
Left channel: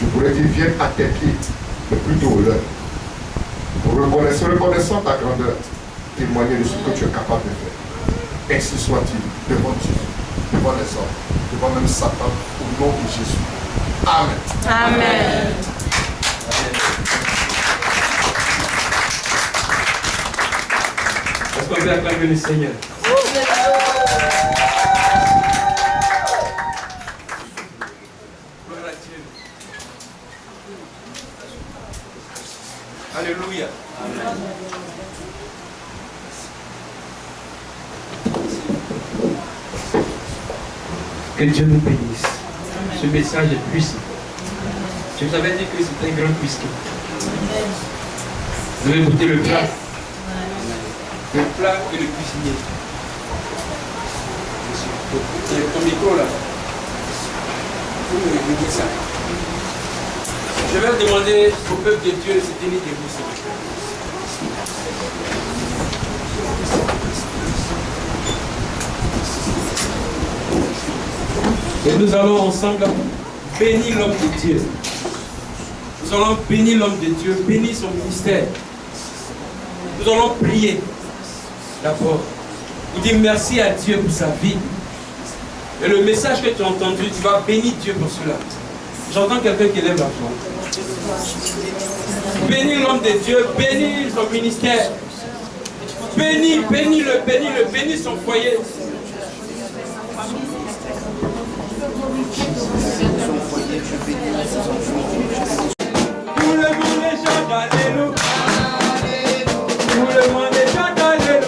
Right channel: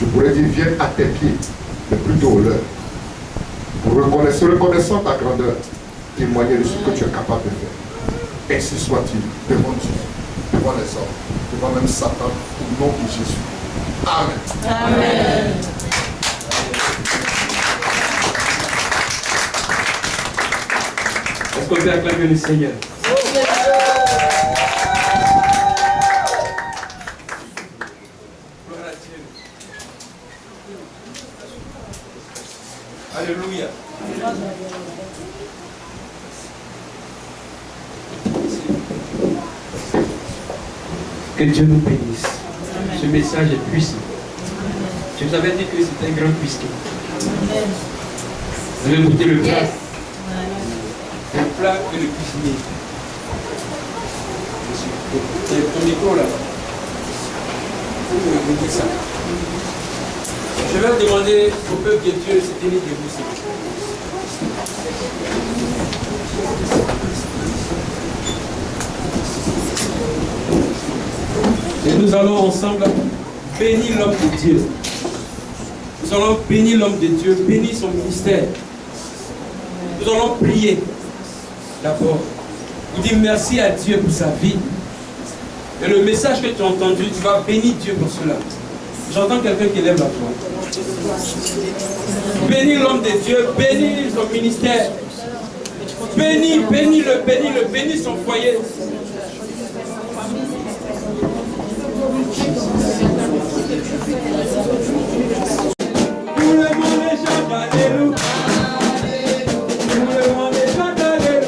je pourrais dire, viennent à tes pieds, mais plutôt au leur. Pour reconnaissant ta grandeur, témoigner de ce que tu es capable de faire. Ainsi soit-il, devant Dieu, devant les hommes, devant même Satan, au nom de Jésus. Amen. Amen. Est-ce qu'on peut acclamer le Seigneur? Alléluia. Que Dieu nous bénisse. Ce message est puissant. Je vous avais dit que c'était un grand cuistot. Vous avez goûté le plat. Le plat et le cuisinier. Ton micro là. Vous me dites ça. Je vais demander au peuple de Dieu de se tenir debout, s'il vous plaît. Et nous allons ensemble bénir l'homme de Dieu. Nous allons bénir l'homme de Dieu, bénir son ministère. Nous allons prier d'abord. Il dit merci à Dieu pour sa vie. Et le message que tu as entendu, tu vas bénir Dieu pour cela. J'entends quelqu'un qui lève la voix. Bénis l'homme de Dieu, bénis son ministère. Bénis son foyer. Tout le monde est chante, alléluia. Tout le monde est chante, alléluia.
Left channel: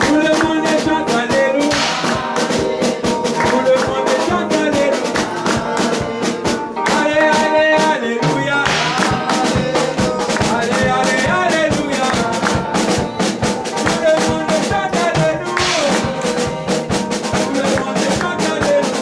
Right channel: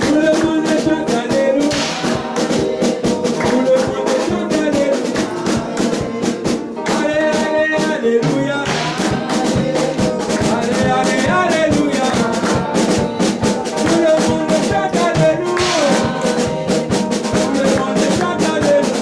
Tout le monde est chante, alléluia. Tout le monde est chante, alléluia. Allez, allez, alléluia. Allez, allez, alléluia. Tout le monde est chante, alléluia. Tout le monde est chante, alléluia.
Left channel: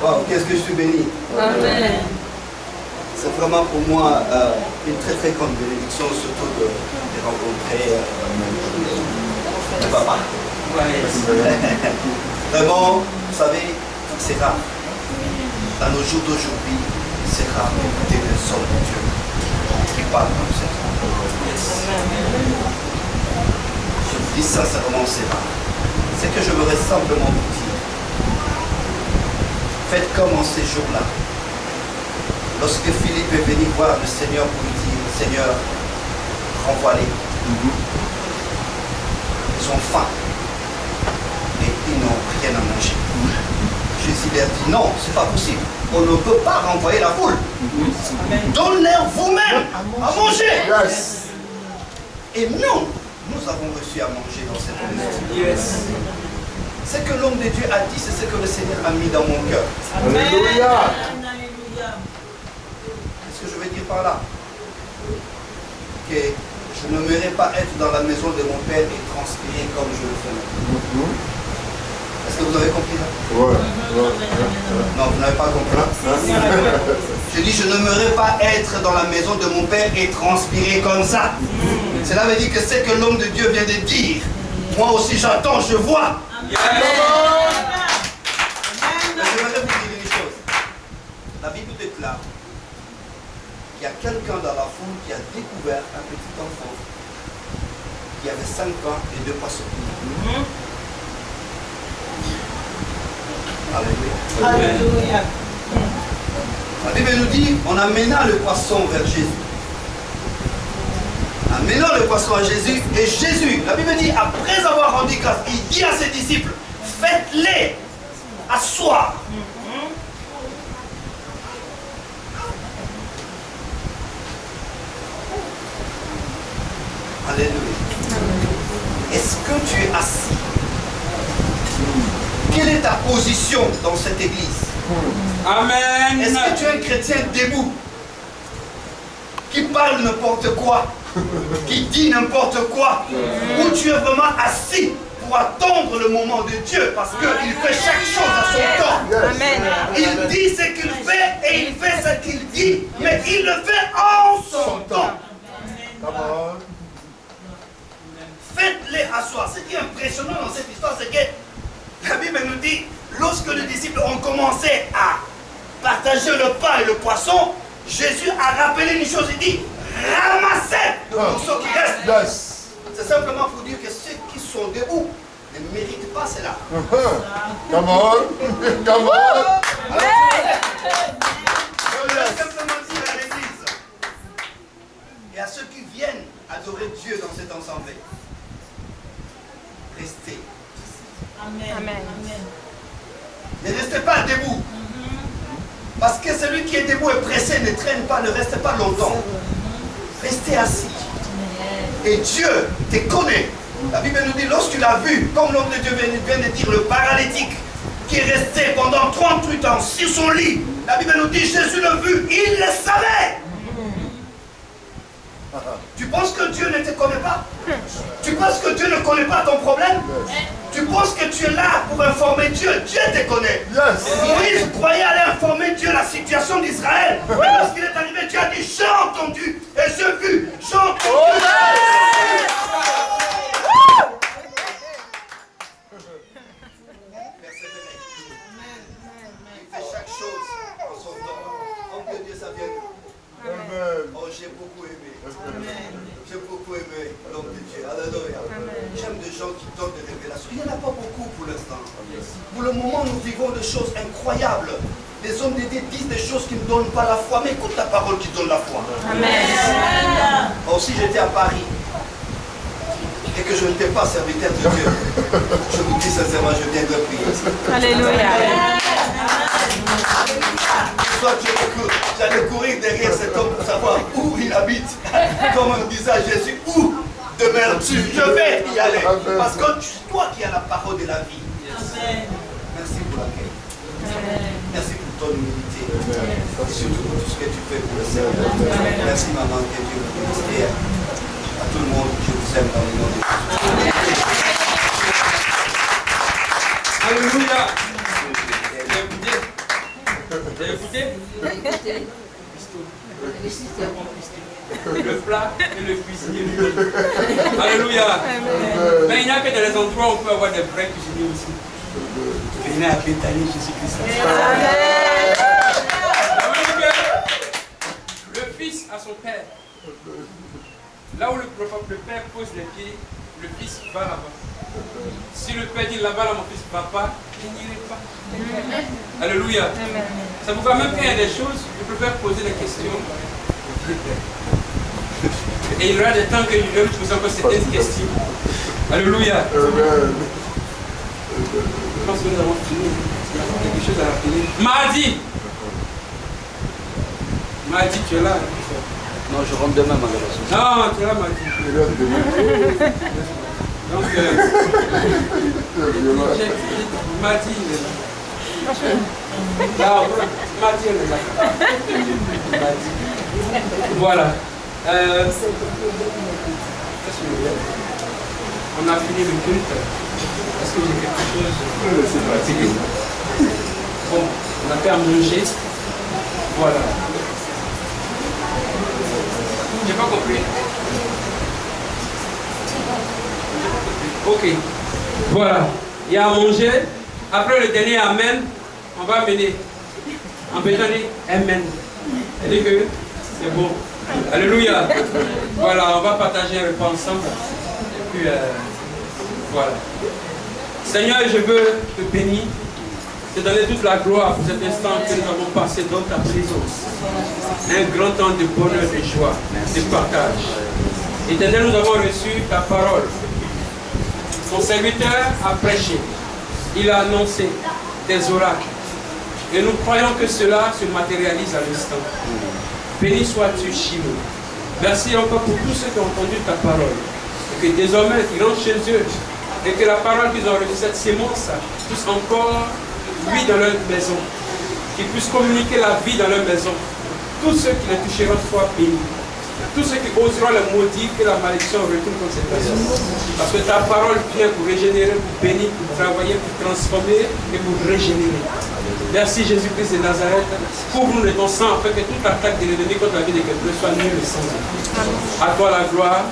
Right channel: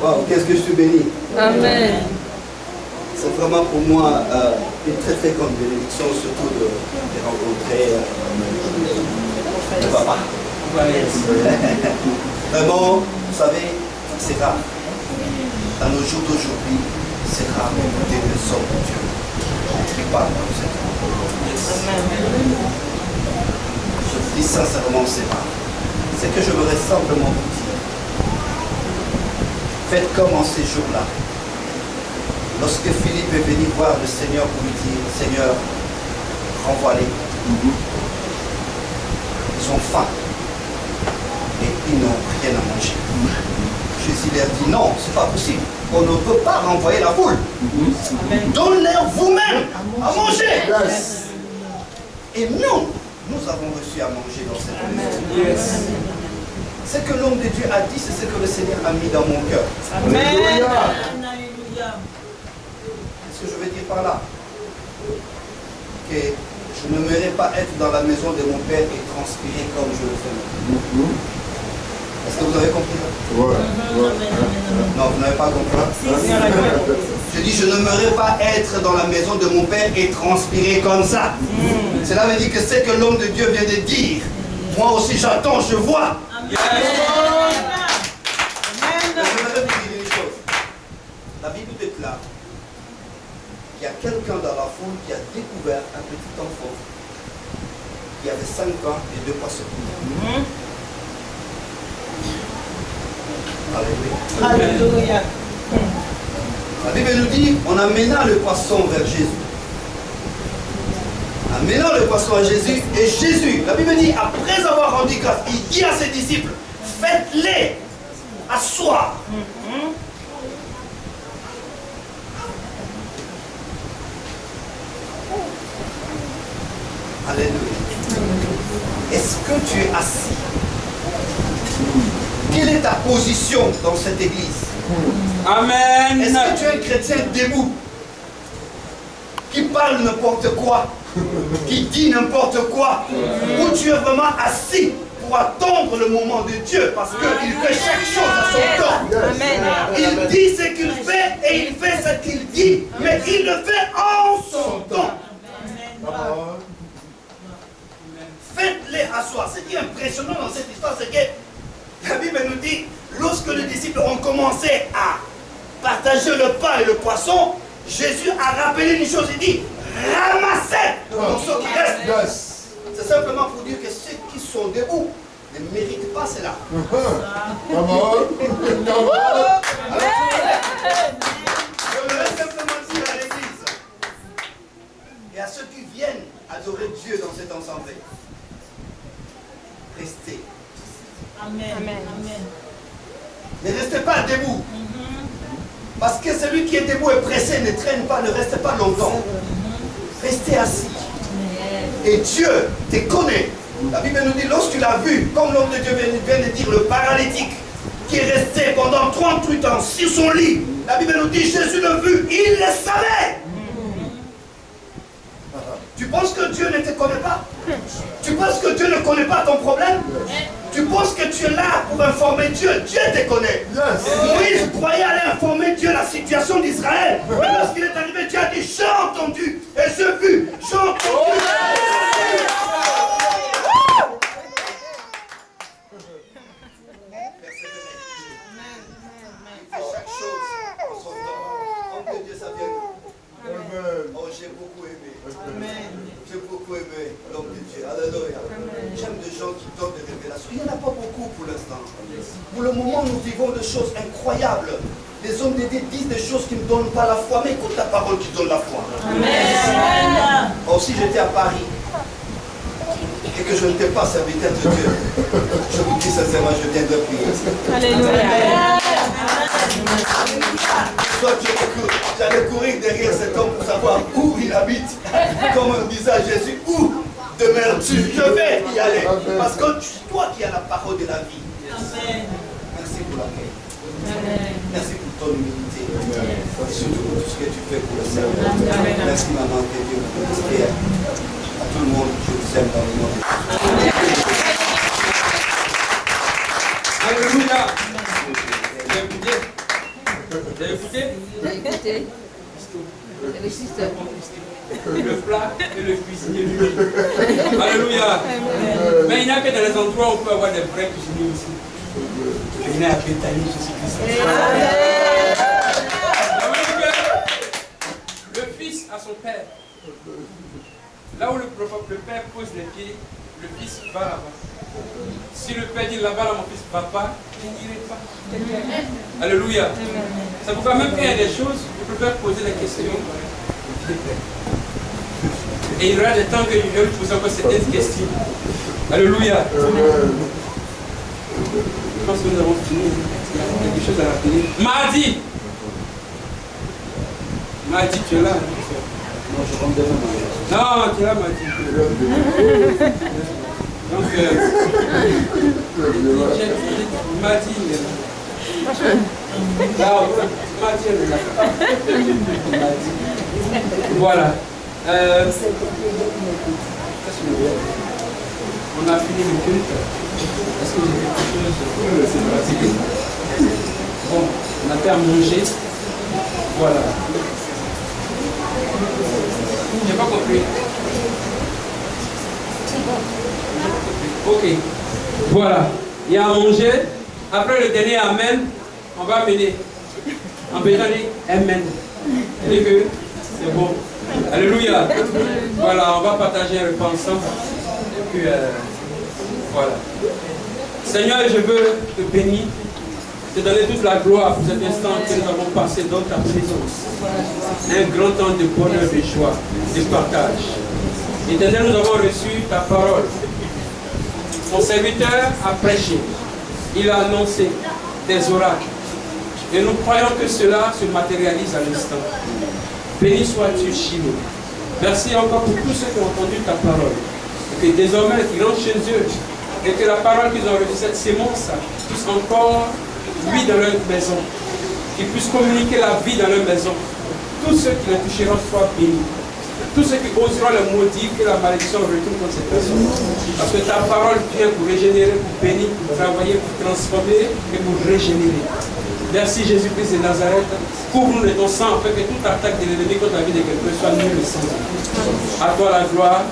Wow, qu'est-ce que je suis béni. Amen. C'est vraiment pour moi une très très grande bénédiction, surtout de rencontrer le papa. Vraiment, vous savez, c'est rare. Dans nos jours d'aujourd'hui, c'est rare d'écouter des hommes de Dieu qui parlent comme ça. Je vous dis sincèrement, c'est rare. C'est que je voudrais simplement vous dire. Faites comme en ces jours-là. Lorsque Philippe est venu voir le Seigneur pour lui dire, Seigneur, renvoie-les. Ils ont faim et ils n'ont rien à manger. Jésus leur dit, non, c'est pas possible. On ne peut pas renvoyer la foule. Donnez-leur vous-même à manger. Yes. Et nous avons reçu à manger dans cette maison. Yes. Ce que l'homme de Dieu a dit, c'est ce que le Seigneur a mis dans mon cœur. Alléluia. Qu'est-ce que je veux dire par là? Que je n'aimerais pas être dans la maison de mon père et transpirer comme je le fais. Est-ce que vous avez compris ça? Ouais. Non, vous n'avez pas compris. Je dis, je n'aimerais pas être dans la maison de mon père et transpirer comme ça. Cela veut dire que c'est que l'homme de Dieu vient de dire. Moi aussi j'attends, je vois. Mais j'aimerais vous dire une chose. La Bible déclare qu'il y a quelqu'un dans la foule qui a découvert un petit enfant qui avait 5 ans et 2 poissons. Alléluia. Alléluia. La Bible nous dit, on amena le poisson vers Jésus. Amenant le poisson à Jésus, et Jésus, la Bible dit, après avoir rendu grâce, il dit à ses disciples, faites-les asseoir. Alléluia. Est-ce que tu es assis? Quelle est ta position dans cette église? Amen. Est-ce que tu es un chrétien debout qui parle n'importe quoi, qui dit n'importe quoi, ou tu es vraiment assis pour attendre le moment de Dieu parce qu'il fait chaque chose à son temps. Amen. Il dit ce qu'il fait et il fait ce qu'il dit, mais il le fait en son temps. Faites-les asseoir. Ce qui est impressionnant dans cette histoire, c'est que la Bible nous dit, lorsque les disciples ont commencé à partager le pain et le poisson, Jésus a rappelé une chose, il dit, ramassez le morceau qui reste. C'est simplement pour dire que ceux qui sont debout ne méritent pas cela. Come on. Come on. Je voudrais simplement dire à l'église et à ceux qui viennent adorer Dieu dans cet ensemble, restez. Amen. Ne restez pas debout. Parce que celui qui est debout et pressé ne traîne pas, ne reste pas longtemps. Restez assis. Et Dieu te connaît. La Bible nous dit, lorsque tu l'as vu, comme l'homme de Dieu vient de dire, le paralytique qui est resté pendant 38 ans sur son lit, la Bible nous dit, Jésus l'a vu, il le savait. Tu penses que Dieu ne te connaît pas? Tu penses que Dieu ne connaît pas ton problème? Tu penses que tu es là pour informer Dieu? Dieu te connaît. Moïse croyait aller informer Dieu la situation d'Israël. Mais lorsqu'il est arrivé, Dieu a dit, j'ai entendu et j'ai vu. J'ai entendu. Il fait chaque chose en son temps. Homme de Dieu, ça vient de vous. Oh, j'ai beaucoup aimé. J'ai beaucoup aimé l'homme de Dieu. Alléluia. J'aime des gens qui donnent des révélations. Il n'y en a pas beaucoup pour l'instant. Pour le moment, nous vivons des choses incroyables. Les hommes de Dieu disent des choses qui ne donnent pas la foi. Mais écoute la parole qui donne la foi. Amen. Oh, si j'étais à Paris et que je n'étais pas serviteur de Dieu, je vous dis sincèrement, je viendrais prier. Alléluia. Soit j'allais courir derrière cet homme pour savoir où il habite. Comme on disait à Jésus, où demeures-tu? Je vais y aller. Parce que c'est toi qui as la parole de la vie. Merci pour l'accueil. Merci pour ton humilité. Et surtout pour tout ce que tu fais pour le Seigneur. Merci maman, que Dieu vous bénisse. À tout le monde, je vous aime dans le nom de Jésus. Alléluia. Vous avez écouté? Le plat et le cuisinier. Alléluia. Mais il n'y a que dans les endroits où on peut avoir des vrais cuisiniers aussi. Venez à Pétali, Jésus-Christ. Le fils a son père. Là où le père pose les pieds, le fils va là-bas. Si le père dit là-bas, là mon fils ne va pas, il n'irait pas. Alléluia. Ça vous va même qu'il y a des choses, je préfère poser la question. Et il y aura des temps que je vais vous poser encore certaines questions. Alléluia. Je pense que nous avons fini. Il y a quelque chose à rappeler. Mardi, tu es là. Non, je rentre demain, malheureusement. Non, tu es là, Mardi. Donc, Mardi, il est là. Mardi, elle est là. Voilà. On a fini le culte. Est-ce que j'ai quelque chose? C'est pratique. Bon, on a fait à manger. Voilà. J'ai pas compris. Ok. Voilà. Il y a à manger. Après le dernier Amen, on va amener. En Béthanie, Amen. C'est que c'est bon. Alléluia. Voilà, on va partager un repas ensemble. Et puis, voilà. Seigneur, je veux te bénir, te donner toute la gloire pour cet instant que nous avons passé dans ta présence. Un grand temps de bonheur, de joie, de partage. Éternel, nous avons reçu ta parole. Ton serviteur a prêché. Il a annoncé des oracles. Et nous croyons que cela se matérialise à l'instant. Béni sois-tu, Chimo. Merci encore pour tous ceux qui ont entendu ta parole. Et que désormais, ils rentrent chez eux. Et que la parole qu'ils ont reçue, cette sémence, puisse encore lui dans leur maison. Qu'ils puissent communiquer la vie dans leur maison. Tous ceux qui les toucheront soient bénis. Tous ceux qui oseront le maudire, que la malédiction retourne contre cette personne. Parce que ta parole vient pour régénérer, pour bénir, pour travailler, pour transformer et pour régénérer. Merci Jésus-Christ de Nazareth. Couvre-nous de ton sang afin que toute attaque de l'ennemi contre la vie de quelqu'un soit nulle sans. À toi la gloire.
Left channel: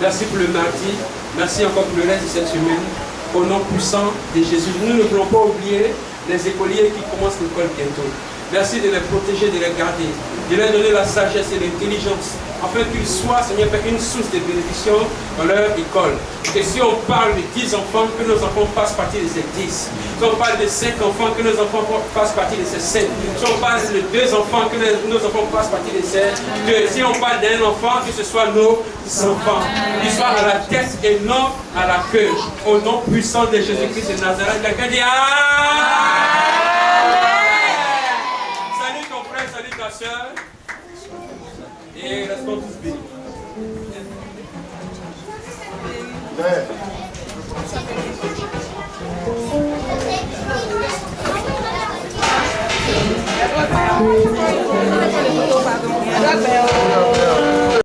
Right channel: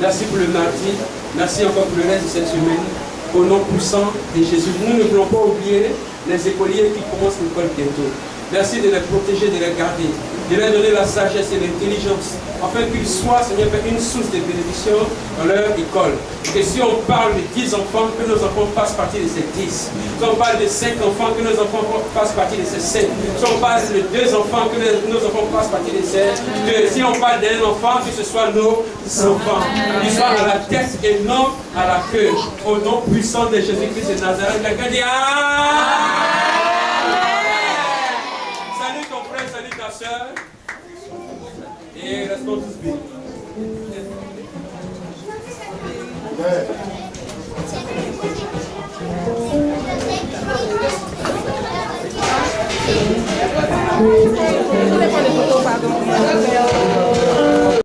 Merci pour le mardi. Merci encore pour le reste de cette semaine. Au nom puissant de Jésus. Nous ne voulons pas oublier les écoliers qui commencent l'école bientôt. Merci de les protéger, de les garder, de leur donner la sagesse et l'intelligence, afin qu'ils soient, Seigneur, une source de bénédiction dans leur école. Et si on parle de 10 enfants, que nos enfants fassent partie de ces 10. Si on parle de 5 enfants, que nos enfants fassent partie de ces 5. Si on parle de 2 enfants, que nos enfants fassent partie de ces 2. Si on parle d'un enfant, que ce soit nos enfants. Qu'ils soient à la tête et non à la queue. Au nom puissant de Jésus-Christ de Nazareth, quelqu'un dit Amen. Salut ta soeur. Et restons tous bénis. Amen.